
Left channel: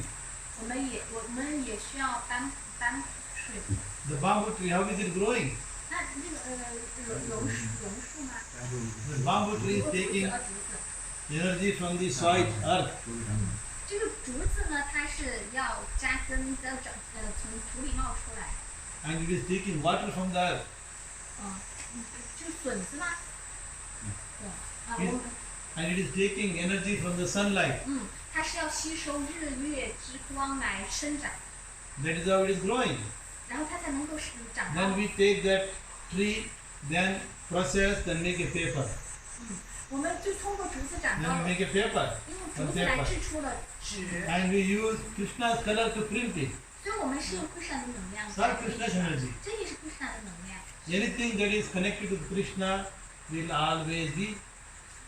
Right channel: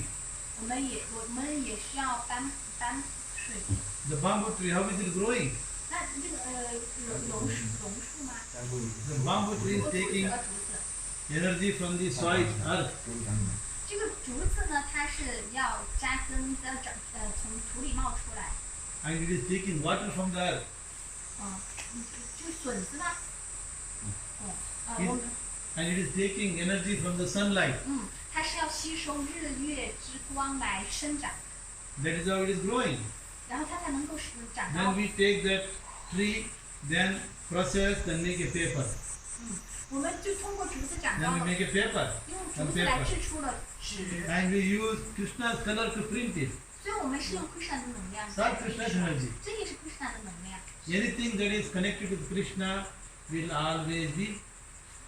我们也需要搬水。 The bamboo tree, how is it growing? 那这个榕树吗？ The bamboo tree is 竹 taking 子竹子。 energy from the soil, earth. 这个竹子呢，它是要扎根，从土里冒出来。 And it is taking water from the earth. 就是笋子吗？嗯我们 And it is taking energy from the sunlight. 它是要吸收日月之光来生长， That is how it is growing. 然后它才能够长 Then 高。 we take that tree, then process, then make a paper. 我们就通过竹子长 Then 高 we 了， make a paper. 用竹子来制出了纸， And we use Krishna's color to print it. 所以我们是用 Kṛṣṇa 的能量 It's 在 all 印 Krishna's 刷， energy. 这也是 Kṛṣṇa 的能量。 Anything that is connected with Krishna will always be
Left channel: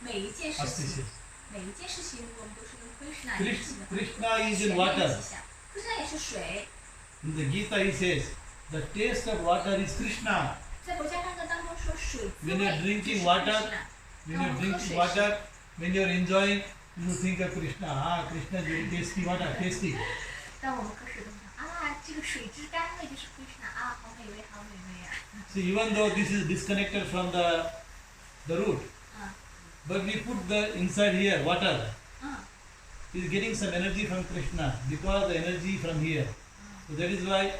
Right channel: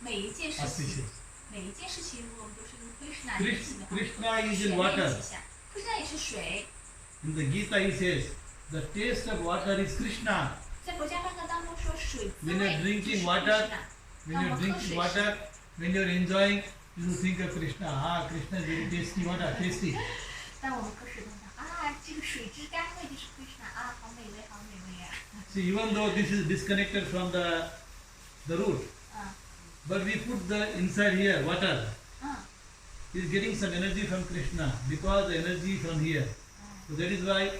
每一件事情， auspicious. 每一件事情，如果我们都是跟 Kṛṣṇa 联系的话， Krishna is 全 in 面 water. 吉祥。Kṛṣṇa 也是水， In the Gita he says, the taste of water is Krishna. 在佛家梵歌当中说水滋 When you are 味就是 drinking ，Kṛṣṇa。 water, when you are drinking water, when you are enjoying, you think of Krishna. Ah, Krishna is very tasty water, tasty. 但我们可是都想啊，这个水之甘味就是 Kṛṣṇa 啊，好美味，好美味啊。See, even though this is disconnected from the root, 嗯 but we put the inside here water. 嗯 Is getting some energy from Krishna because the energy from here. So that is why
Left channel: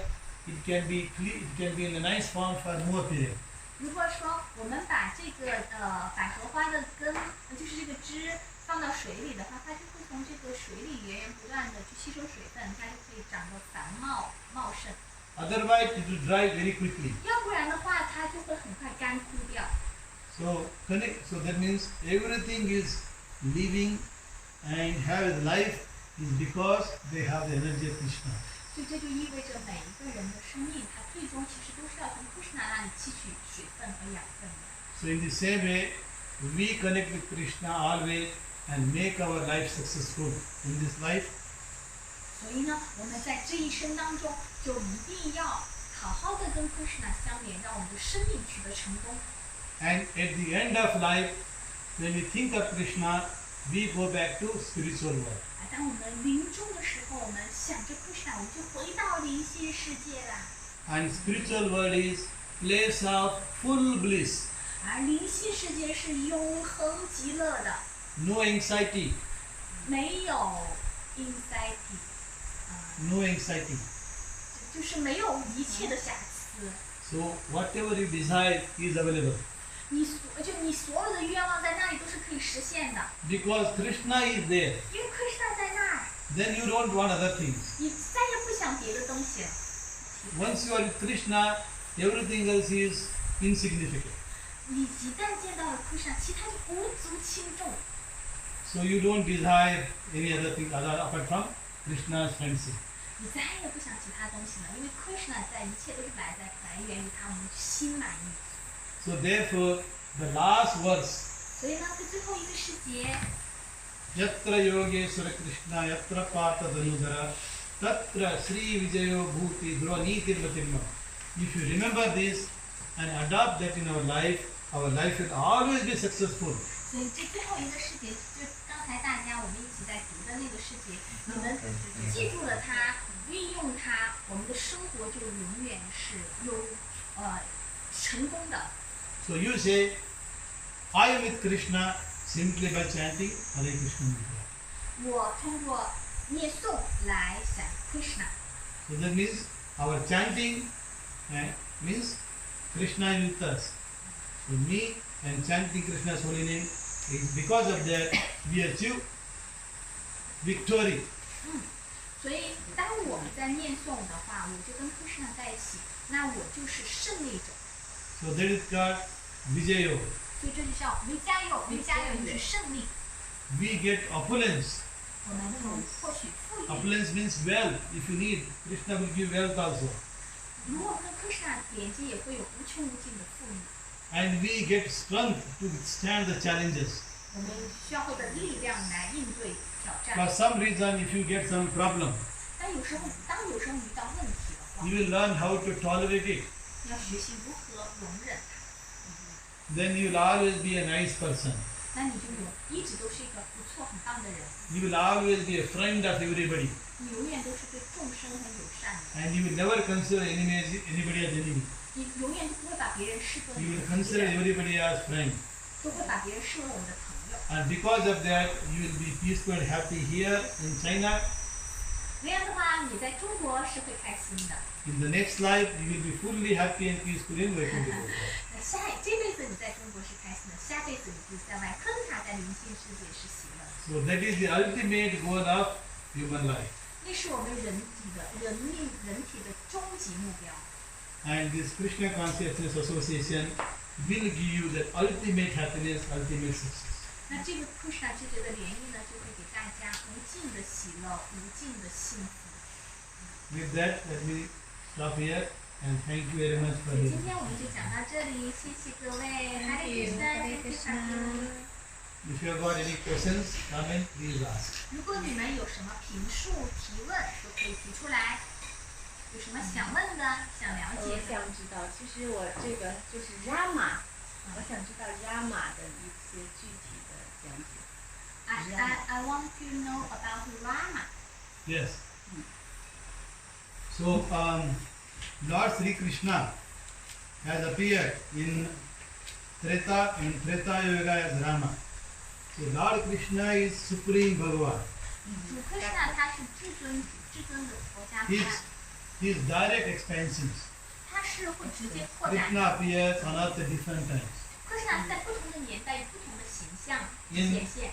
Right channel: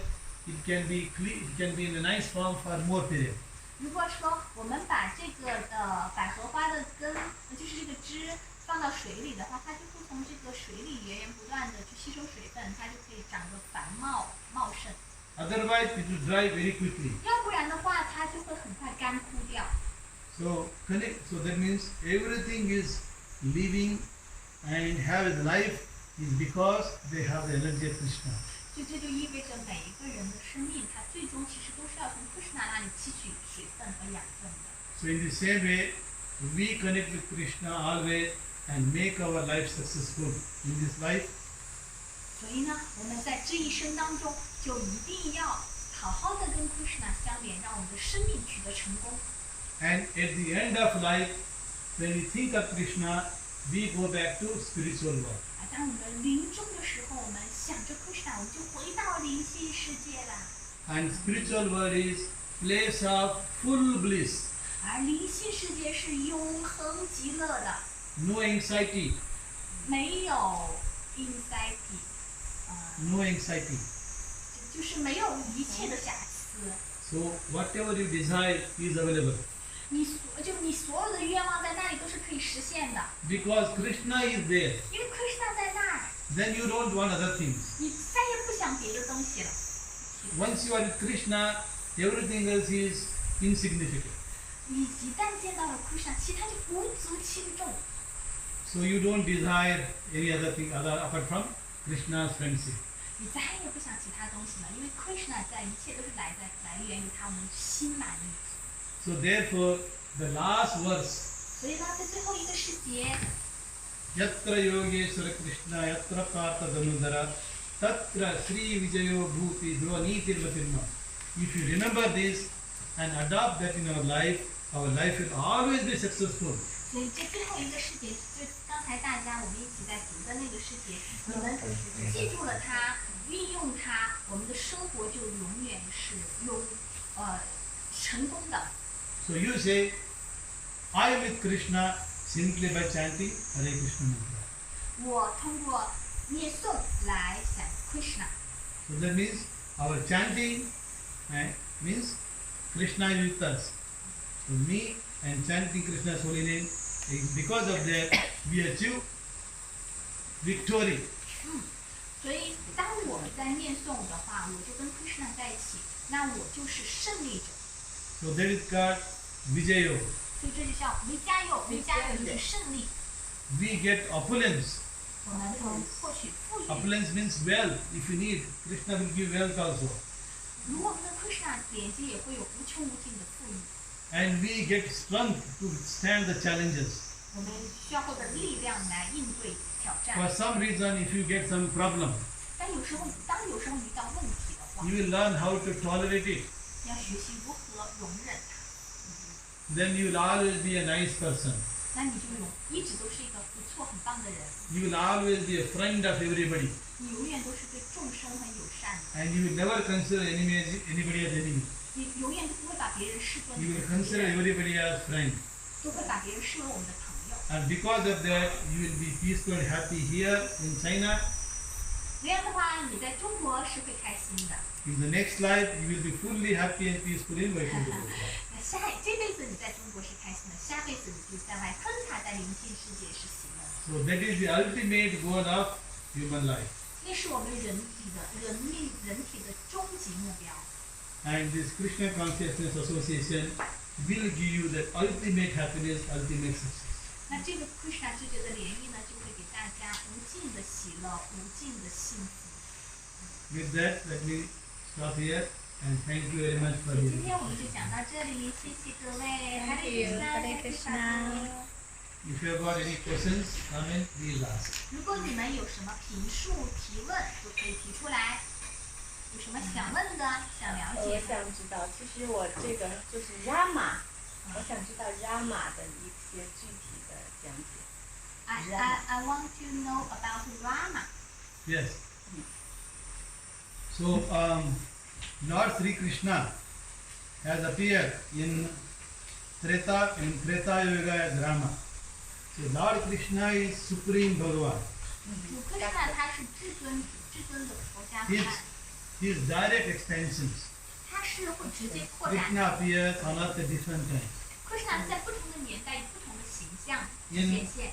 it can be it can be in a nice form for more period. 如果说我们把这个百合花的根，就是这个枝放到水里的话，它就会从这个水里源源不断的去吸收水分，它就可以长得繁茂盛。Otherwise it will dry very quickly. 要不然的话，它就会很快干枯掉。So that means everything is living and have its life is because they have the energy of Krishna. 所以这就意味着每一个人的生命，它最终其实都是要从 Kṛṣṇa 那里汲取水分和养分的。So in the same way, we connect with Krishna always and make our life successful in this life. 所以呢，我们在这一生当中就一定要好好的跟 Kṛṣṇa 相连，让我们的生命取得成功。And at the end of life, when we think of Krishna, we go back to spiritual world. 当我们临终的时候，我们想着 Kṛṣṇa，我们就回到灵性世界啦。And spiritual world is place of full bliss, 而灵性世界是永恒极乐的， no anxiety, 没有 anxiety，no anxiety. 就是没有一切的瑕疵。So whatever you desire is available. 你所有的愿望在那里都是可以实现的， Because Krishna is there, 因为 Kṛṣṇa 在那儿， then you don't want other things. 你再也不想别的东西了。 Once you are with Krishna, everything else is insignificant. 你一旦见到了 Kṛṣṇa，其他就无足轻重。 So you don't desire any other thing apart from Krishna's friendship. 你再也不想其他东西了，因为 Kṛṣṇa 在一切都是来源于他，我们心满意。 So therefore, the last verse, 所以呢，在最后一个世节， Yatra Yogeshwara Krishna Yatra Partha Dhanudhara Tatra Sri Vijayo Bhuti Dhruvaniti Matimma. If you remember this and adopt that in our life will always be successful. 所以这最后一个世节，就刚才大家我们一起在读的那个世节，你们记住了它，运用它，我们的生活就永远是成功的。 So you say, I am with Krishna simply by chanting Hare Krishna Mantra. 我通过念诵来想 Kṛṣṇa， So that means our chanting means Krishna is with us. So me and chanting Krishna's holy name, because of that we achieve victory. 所以当我们在念诵的话，我就跟 Kṛṣṇa 在一起，那我就是胜利者。 So that is called Vijayo. 所以这就叫为加油，为加油就是胜利。 We get opulence. 我们能获取富裕。 Opulence means wealth. If you need, Krishna will give wealth also. 如果我们跟 Kṛṣṇa 连接，也会有无穷无尽的富裕。 And we get strength to stand the challenges. 我们需要获得力量来应对挑 For 战。 some reason, if you get some problem, 但有时候遇到问题的话， you will learn how to tolerate it. 要学习如何容忍它。 Then you will always be a nice person. 那你就一直都是一个不错、很棒的人。 You will always be a friend of everybody. 你永远都是对众生很友善的。 And you will never consider anybody as enemy. 你永远都不会把别人视作 You 你 will 的敌 consider 人， everybody as friend. 都会把别人视为我们的朋友。 And because of that, you will be peaceful and happy here in China. 这样的话，你在中国是会开心的。 In the next life, you will be fully happy and peaceful in Vaikuntha. 那这辈子你在中国是开心的，下辈子你就在外昆塔，在灵性世界是喜乐的。 So that is the ultimate goal of human life. 那是我们人体的终极目标。 And this Krishna Consciousness Association will give you the ultimate happiness, ultimate success. 那这个 Kṛṣṇa 之觉的联谊呢，就会给大家无尽的喜乐，无尽的幸福。 With that, let me stop here and thank you very much for 今 listening. 天我们就讲到这里，谢谢各位。Hare Krishna，Hare Krishna。 If you have got any questions, comment, please ask. 如果你们有什么评述、提问，都可以提出来。有什么想问的、想了解我的？想知道，其实我这个就是 Rama，我想知道 Rama 的一些具体的讲解。I want to know about Rama. Yes. So Lord Sri Krishna has appeared in Treta Yoga as Rama. So Lord Krishna is Supreme Bhagavan. 主科什纳他是至尊的佛家菩萨， His direct expansions. 他是会直接扩展。 Krishna appears on earth at different times. 科什纳在不同的年代以不同的形象 In- 显现。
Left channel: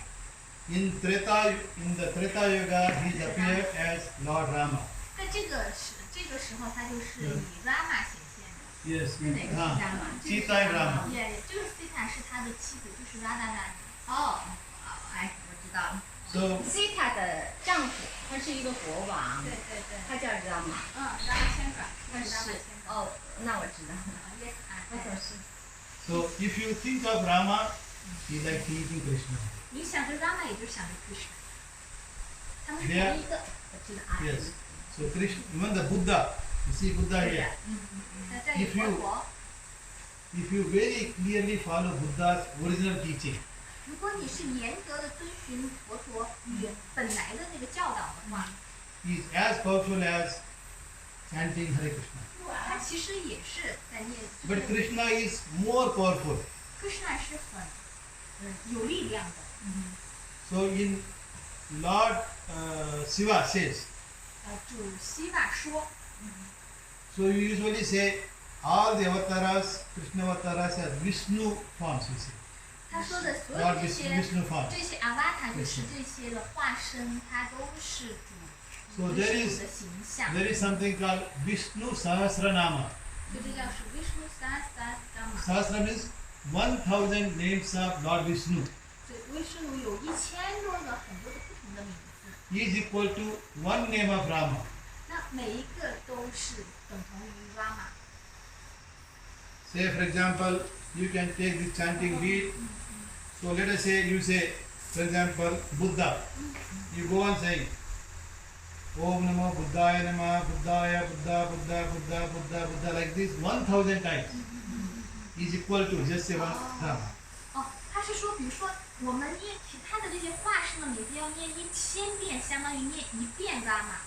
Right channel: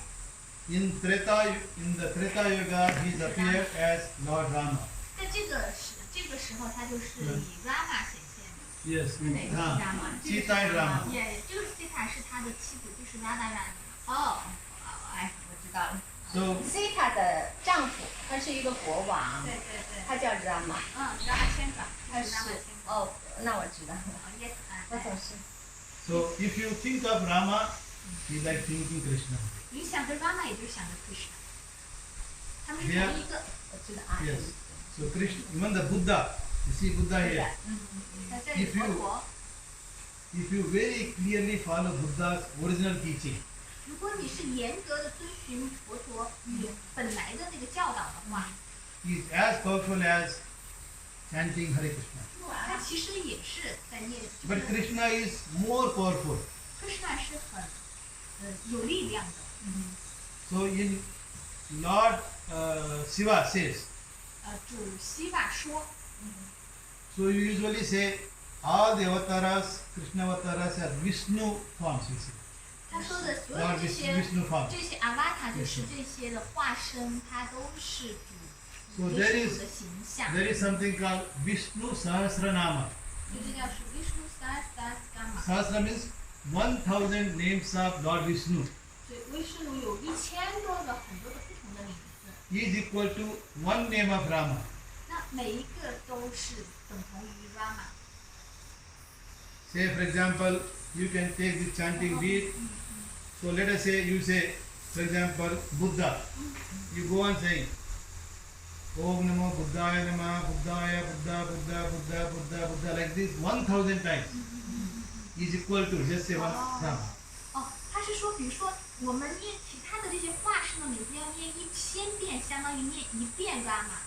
In the Treta Yoga, he is appeared as Lord Rama. 在这个时候，他就是以 Rama 显现的。 Yes, 哪个是 Rama？ Sita and Rama. 也就是 Sita 是他的妻子，就是 Radharani。哦，哎，我知道了。 So Sita 的丈夫，他是一个国王，对对对。他叫 Rama。 Rama 千转，他是 Rama 千转。哦，那我知道了。 Yes， 我总是 So if you think of Rama, you like thinking Krishna. 你想着 Rama， 也就是想着 Krishna。他们是 Yeah. 同一个。我知道啊。 Yes. So Krishna, even the Buddha, you see Buddha 对的 here. 在这里 If you- 佛陀。 If you very clearly follow Buddha's original teaching, 如果你是严格的遵循佛陀本来的那个教导的话， he is as powerful as chanting Hare Krishna. 他其实也是在念。 But Krishna is more powerful. Krishna 是很有力量的。 So in Lord Shiva says, 主希瓦说， so you usually say all the avatars, Krishna avatars are Vishnu forms, you see. 他说的所有 Lord 这 Vishnu, 些 Vishnu forms. 这些阿瓦塔就是这些的化身，它都是主 So there 主 is 的形象。 there is something called Vishnu Sahasranama. 所以这叫是 Vishnu Sahasranama。 Sahasra means 1000 names of Lord Vishnu. 所以威什奴有1000多个很多的不同的名字， Is equal to one name of Rama. 那每一个都是等同于 Rama。 Say for example, you can take this chanting bead. So let us say you say, for example, Buddha. You go on saying, Om Namo Buddhaya Namah, Buddhaya, Buddha, Buddha, Buddha, Buddha, Buddha, like this 1000 times. Is equal to just say one Rama. 哦，他是说，比如说我们念其他的这些化身的名字要念1000遍，相当于念1遍 Rama。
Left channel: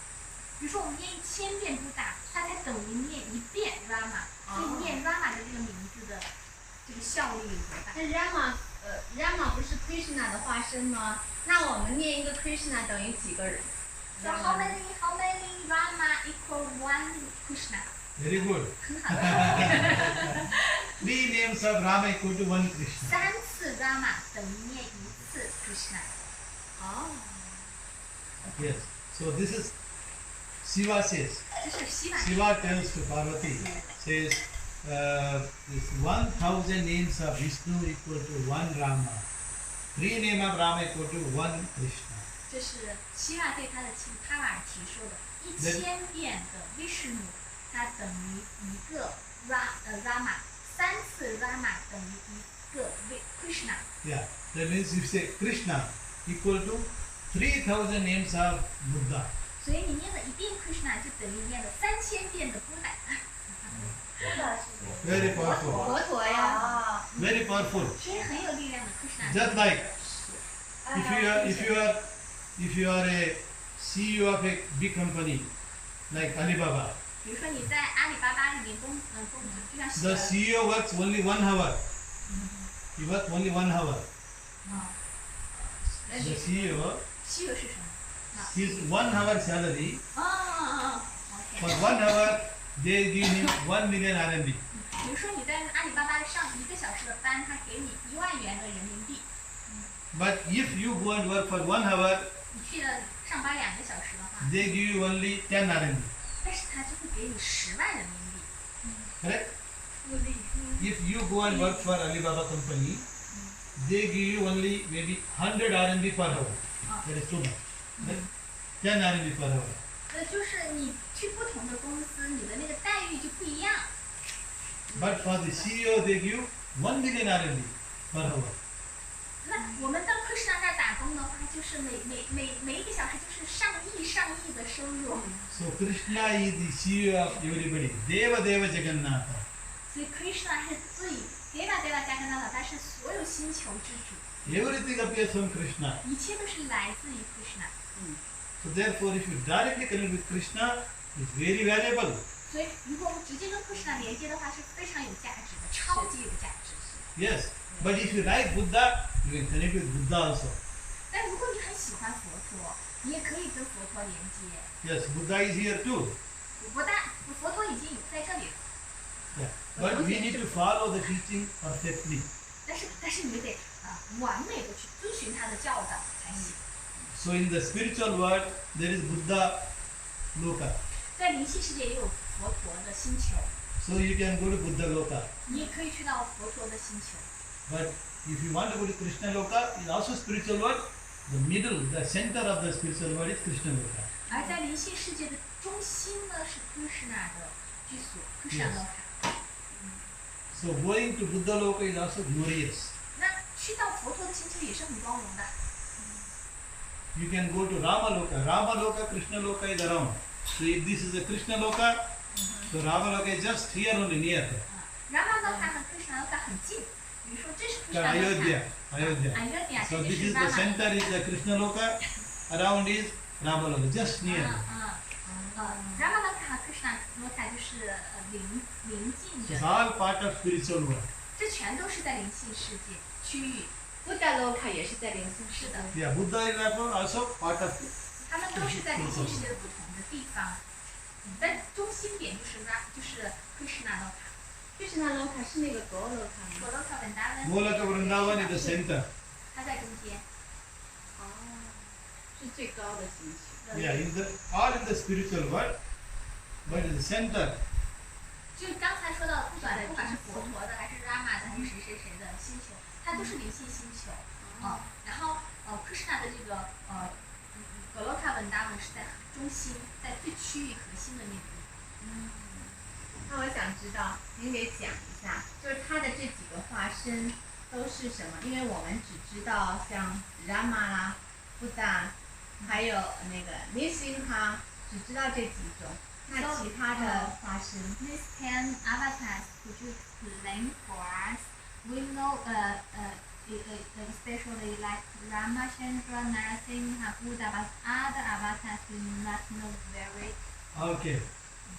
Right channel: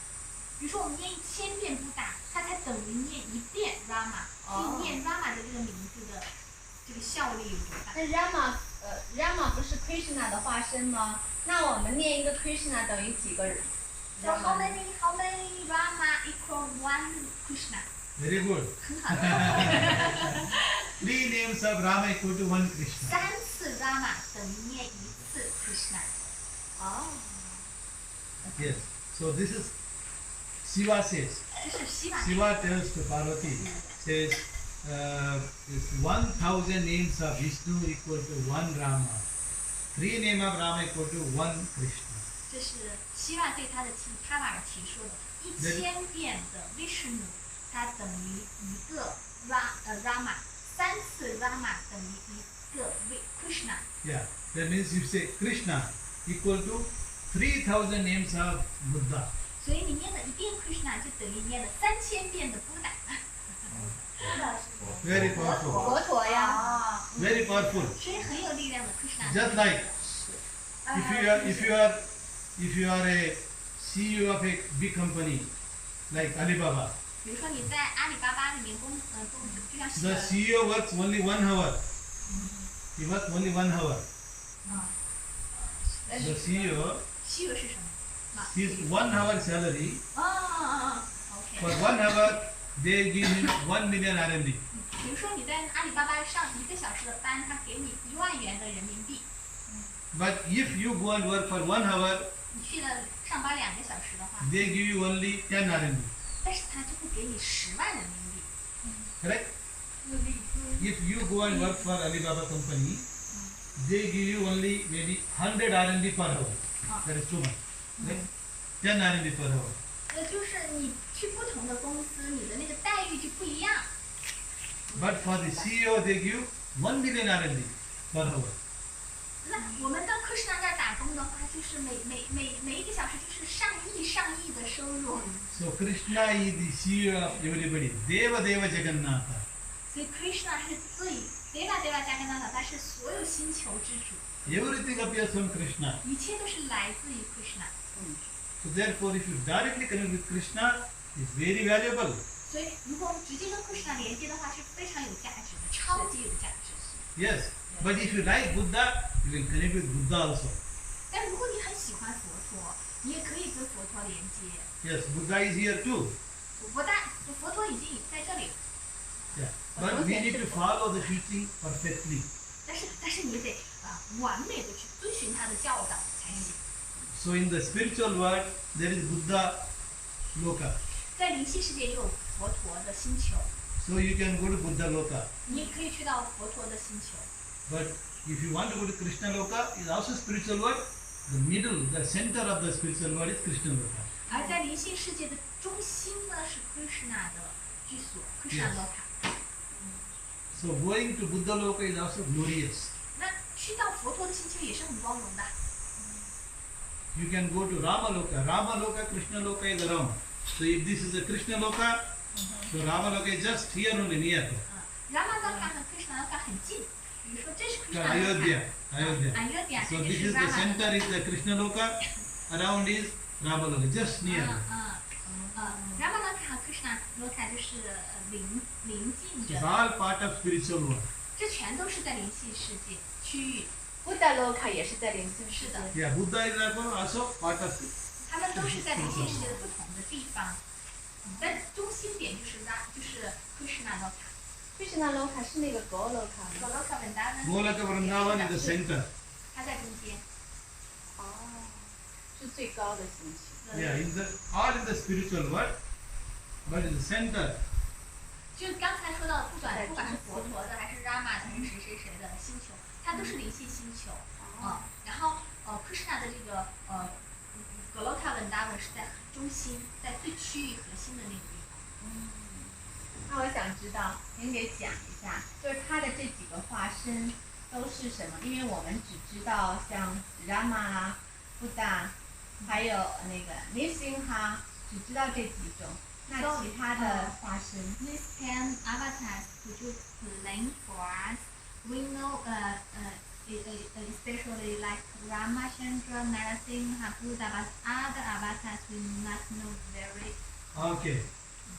比如说我们念1000遍布达，它才等于念1遍 Rama。所以念 Rama 的这个名字的这个效力有多大？那 Rama 不是 Krishna 的化身吗？那我们念一个 Krishna 等于几个人？ So how many Rama equal one Krishna？ Very good. 很好的。 3 names of Rama equal to one Krishna. 3次 Rama 等于念1次 Krishna。哦， Yes. So this is Shiva says. 这是希瓦。 Shiva tells to Parvati, says, this 1000 names of Vishnu equal to one Rama. 3 names of Rama equal to one Krishna. 这是希瓦对他的妻子帕瓦尔提说的，1000遍的 Vishnu， 它等于一个 Rama， 3次 Rama 等于一个 Krishna。 Yeah, that means you say Krishna equal to 3000 names of Buddha. 所以你念了1遍 Krishna， 就等于念了3000遍的 Buddha。 Very powerful. 佛陀呀。 Very powerful. 所以很有力量的 Krishna。 Just like if you are a CEO of a big company like Alibaba, 比如说你在阿里巴巴里面工作，就像 the CEO works only 1 hour. He works only 1 hour. The CEO, 西游是什么？ his 1 hour salary, OK。 for 1 hour they give him 1 million RMB. 比如说你在阿里巴巴上1个小时的班，他给你1万元的人民币。 But if you go and work for 1 hour, 你去了上班2个小时的话， they give you only 10 RMB. 但是他就会给你10万人民币。 Correct? If you go and work for Alibaba company, they give you only maybe 100 RMB per hour. That is too much. Right? 10 RMB per hour. 就是你去不同的公司，你的那个待遇就不一样。 But for the CEO, they give 1 million RMB per hour. 那我们到Kṛṣṇa这儿打工的话，就是每1个小时就是上亿的收入。 So Krishna is the CEO of everybody. Deva Deva Jagannatha. 所以Kṛṣṇa是最Deva Jagannatha，他是所有星球之主， Everything appears from Krishna. 一切都是来自于Kṛṣṇa。 So therefore, if you directly connect with Krishna, It's very valuable. 所以如果我们直接跟 Kṛṣṇa 连接的话，是非常有价值的，超级有价值。 Yes. But if you like Buddha, you can connect with Buddha also. 但如果你很喜欢佛陀，你也可以跟佛陀连接。 Yes, Buddha is here too. 佛陀已经在这里了， Yeah. But we need to follow the teaching perfectly. 但是你得完美的去遵循他的教导才行。 So in the spiritual world, there is Buddha Loka. 在灵性世界也有佛陀的星球， So you can go to Buddha Loka. 你也可以去到佛陀的星球。 But if you want to go to Kṛṣṇa Loka, is also spiritual world. The middle, the center of the spiritual world is Kṛṣṇa Loka. 而在灵性世界的中心呢，是 Kṛṣṇa 的居所 ，Kṛṣṇa Loka。 So going to Buddha Loka is also glorious. 那去到佛陀的星球也是很光荣的。 You can go to Rama Loka. Rama Loka, Kṛṣṇa Loka is around. So if this is a Kṛṣṇa Loka, so Rama Loka is just here only near. Rama Loka 和 Kṛṣṇa Loka 很近，比如说这是 Kṛṣṇa Ayodhya. Loka， Ayodhya， So 这就 this 是 is the Rama center Loka。 is the Kṛṣṇa Loka. Around is Rama Loka, just near. Rama Loka 和 Kṛṣṇa Loka 就是邻近 It's 着， all part of spiritual world. 这全都是在灵性世界区域。 Buddha Loka 也是在灵性世界。是的， Yeah, Buddha is also part of it. 他们都是在灵性世界的不同的地方，但中心点就是 Kṛṣṇa Loka。 Kṛṣṇa Loka 是那个 Go Loka 吗？ Goloka Vrindavan Golaka Vrindavan is the center. 它在中间。哦，是最高的星球。 Yeah, all in the spiritual world, but in the center. 就刚才说到的，不管是佛陀的，还是 Rama 的，还是谁的星球，它都是灵性星球。然后Kṛṣṇa 的这个Goloka Vrindavan 是在中心，在最区域核心的那个地方。那我想知道，您给讲一下，就是他的这几个化身都是什么？因为我们只知道像 Rama 啦、Buddha， 还有那个 Nrsimha， 只知道这几种。那其他的化身 These 10 avatars, could you explain for us? We know, especially like Ramachandra, Narasimha, Buddha, but other avatars we not know very. Okay.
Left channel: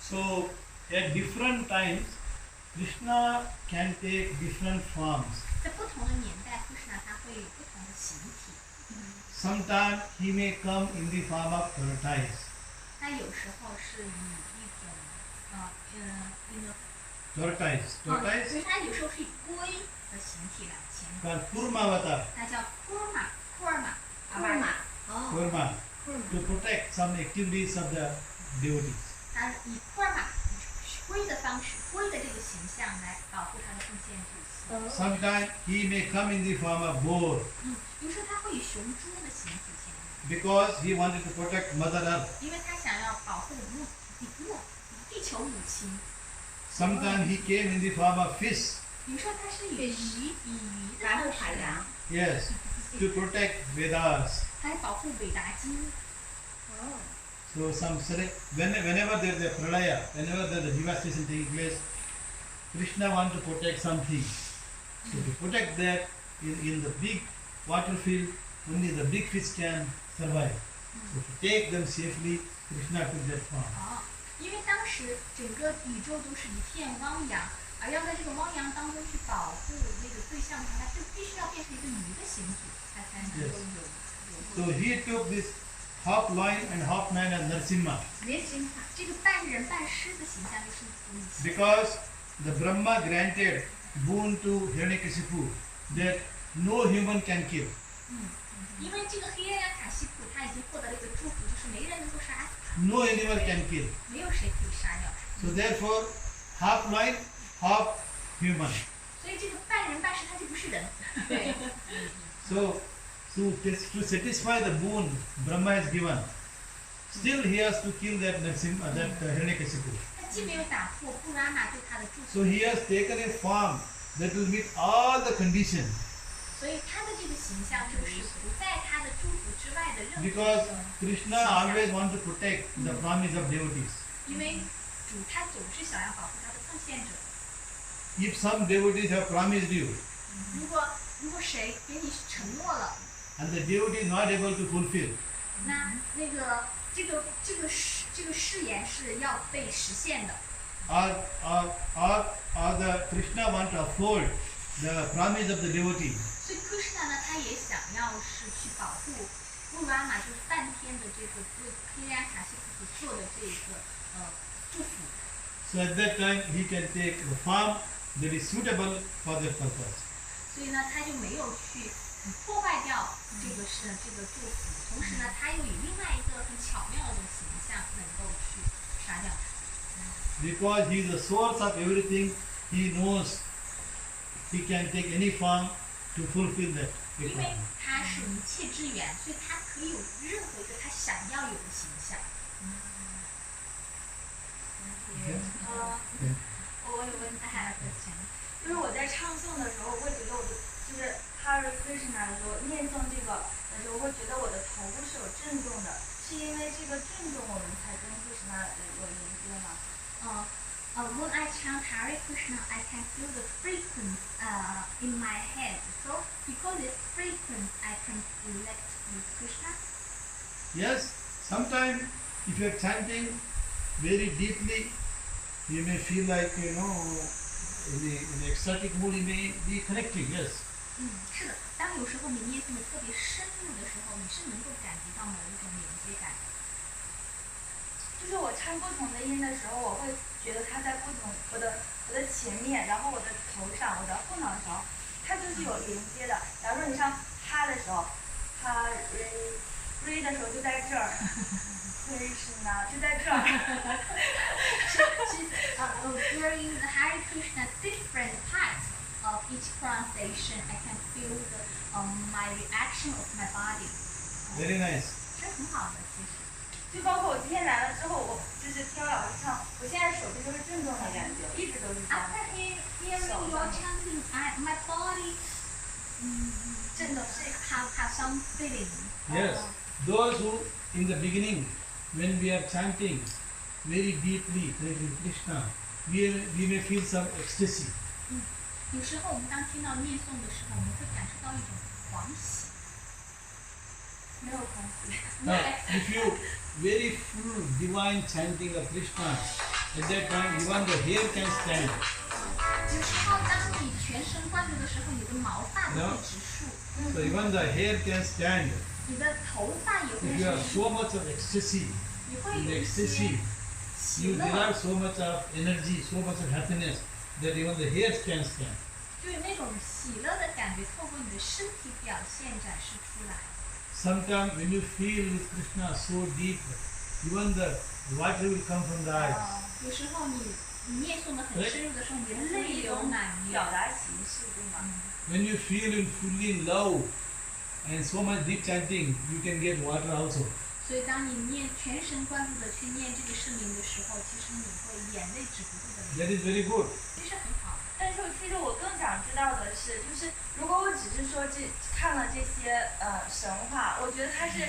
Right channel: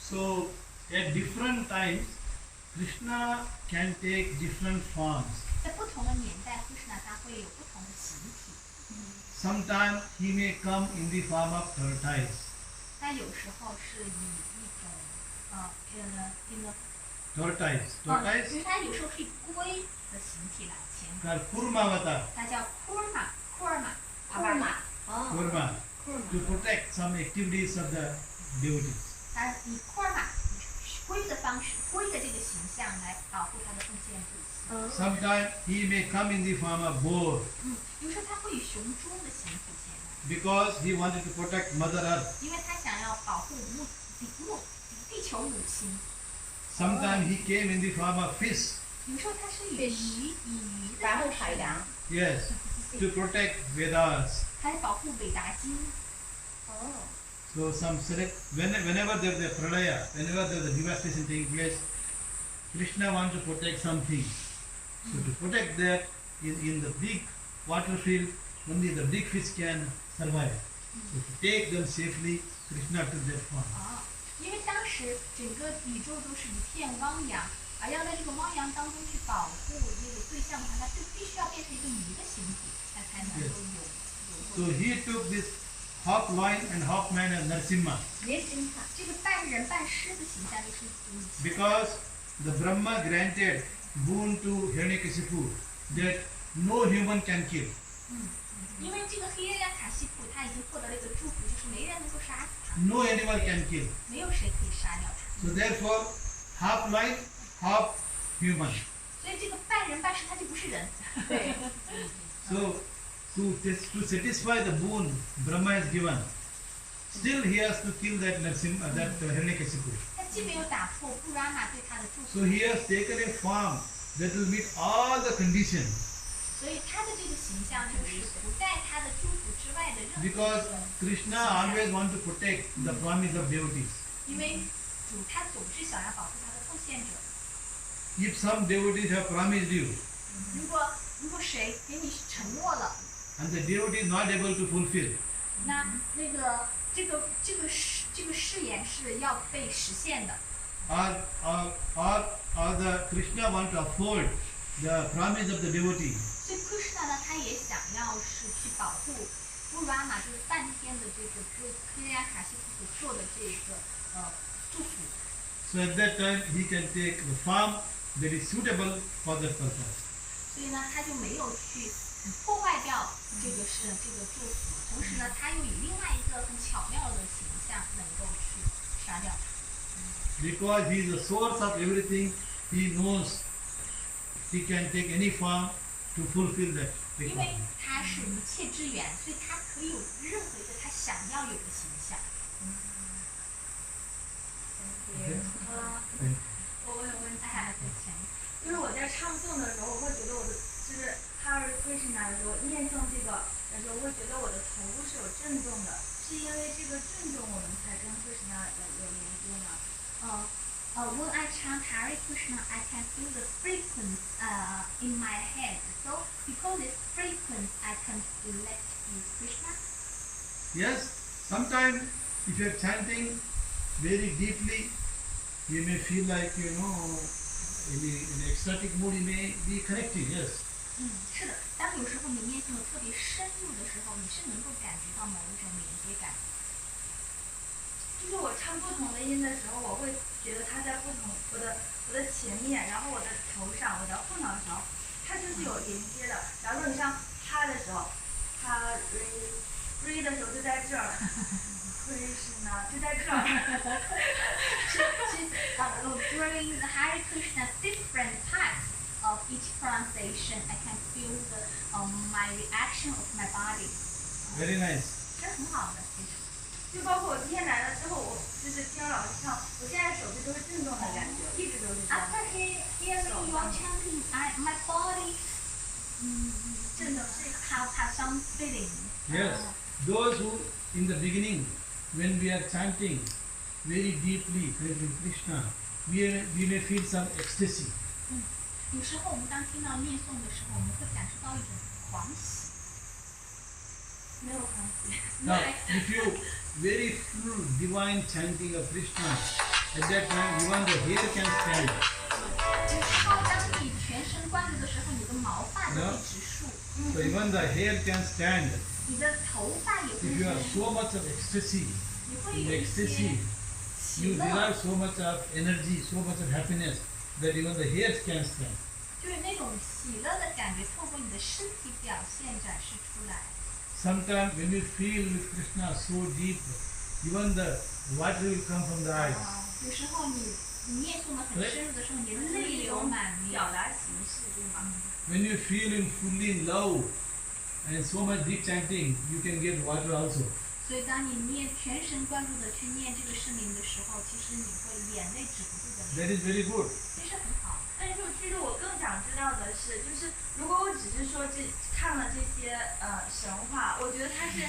So at different times, Krishna can take different forms. 在不同的年代，Kṛṣṇa 它会有不同的形体。 Sometimes he may come in the form of tortoise. 它有时候是以一种那个 Tortoise. 其 Tortoise 实它有时候是以龟的形体来前往， called Kurmavata. 它叫 Kurma Kurma， 哦 Kurma. To ，Kurma， protect some activities of the devotees. 它以 Kurma 龟的方式，龟的这个形象来保护它的奉献主。 Sometimes he may come in the form of boar 有时候它会以雄猪的形体现来， because he wanted to protect Mother Earth. 因为它想要保护地球母亲。 Sometimes he came in the form of fish. 有时候它是以鱼的白方式虎海洋来，。 Yes. To protect Vedas. 它来保护伟达经。哦， So whenever there is a pralaya, whenever there is a devastation taking place, Krishna wants to protect something. So to protect that, in the big water field, only the big fish can survive. So to take them safely, Krishna took that form. 因为当时整个宇宙都是一片汪洋，而要在这个汪洋当中去保护那个对象的话，它就必须要变成一个鱼的形体，它才能够游 So he took this half lion and half man as Nrsimha ，Nrsimha， 这个半人半狮的形象就是女性。 because the Brahma granted boon to Hiranyakashipu that no human can kill. 因为这个黑人卡西普他已经获得了一个祝福，就是没人能够杀死他， No animal can kill. 没有谁可以杀掉他。 So therefore, half lion, half human. 所以这个半人半狮他就不是人。对， So to satisfy the boon Brahma has given, still he has to kill that Hiranyakashipu. 他既没有打破布拉玛对他的祝 So 福， he has taken a form that will meet all the conditions. 所以他的这个形象就是不在他的祝福之外的任何一 Because 个 Krishna always wants to protect the promise of devotees. 因为主他总是想要保护他的奉献者。 If some devotees have promised you 如果谁给你承诺了， and the devotee is not able to fulfill, 那个这个这个誓言是要被实现的。or the Krishna want to uphold the promise of the devotee. 所以 Kṛṣṇa 呢，他也想要是去保护乌拉玛，就是梵天的这个对克里亚卡西夫所做的这个祝福。So at that time he can take the form that is suitable for that purpose. 所以呢，他就没有去破坏掉这个祝福，同时呢，他又以另外一个很巧妙的形象能够去杀掉他。Because he is the source of everything, he knows he can take any form to fulfill that 因为 requirement. 他是一切之源，所以他可以有任何一个他想要有的形象。Okay? 我有问题， I have a question. 就是我在唱诵的时候，我会觉得我的就是 Hare Krishna 的时候，念诵这个的时候，我会觉得我的头部是有震动的，是因为这个震动我们才跟 Krishna 有连接吗？ When I chant Hare Krishna, I can feel the frequency in my head. So because it's frequency, I can connect with Krishna. Yes, sometimes if you are chanting very deeply, you may feel like, in ecstatic mood you may be connecting, yes. 是的，当有时候你念诵的特别深入的时候，你是能够感觉到某一种连接感。就是我唱不同的音的时候，我会觉得它在不同我的前面，然后我的头上，我的后脑勺，它就是有连接的。假如说你唱哈的时候，哈瑞的时候就在这儿，瑞是呢就在这儿。During the Hare Krishna, different parts of each pronunciation, I can feel my reaction of my body. Very nice. 这很好的，其实。就包括我今天来了之后，我就是听了老师唱，我现在手臂就会震动的感觉，一直都是这样。 After hearing your chanting, my body 震动是 have some feeling. Yes, those who in the beginning, when we are chanting very deeply connecting Krishna, we may feel some ecstasy. 有时候我们当听到念诵的时候，我们会感受到一种狂喜。没有关系。 Now, if you very full divine chanting of Krishna, at that time even the hair can stand. 然后当你全神贯注的时候，你的毛发都会直竖， So even the hair can stand. 你的头发也会 If you have 是， so much of ecstasy, 你会 in 有一 ecstasy, 些喜 you 乐， derive so much of energy, so much of happiness that even the hairs can stand. 就是那种喜乐的感觉，透过你的身体表现展示出来。 Sometimes when you feel with Krishna so deep, even the water will come from the eyes. 有时候你念诵的很深入的时候，你的泪流满面。表达形式对吗？ When you feel in fully in love and so much deep chanting, you can get water also. 所以当你全神贯注的去念这个圣名的时候，其实你会眼泪止不住的流。 That is very good. 其实很好。但是其实我更想知道的是，就是如果我只是说看了这些神话，我觉得它是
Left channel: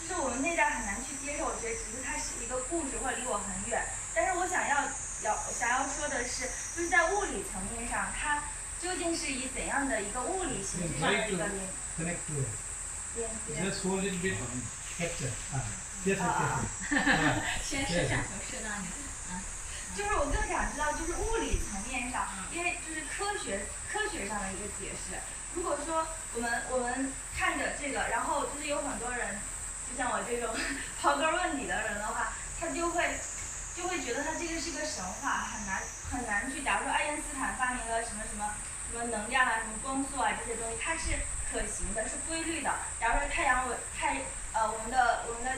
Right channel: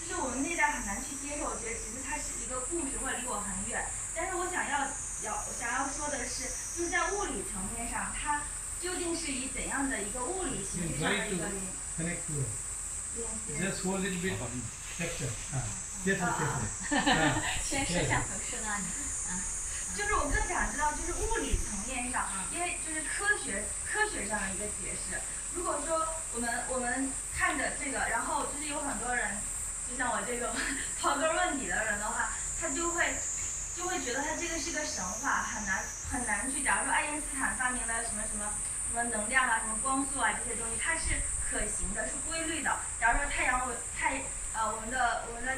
就是我们内在很难去接受，我觉得只是它是一个故事或者离我很远。但是我想要说的是，就是在物理层面上，它究竟是以怎样的一个物理形式上的一个连 Connect to it. 接？ Just hold it a bit. Capture. Careful. 先摄像头摄到你。就是我更想知道，就是物理层面上，因为就是科学上的一个解释。如果说我们看着这个，然后就是有很多人，就像我这种刨根问底的人的话，他就会觉得他这个是个神话，很难去。假如说爱因斯坦发明了什么能量啊，什么光速啊这些东西，它是可行的，是规律的。假如说我们的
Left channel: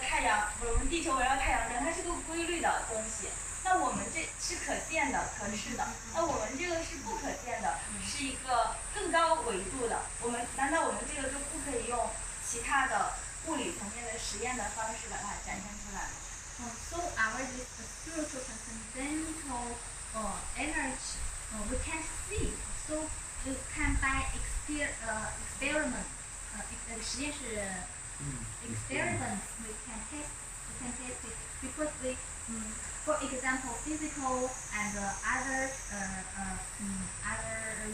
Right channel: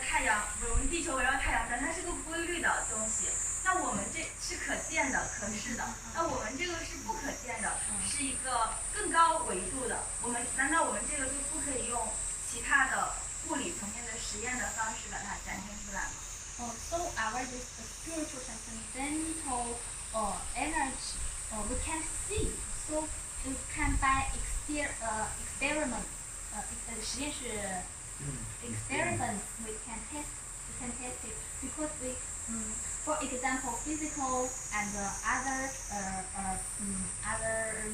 太阳，我们地球围绕太阳转，它是个规律的东西。那我们这是可见的、可视的，那我们这个是不可见的，是一个更高维度的。难道我们这个就不可以用其他的物理层面的实验的方式把它展现出来吗？ So our this spiritual transcendental energy we can see. So you can by experiment 实验室 experiment we can test it because we for example physical and other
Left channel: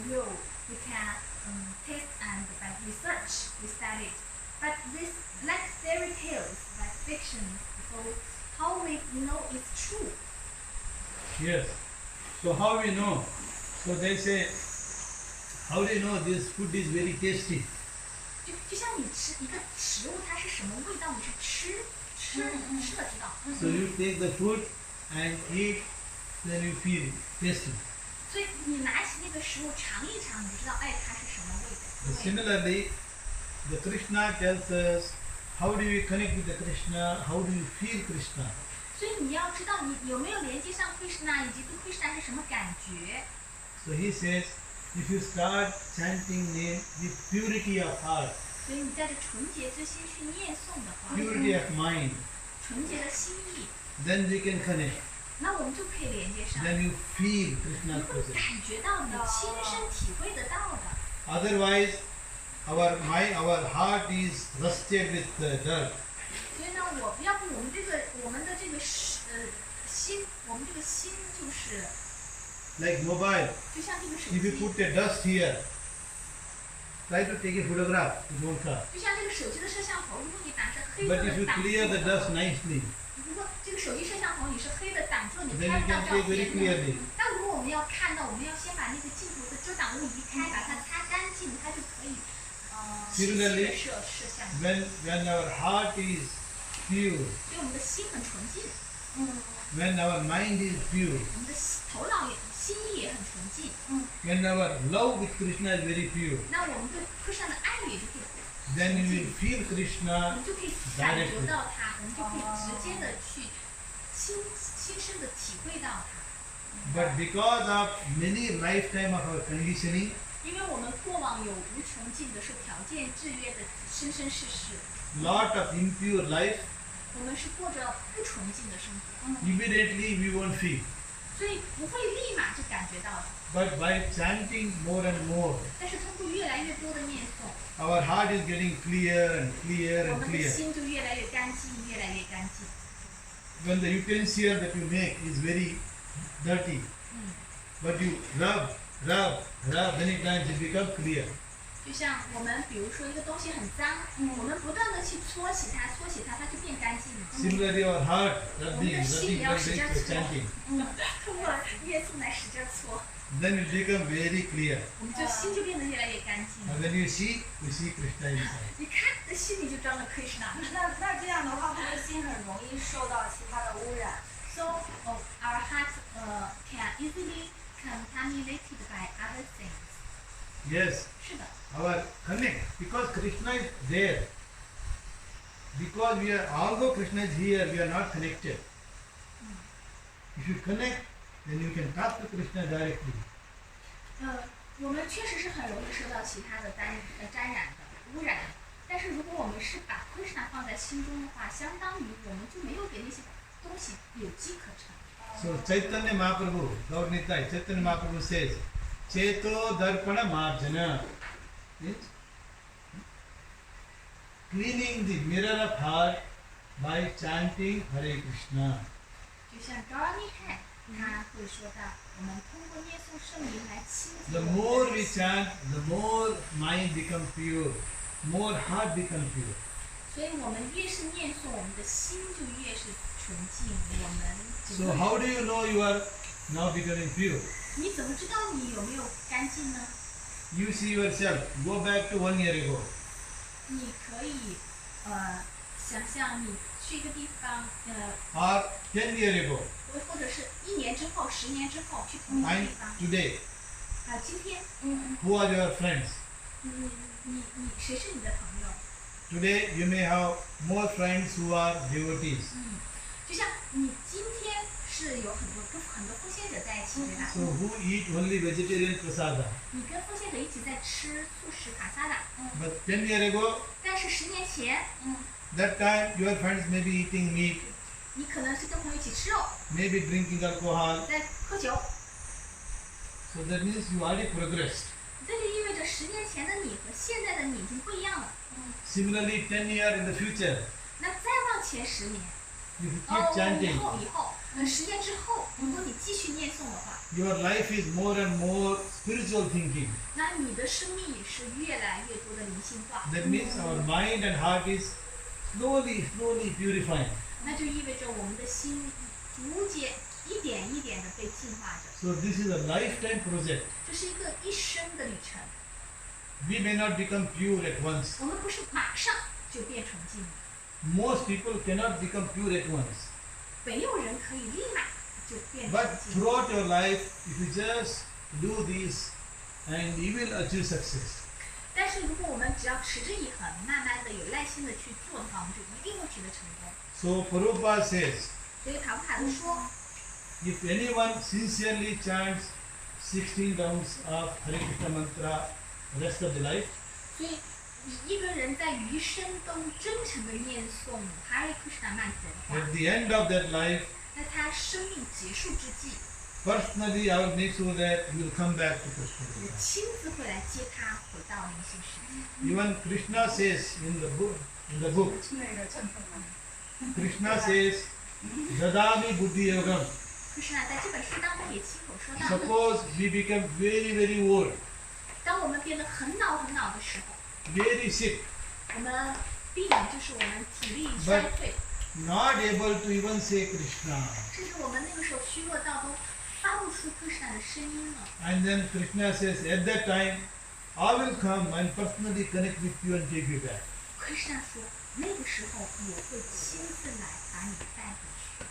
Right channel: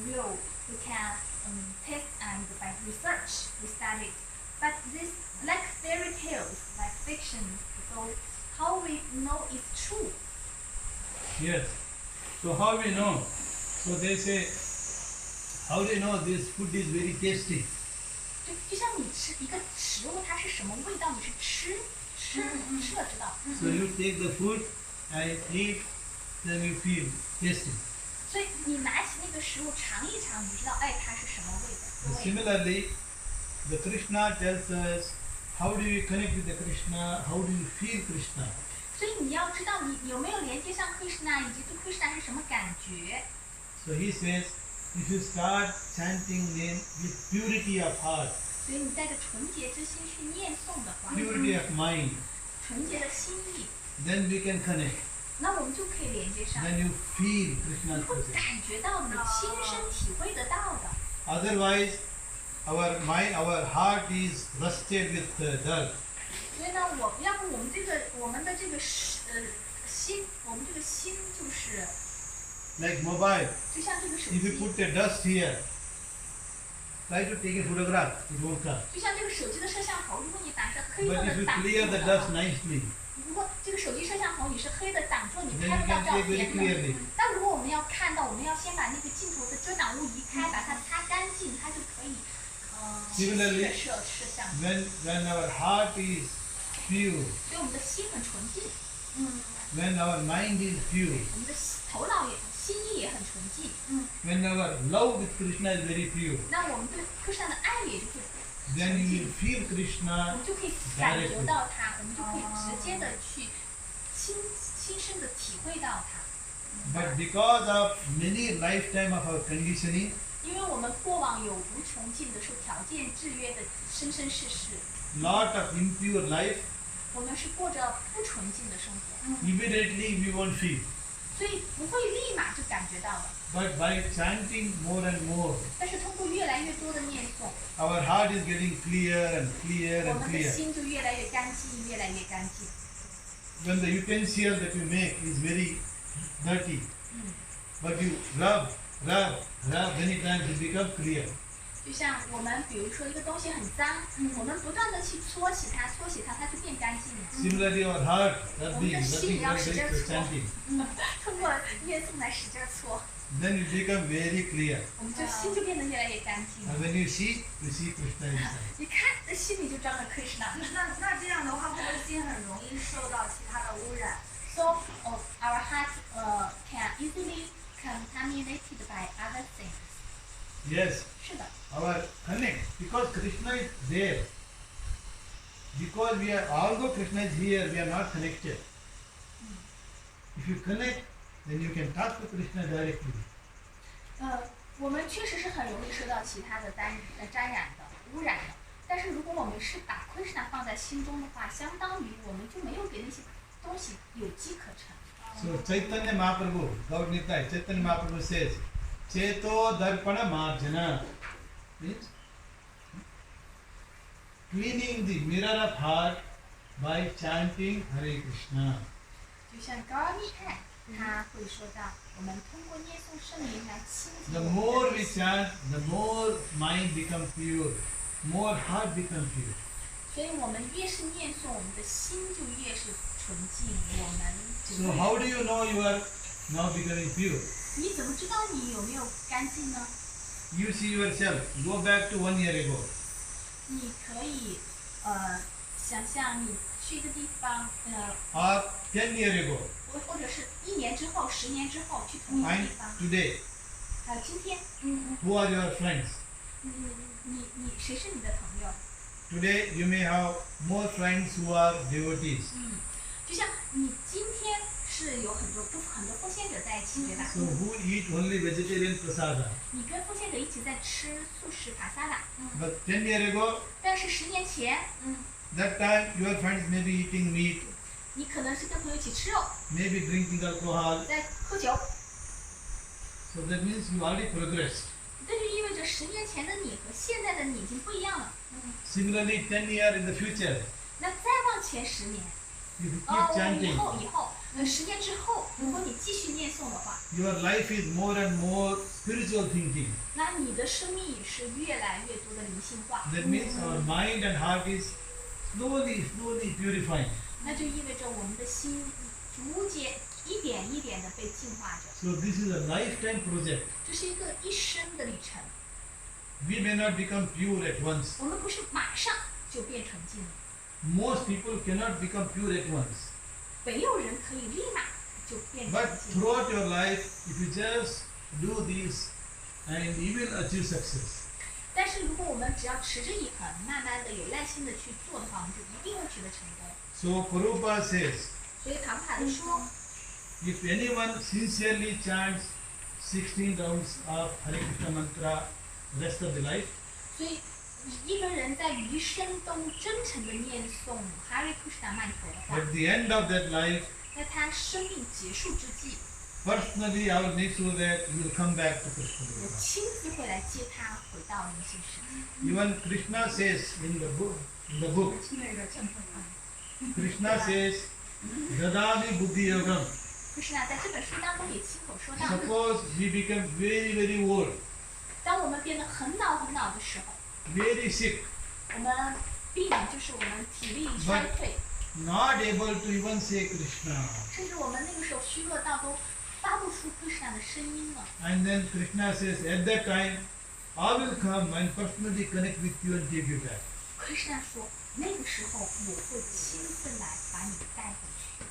real we can test and by research we study it. But this like fairy tales like fiction, so how we know it's true? Yes. So how we know? So they say, how do you know this food is very tasty? 就像你吃一个食物，它是什么味道，你是吃了知道。 So you take the food and eat, then you feel tasty. 所以你拿起那个食物尝一尝，你就知道，哎，它是什么味道。 Similarly, the Kṛṣṇa tells us how do you connect with the Kṛṣṇa, how do you feel Kṛṣṇa. 所以你要知道你有没有连接上Kṛṣṇa，以及对Kṛṣṇa是什么感觉。 So he says, if you start chanting name with purity of heart, 所以你带着纯洁之心去念诵的话， purity of mind, 纯洁的心意， then we can connect. 那我们就可以连接上， Then you feel 你 Kṛṣṇa's 会 presence. 感觉到，你亲身体会得到的。 Otherwise, our mind, our heart is rusted with dirt. 所以呢，要不我们的这个心，我们这个心就是， Like mobile, 就像这个手 if you 机， put a dust here, try to take a photograph, it won't come. 就像这个手机的摄像头，如果你打上黑色 But if 的 you 挡 clear the 住 dust 的， nicely, 如果这个手机摄像头你是黑的挡住，你 then 拍 you 不到 can 照 take very 片的。 clearly. 那如果我们要看到，我们要先把那个镜头的遮挡物移开，把它擦干净，它就可以清晰的摄像。 When our heart is pure, 所以我们的心很纯净， when our mind is pure, 我们的头脑也心意也很纯净。 when our love with Krishna is very pure, 那我们对Kṛṣṇa的爱也就会 then 纯 you 净 will feel 我 Krishna 们就可以感觉到它，我们就可以直接的去亲身的体会到它。 But because of many lifetime of our conditioning, 因为我们过往有无穷尽的受条件制约的生生世世， lot of impure life, 我们是过着不纯净的生活， immediately we won't feel. 所以不会立马就感觉到的。 But by chanting more and more, 但是通过越来越多的念诵， our heart is getting clear and clear 我 and 们的 clear. 心就越来越干净，越来越干净。 When the utensil that you make is very dirty, but you rub, many times it becomes clear. 就像我们比如说一个东西很脏，我们不断的去搓洗它，它就变干净了。 Similarly, our heart, 我们 rubbing, 的心也 rubbing, 要使劲 rubbing, 搓， chanting, 通过念诵来使劲搓， then it becomes very clear. 我们就心就变得越来越干净 And 了。 when you see Krishna inside. 一看，这心里就装着 Kṛṣṇa。 那这样的话，会不会心很容易受到其他的污染？ So our heart can easily contaminated by other things. Yes, 是的， our connect, because Krishna is there. Because we are, although Krishna is here, we are not connected. If you connect, then you can talk to Krishna directly. 我们确实是很容易受到其他的沾染的、污染的。但是如果我们是把Kṛṣṇa放在心中的话，相当于我们就没有给那些东西有机可乘。 So Chaitanya Mahaprabhu, Gaur Nitai, Chaitanya Mahaprabhu says, Cheto Darpana Marjana, means cleaning the mirror of heart by chanting Hare Krishna. 就像高尔密泰，他会说到，我们通过念诵圣名来清洁 The 我们 more 的 we 心。 chant, the more mind becomes pure, more heart becomes pure. 所以我们越是念诵，我们的心就越是纯净。我们整 So 个 how do you know you are now becoming pure? 你怎么知道你有没有干净呢？ You see yourself, go back to 1 year ago. 你可以想象你去一个地方Or 10 years ago. 或者是1年之后、10年之后去同一个 And 地方。 today, 今天， who are your friends? 你谁是你的朋友？ Today you may have more friends who are devotees. 就像你今天是有很多奉献者在一起，对吧？ So who eat only vegetarian prasada. 你跟奉献者一起在吃素食卡萨达， But 10 years ago, 但是10年前， that time your friends may be eating meat, 你可能是跟朋友一起吃肉， maybe drinking alcohol. 在喝酒， So that means you already progressed. 这就意味着10年前的你和现在的你已经不一样了。 Similarly, 10 years in the future, 那再往前10年， if you keep 以 chanting, 后，10年之后，如果你继续念诵的话， your life is more and more spiritual thinking. 那你的生命也是越来越多的灵性化。 That means our mind and heart is slowly purifying. 那就意味着我们的心逐渐一点一点的被净化着。 So this is a lifetime project. 这是一个一生的旅程， We may not become pure at once. 我们不是马上就变纯净的， Most people cannot become pure at once. 没有人可以立马就变 But 纯净。 throughout your life, if you just do this, and you will achieve success. 但是如果我们只要持之以恒，慢慢的有耐心的去做的话，我们就一定会取得成功。 So Prabhupada says, 所以塔布卡的说， if anyone sincerely chants 16 rounds of Hare Krishna mantra rest of the life, 所以一个人在余生都真诚的念诵 Hare Krishna 曼陀的话， at the end of that life, 在他生命结束之际， personally I will make sure that you will come back to 我 Krishna. 亲自会来接他回到灵性世界。 Even Krishna says in the book, Krishna says, Dadami Buddhi Yogam. Kṛṣṇa 在这本书当中也亲口说到， Suppose we become very, very old, 当我们变得很老很老的时候， very sick, 我们病就是我们体力衰退， not able to even say Krishna. 甚至我们那个时候虚弱到都发不出 Kṛṣṇa 的声音了。 And then Krishna says, at that time, I will come and personally connect with you and take you back. Kṛṣṇa 说，那个时候我会亲自来把你带回去。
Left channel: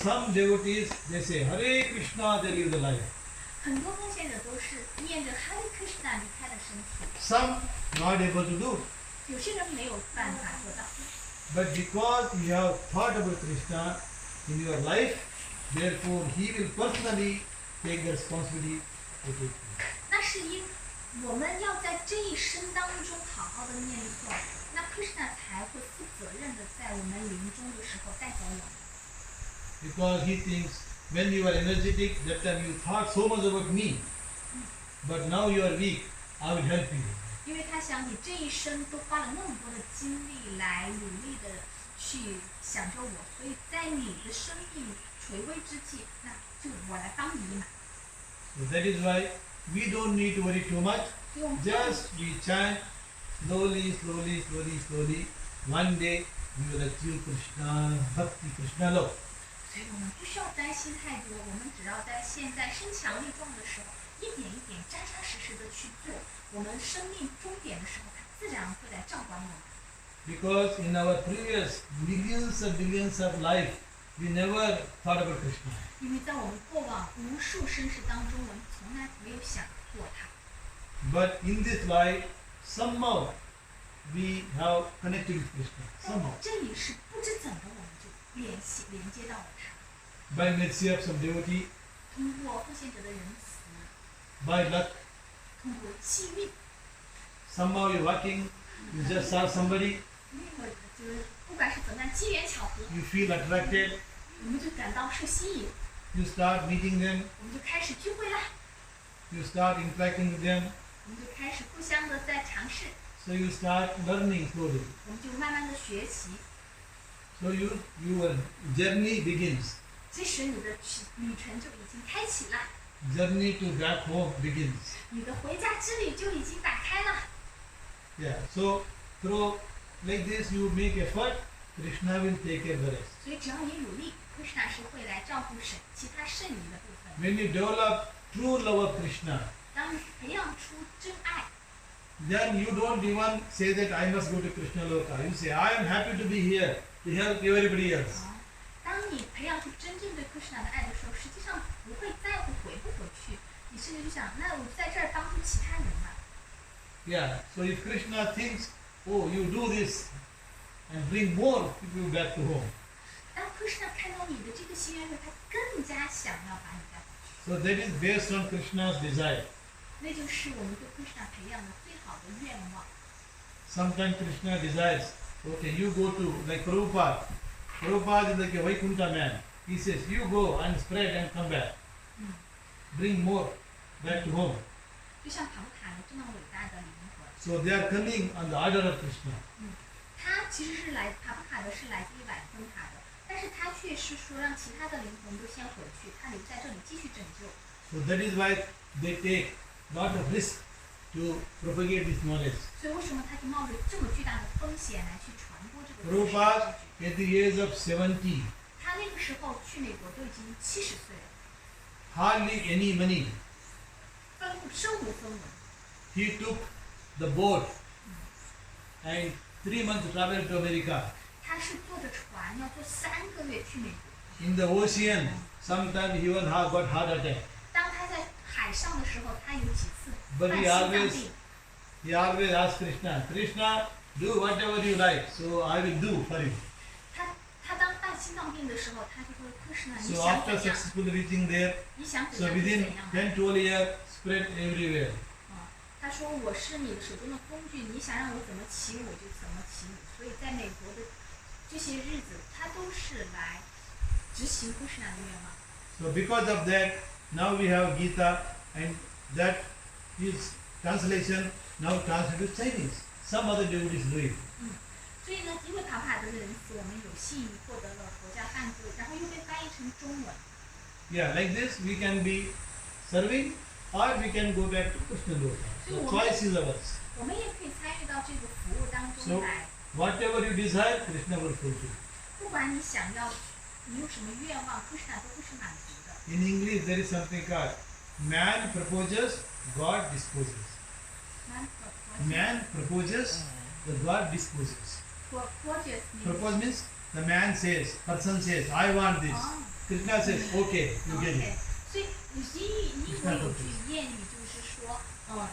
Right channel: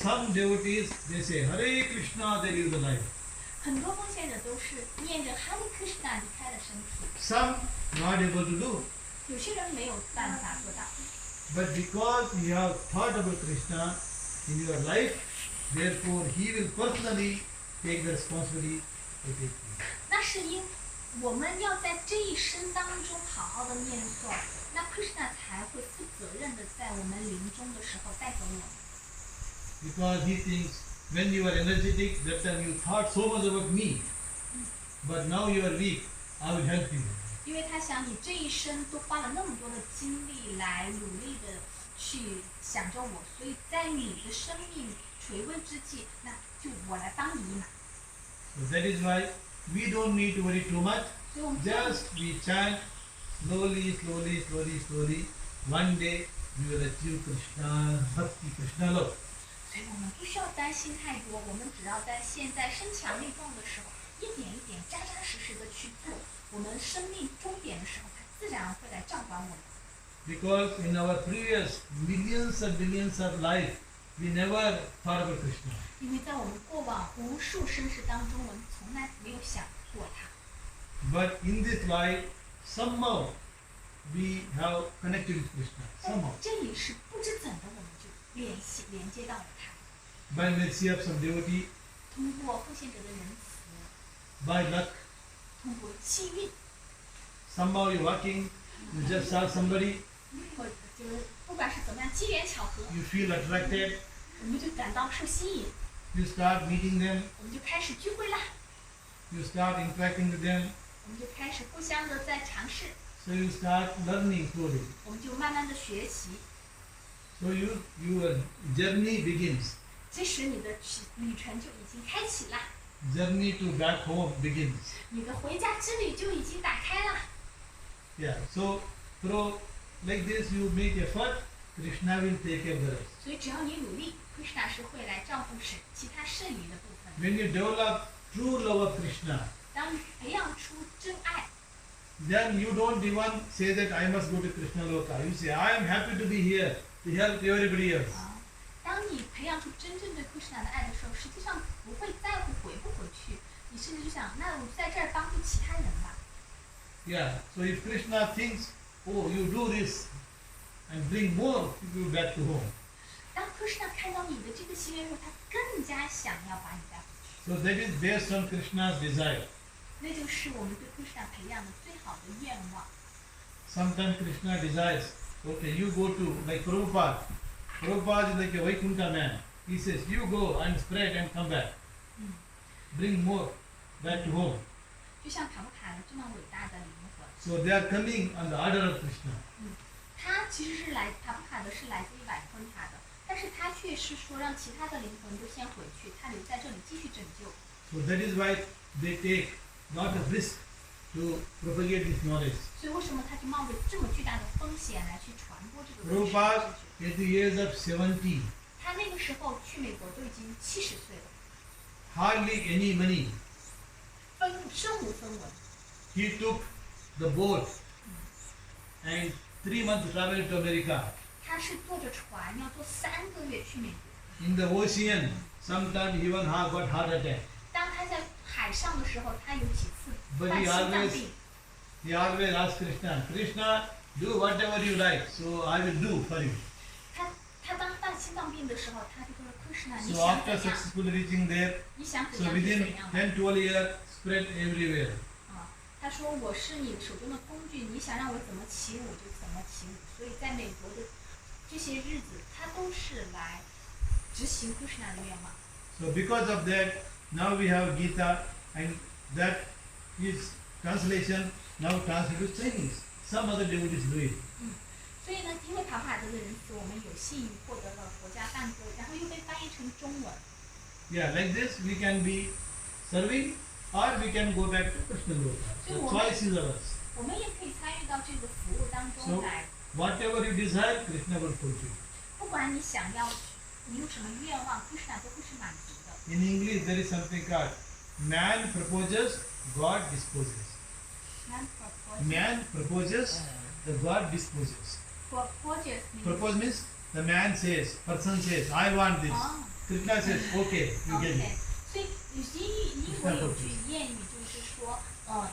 Some devotees, they say, Hare Krishna, they live the life. 很多奉献者都是念着 Hare Krishna 离开了身体， Some not able to do. 有些人没有办法做到， But because you have thought about Krishna in your life, therefore he will personally take the responsibility to take you. 那是因我们要在这一生当中好好的念诵，那 Kṛṣṇa 才会负责任的在我们临终的时候带走我们。 Because he thinks when you are energetic, that time you thought so much about me. But now you are weak, I will help you. 因为他想你这一生都花了那么多的精力来努力的去想着我，所以在你的生命垂危之际，那就我来帮你一马。 So that is why we don't need to worry too much. 所以我们不用 Just we chant slowly, slowly, slowly, slowly. One day we will achieve Krishna, Bhakti, Krishna love. 所以我们不需要担心太多，我们只要在现在身强力壮的时候，一点一点、扎扎实实的去做，我们生命终点的时候，它自然会来照管我们。 Because in our previous millions and billions of life, we never thought about Krishna. 因为在我们过往无数生世当中，我们从来没有想过它。 But in this life, somehow we have connected with Krishna. 但 Somehow. 这里是不知怎的，我们就连接到了它。 By mercy of some devotee, 通过奉献者的仁慈， by luck, 通过机遇， somehow you're walking, you just saw somebody, 或者就是不管是怎么样机缘巧合， you feel attracted, 我们就感到受吸引， you start meeting them, 我们就开始聚会啦， you start interacting with them, 我们就开始互相的在尝试， so you start learning slowly. 我们就慢慢的学习。 So your journey begins. 即使你的旅程就已经开启了， Journey to back home begins. 你的回家之旅就已经打开了。 Yeah. So through like this you make effort, Krishna will take care of the rest. 所以只要你努力，Kṛṣṇa 是会来照顾其他剩余的部分。 When you develop true love of Krishna, 当你培养出真爱， then you don't even say that I must go to Krishna Loka. You say, I am happy to be here to help everybody else. 当你培养出真正对 Kṛṣṇa 的爱的时候，实际上不会在乎回不回去，你甚至就想，那我在这儿帮助其他人吧。 Yeah. So if Krishna thinks, oh, you do this and bring more people back to home. 当 Kṛṣṇa 看到你的这个心愿时，他更加想要把你带回去。 So that is based on Krishna's desire. 那就是我们对 Kṛṣṇa 培养的最好的愿望。 Sometimes Krishna desires, okay, you go to, like Prabhupada. Prabhupada is like a Vaikuntha man. He says, you go and spread and come back. Bring more back to home. 就像塔木卡这么伟大的灵魂， So they are coming on the order of Krishna. 他其实是塔木卡的是来自于瓦昆塔的，但是他却是说让其他的灵魂都先回去，他留在这里继续拯救。 So that is why they take lot of risk to propagate this knowledge. 所以为什么他就冒着这么巨大的风险来去传播这个知识 Prabhupada, at the age of 70, 他那个时候去美国都已经70岁了， hardly any money. 身无分文。 He took the boat and 3 months travel to America. 他是坐着船要坐3个月去美国。 In the ocean, sometimes he even got heart attack. 当他在海上的时候，他有几次 But 犯 he 心脏 always 病。 he always asked Krishna, Krishna, do whatever you like, so I will do for you. 他当犯心脏病的时候，他就说：“Kṛṣṇa，你 So 想 after 怎样？ successfully reaching there, 你想怎 so 样就 within 怎样。” 10, 12 years, spread everywhere. 他说：“我是你手中的工具，你想让我怎么起舞我就怎么起舞。”所以在美国的这些日子，他都是来执行 Kṛṣṇa 的愿望。 So because of that, now we have Gita, and that is translation now translated to Chinese. Some other devotees do it. 所以呢，因为帕帕德的仁慈，我们有幸获得了国家赞歌，然后又被翻译成中文。 Yeah, like this we can be serving, or we can go back to Krishna Loka. The choice is ours. 我们也可以参与到这个服务当中 So 来。 whatever you desire, Krishna will fulfill. 不管你想要，你有什么愿望，Kṛṣṇa 都会是满足的。 In English, there is something called man proposes, God disposes. Man proposes, the God disposes. Propose means the man says, person says, I want this. Krishna says, okay, you get it. 所以英国有句谚语就是说，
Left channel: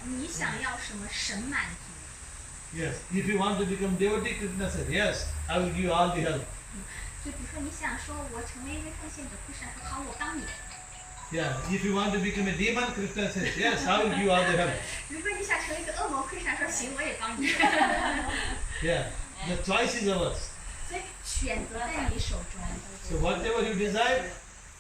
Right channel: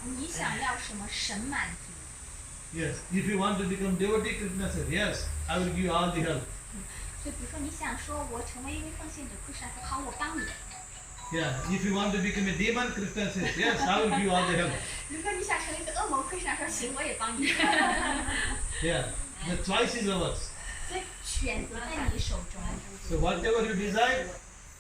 你想要什么，神满足。 Yes, if you want to become devotee, Krishna says, yes, I will give you all the help. 所以比如说你想说我成为一位奉献者，Kṛṣṇa说好，我帮你。 Yeah, if you want to become a demon, Krishna says, yes, I will give you all the help. 如果你想成为一个恶魔，Kṛṣṇa说行，我也帮你。 Yeah, the choice is ours. 所以选择在你手中。 So whatever you desire,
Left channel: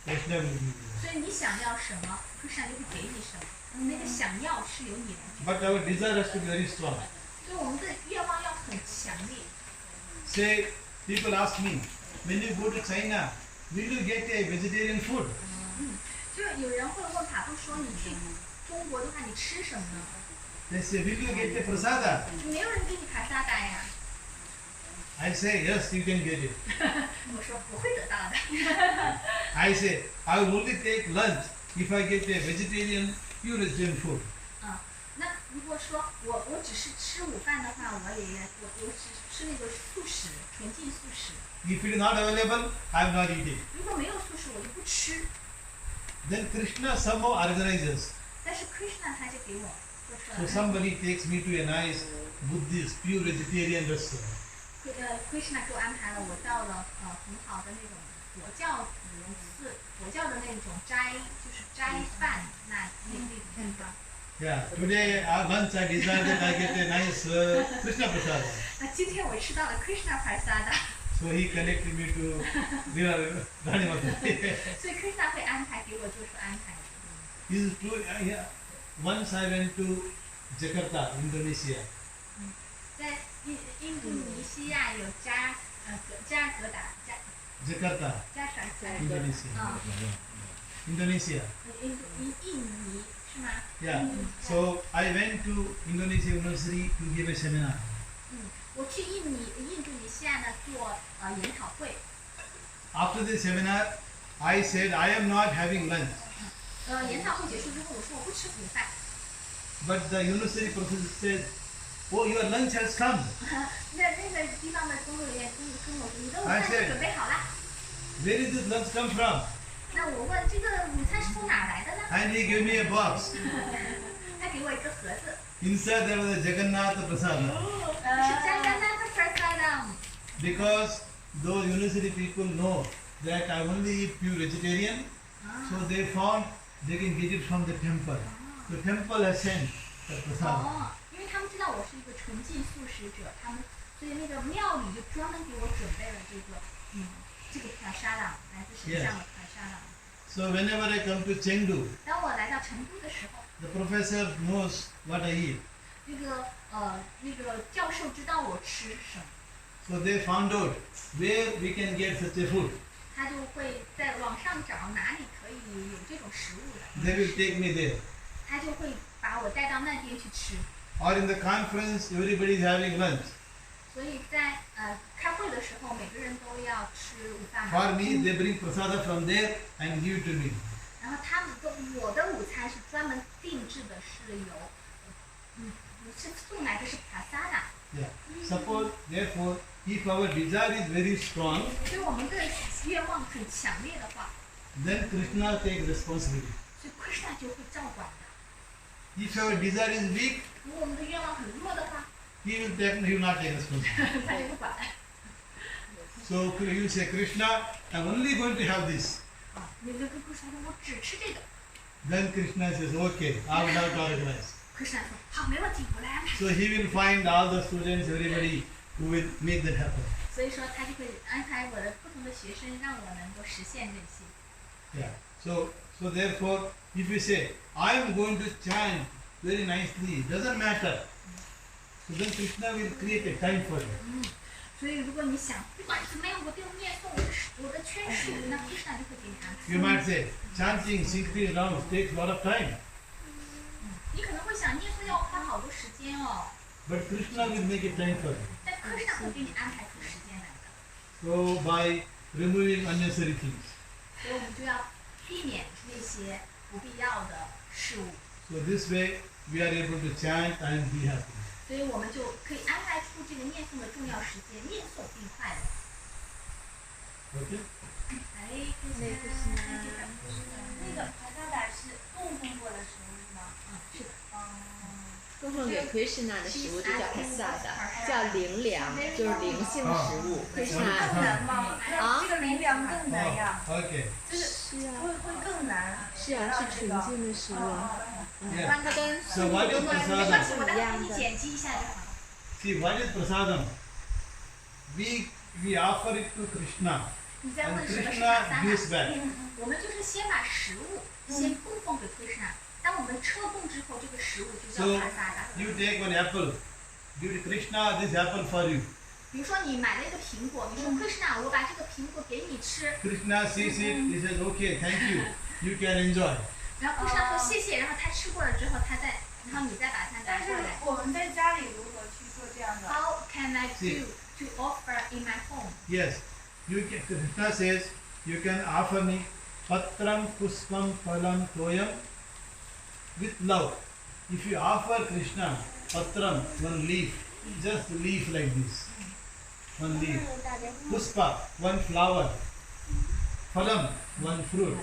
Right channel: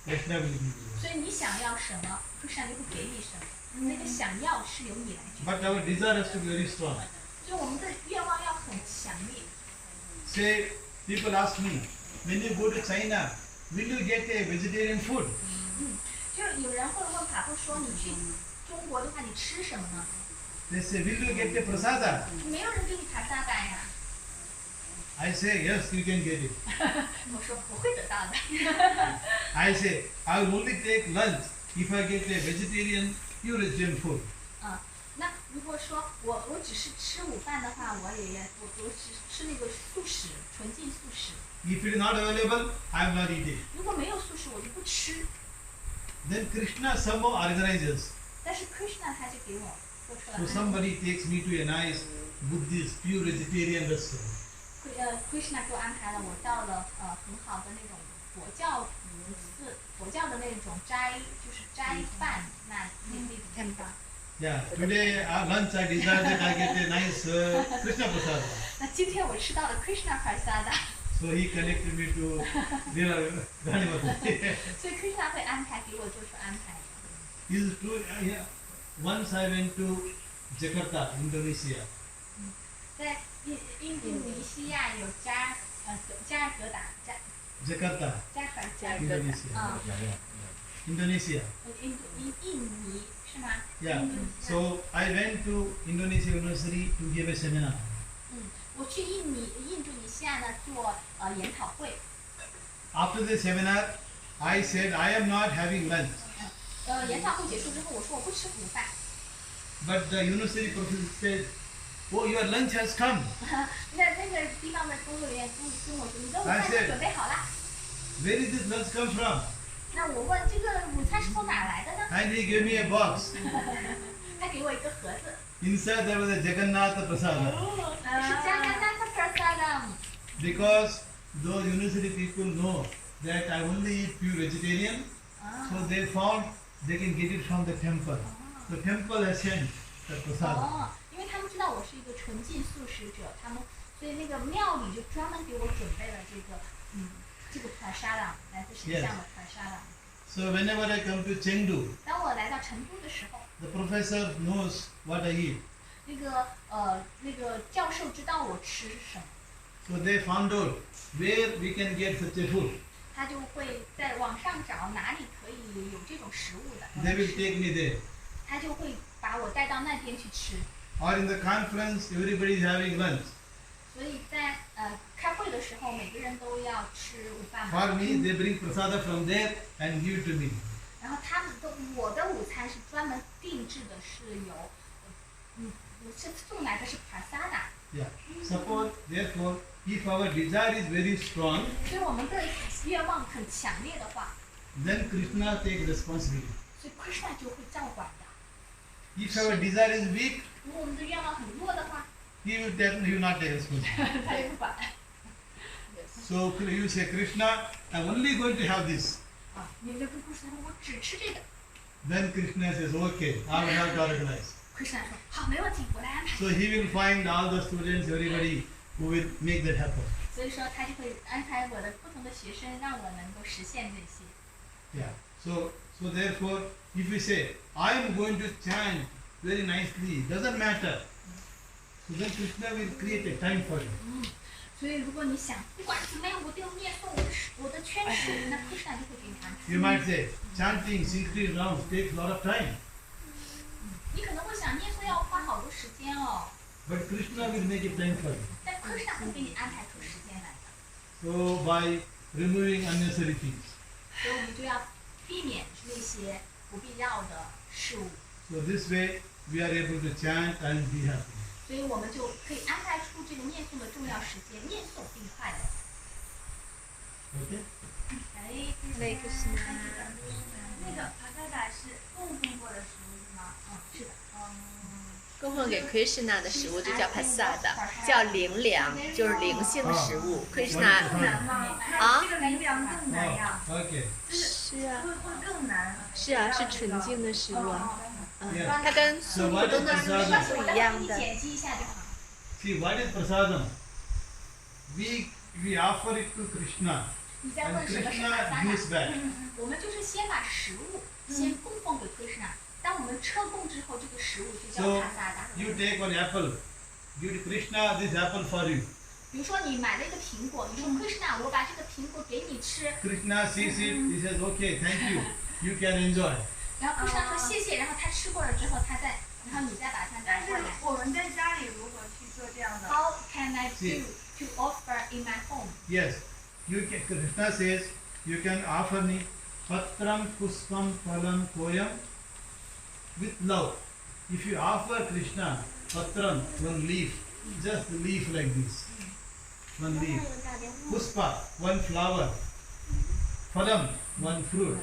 Krishna will give you. 所以你想要什么，Kṛṣṇa就会给你什么。那个想要是由你来决定。 But our desire has to be very strong. 所以我们的愿望要很强烈。 Say, people ask me, when you go to China, will you get a vegetarian food? 就是有人会问法布说，你去中国的话，你吃什么呢？ They say, will you get a prasada? 就没有人给你爬沙达呀。 I say, yes, you can get it. 我说我会得到的。 I say, I will only take lunch if I get a vegetarian, pure vegetarian food. 那如果说我只是吃午饭的话，我只吃那个素食，纯净素食。 If it is not available, I am not eating. 如果没有素食，我就不吃。 Then Krishna somehow organizes. 但是 Kṛṣṇa 他就给我做出来 So somebody takes me to a nice Buddhist, pure vegetarian restaurant. Kṛṣṇa 给我安排了，我到了很好的那种佛教的那种斋饭那种地方。 Yeah, today at lunch I desire that I get a nice Krishna prasada. 那今天我吃到了 Kṛṣṇa prasada， So he connected me to Rani Mataji. 所以 Kṛṣṇa 会安排给我做出安排的。 This is true. Yeah. Once I went to Jakarta, Indonesia. 在印度尼西亚有加尔各答Jakarta, 加 Indonesia. 啊， Indonesia. 印尼是吗？ Yeah. So I went to Indonesia University to give a seminar. 我去印度尼西亚呢做研讨会。 After the seminar, I said I am not having lunch. 研讨会结束之后，我说我不吃午饭。 But the university professor said, "Oh, your lunch has come." 那个地方的工作人员跟我说，你的午饭都准备好了。 Where did this lunch come from? 那我问这个午餐是从哪来的呢？ And he gave me a box. 他给我一个盒子， Inside there was a Jagannath prasada. 是加甘纳的 prasadam。 Because those university people know that I only eat pure vegetarian, so they found they can get it from the temple. The temple has sent the prasada. 因为他们知道我是一个纯净素食者，所以那个庙里就专门给我准备了这个 prasadam， 来自神像的 prasadam。 So whenever I come to Chengdu, 当我来到成都的时候， the professor knows what I eat. 那个教授知道我吃什么， So they found out where we can get such a food. 他就会在网上找哪里可以有这种食物的， They will take me there. 他就会把我带到那边去吃。 Or in the conference, everybody is having lunch. 所以在开会的时候，每个人都要吃午饭 For 嘛。 me, they bring prasada from there and give it to me. 然后他们的我的午餐是专门定制的，是有是送来的是 prasada。 Yeah. Suppose, therefore, if our desire is very strong, 所以我们的愿望很强烈的话， then Krishna takes responsibility. 所以 Kṛṣṇa 就会照管的。 If our desire is weak, 如果我们的愿望很弱的话， he will not take responsibility. 他就不管。 So you say, Krishna, I'm only going to have this. 啊，你就跟 Kṛṣṇa 说，我只吃这个。 Then Krishna says, okay, I will have to organize. Kṛṣṇa 说，好，没问题，我来安排。 So he will find all the students, everybody who will make that happen. 所以说他就会安排我的不同的学生，让我能够实现这些。 Yeah. So therefore, if you say, I'm going to chant very nicely, doesn't matter. So then Krishna will create a time for you. 所以如果你想不管怎么样，我都要念诵我的圈数，那 Kṛṣṇa 就会给你安排。 You might say, chanting 60 rounds takes a lot of time. 你可能会想念诵要花好多时间哦， But Krishna will make a time for you. 但 Kṛṣṇa 会给你安排出时间来的。 So by removing unnecessary things. 所以我们就要避免那些不必要的事物， So this way we are able to chant and be happy. 所以我们就可以安排出这个念诵的重要时间，念诵并快乐。 Okay? 哎，那个是那个帕萨达是供奉过的食物是吗？是的。供奉给 Kṛṣṇa 的食物就叫 prasada，叫灵粮，就是灵性的食物。更 Kṛṣṇa 难吗？这个灵粮更难呀， Oh, okay. 是啊，会更难。是啊，是纯净的食物。 Yeah. 它跟 So what is 没关系， prasadam? 我待会给你剪辑一下就好了。 See, what is prasadam? We offer it to Krishna 你在 and 问什么是 Krishna 帕萨 gives 达？ back. 我们就是先把食物先供奉给 Kṛṣṇa，当我们车供之后，这个食物就叫 So 帕萨达。 you take one apple, give to Krishna this apple for you. 比如说你买了一个苹果，你说 Kṛṣṇa，我把这个苹果给你吃， Krishna sees it, he says, okay, thank you, you can enjoy. 然后 Kṛṣṇa 说谢谢，然后他吃过了之后，然后你再把它但是拿过来。我们在家里如何去做这样的？ How can I do to offer in my home? Yes, you can, Krishna says, you can offer me patram puspam phalam toyam with love. If you offer Krishna patram, one leaf, just leaf like this, one leaf. Puspa, one flower. Phalam, one fruit.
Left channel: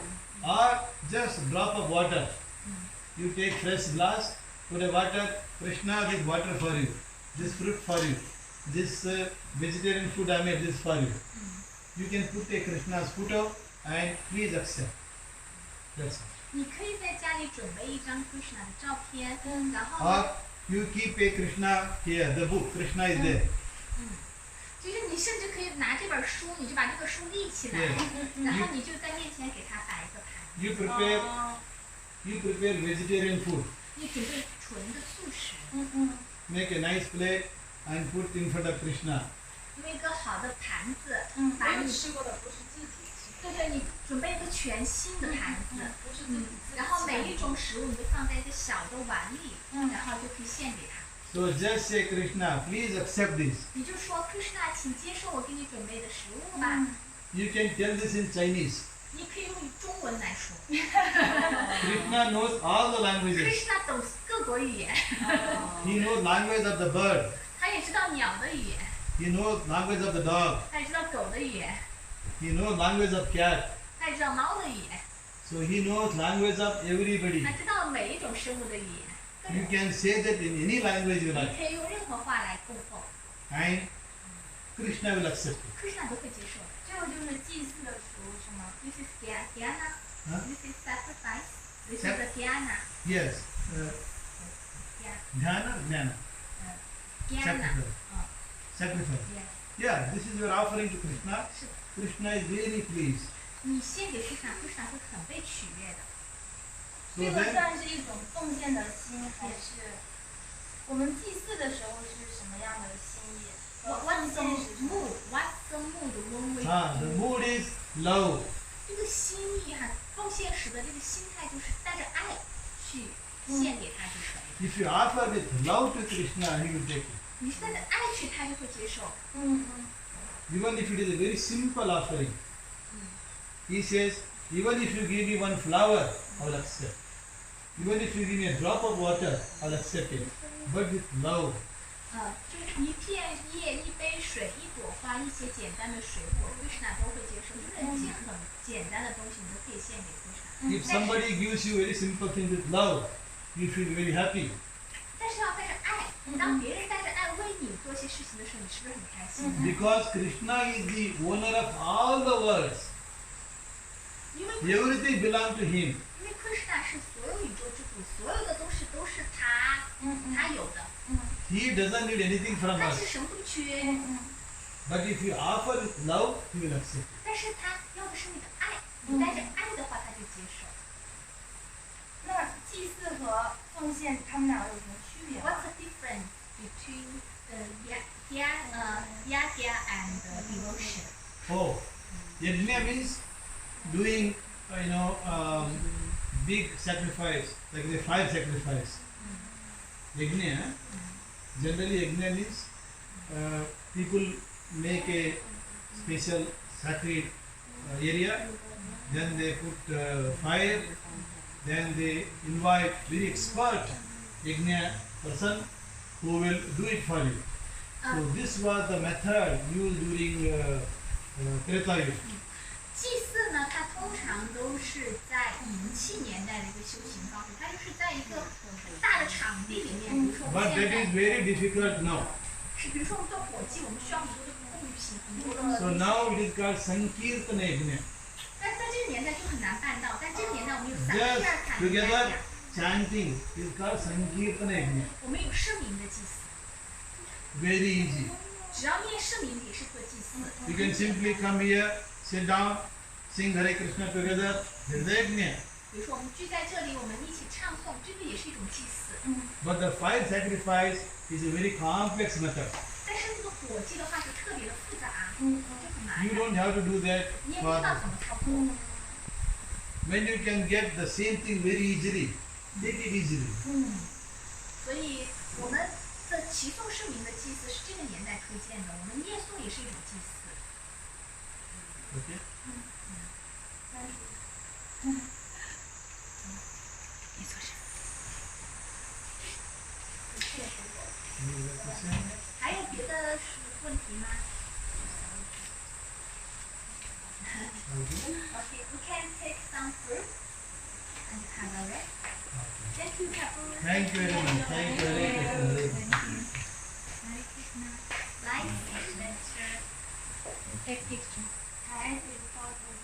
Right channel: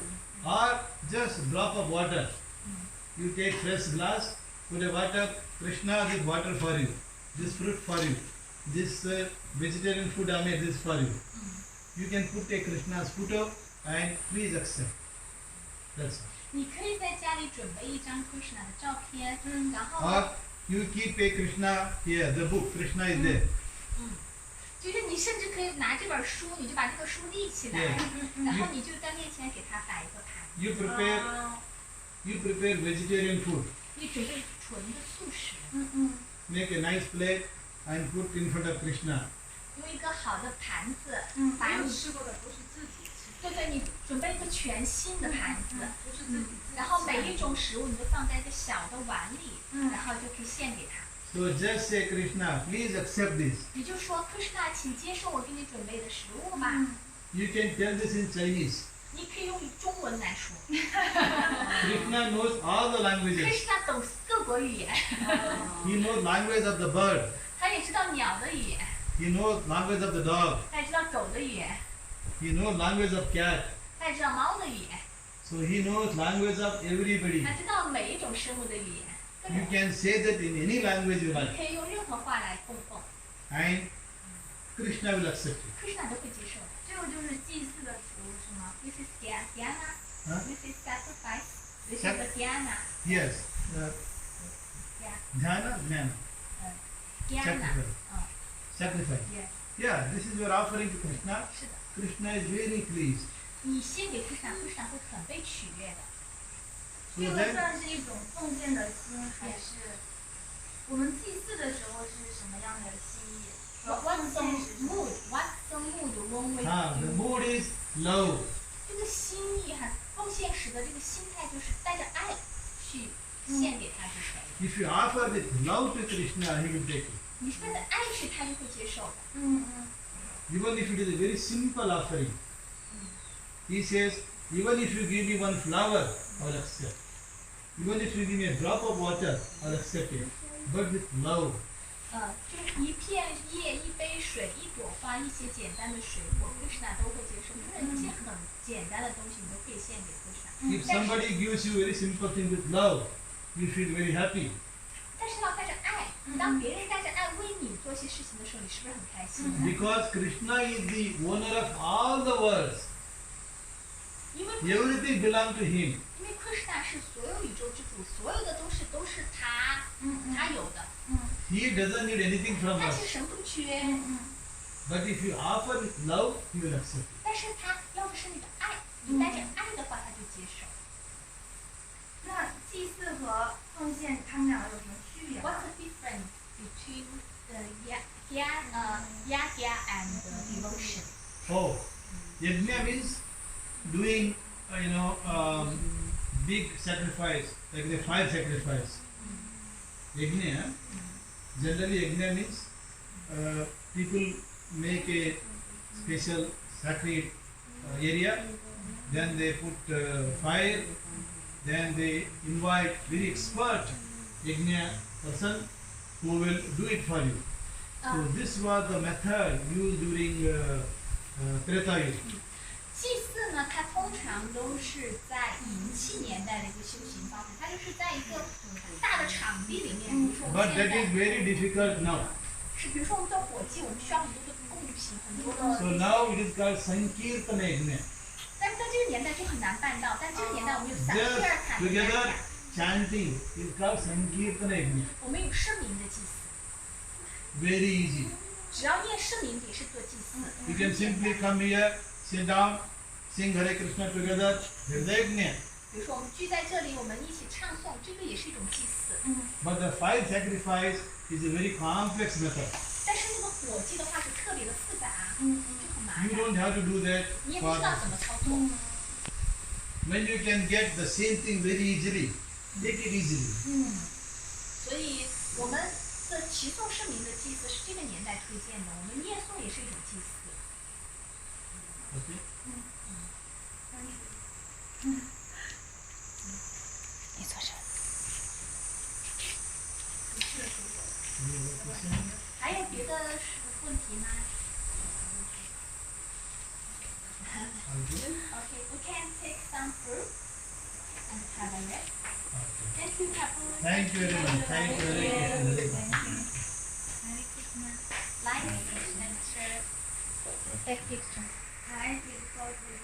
Or just drop of water. You take fresh glass, put a water, Krishna, this water for you, this fruit for you, this vegetarian food I made, this for you. You can put a Krishna's photo and please accept. That's all. 你可以在家里准备一张 Kṛṣṇa 的照片，然后 Or you keep a Krishna here, the book, Krishna is there. 就是你甚至可以拿这本书，你就把这个书立起来， Yes. 然后你就在面前给他摆一个盘， You prepare vegetarian food. 你准备纯的素食， Make a nice plate and put in front of Krishna. 用一个好的盘子，没把你有吃过的不是自己吃，对对，你准备一个全新的盘子，不是自己吃。然后每一种食物你就放在一个小的碗里，然后就可以献给他。 So just say Krishna, please accept this. 你就说 Kṛṣṇa，请接受我给你准备的食物吧。 You can tell this in Chinese. 你可以用中文来说。 Krishna knows all the languages. Kṛṣṇa 懂各国语言， He knows language of the bird. 他也知道鸟的语言， He knows language of the dog. 他也知道狗的语言， He knows language of cat. 他也知道猫的语言， So he knows language of everybody. 他知道每一种生物的语言。 You can say that in any language you 你 like. 可以用任何话来供奉， And Krishna will accept it. Kṛṣṇa 都会接受的。这个就是祭祀的食物是吗？ This is dhyana, Huh? this is sacrifice, this is the dhyana, Yes. Dhyana, jnana. dhyana. Sacrifice. 嗯 Sacrifice. ，yes， Yeah, this is your offering to Krishna. 是的。 Krishna is very pleased. 你献给 Kṛṣṇa，Kṛṣṇa 会很被取悦的。 So 这个 then, 算是一种奉献的心，还是我们祭祀的时候是什么样的心意？ What's the 奉献是什么 mood? What's the mood when we? the mood is love. 这个心意哈，奉献时的这个心态就是带着爱去献给他就可以。If you offer with love to Krishna, he will take it. 你是带着爱去，他就会接受的。 Even if it is a very simple offering. He says, even if you give me one flower, I will accept. Even if you give me a drop of water, I will accept it. But with love. 就一片叶、一杯水、一朵花、一些简单的水果，Krishna都会接受。就是一些很简单的东西，你都可以献给Krishna。 If somebody gives you very simple thing with love, you feel very happy. 但是要带着爱，当别人带着爱为你做些事情的时候，你是不是很开心？ Because Krishna is the owner of all the worlds. 因为 Everything belongs to him. 因为Kṛṣṇa是所有宇宙之主，所有的东西都是他有的， He doesn't need anything from 他 us. 其实什么都不缺。 But if you offer with love, he will accept it. 但是他要的是你的爱，你带着爱的话，他就接受。那祭祀和奉献，他们俩有什么区别吗？ What's the difference between the yagya and devotion? Oh, yajna means doing, big sacrifice, like the 5 sacrifice. Yajna, generally yajna means people make a special sacred area, then they put fire, then they invite very expert yajna person who will do it for you. So this was the method used during Treta Yuga. 祭祀呢，它通常都是在银器年代的一个修行方式，它就是在一个很大的场地里面，比如说我们 But 现 that 在 is very difficult now. 是，比如说我们做火祭，我们需要很多的贡品，很多的。 So now it is called Sankirtana Yajna. 但在这个年代就很难办到，但这个年代我们有三 Just 第二坎的 together 雅， chanting is called Sankirtana Yajna. 我们有圣名的祭祀， Very easy. 只要念圣名也是做祭祀。 You can simply come here, sit down, sing Hare Krishna together. There is a yajna. 比如说我们聚在这里，我们一起唱诵，这个也是一种祭祀。 But the 5 sacrifice is a very complex method. 但是那个火祭的话就特别的复杂，就很麻 You 烦， don't have to do that 你也不知 for 道怎么操作。 when you can get the same thing very easily. Take it easily. 所以我们的齐颂圣名的祭祀是这个年代推荐的，我们念诵也是一种祭祀。 Okay? 你做啥？ Any other question? 还有别的问题吗 Okay.？Okay, we can take some fruit and have a rest. Okay. Thank you, Prabhu. Thank you very much. Thank you very much. Hare Krishna. Like, share, Hare Krishna.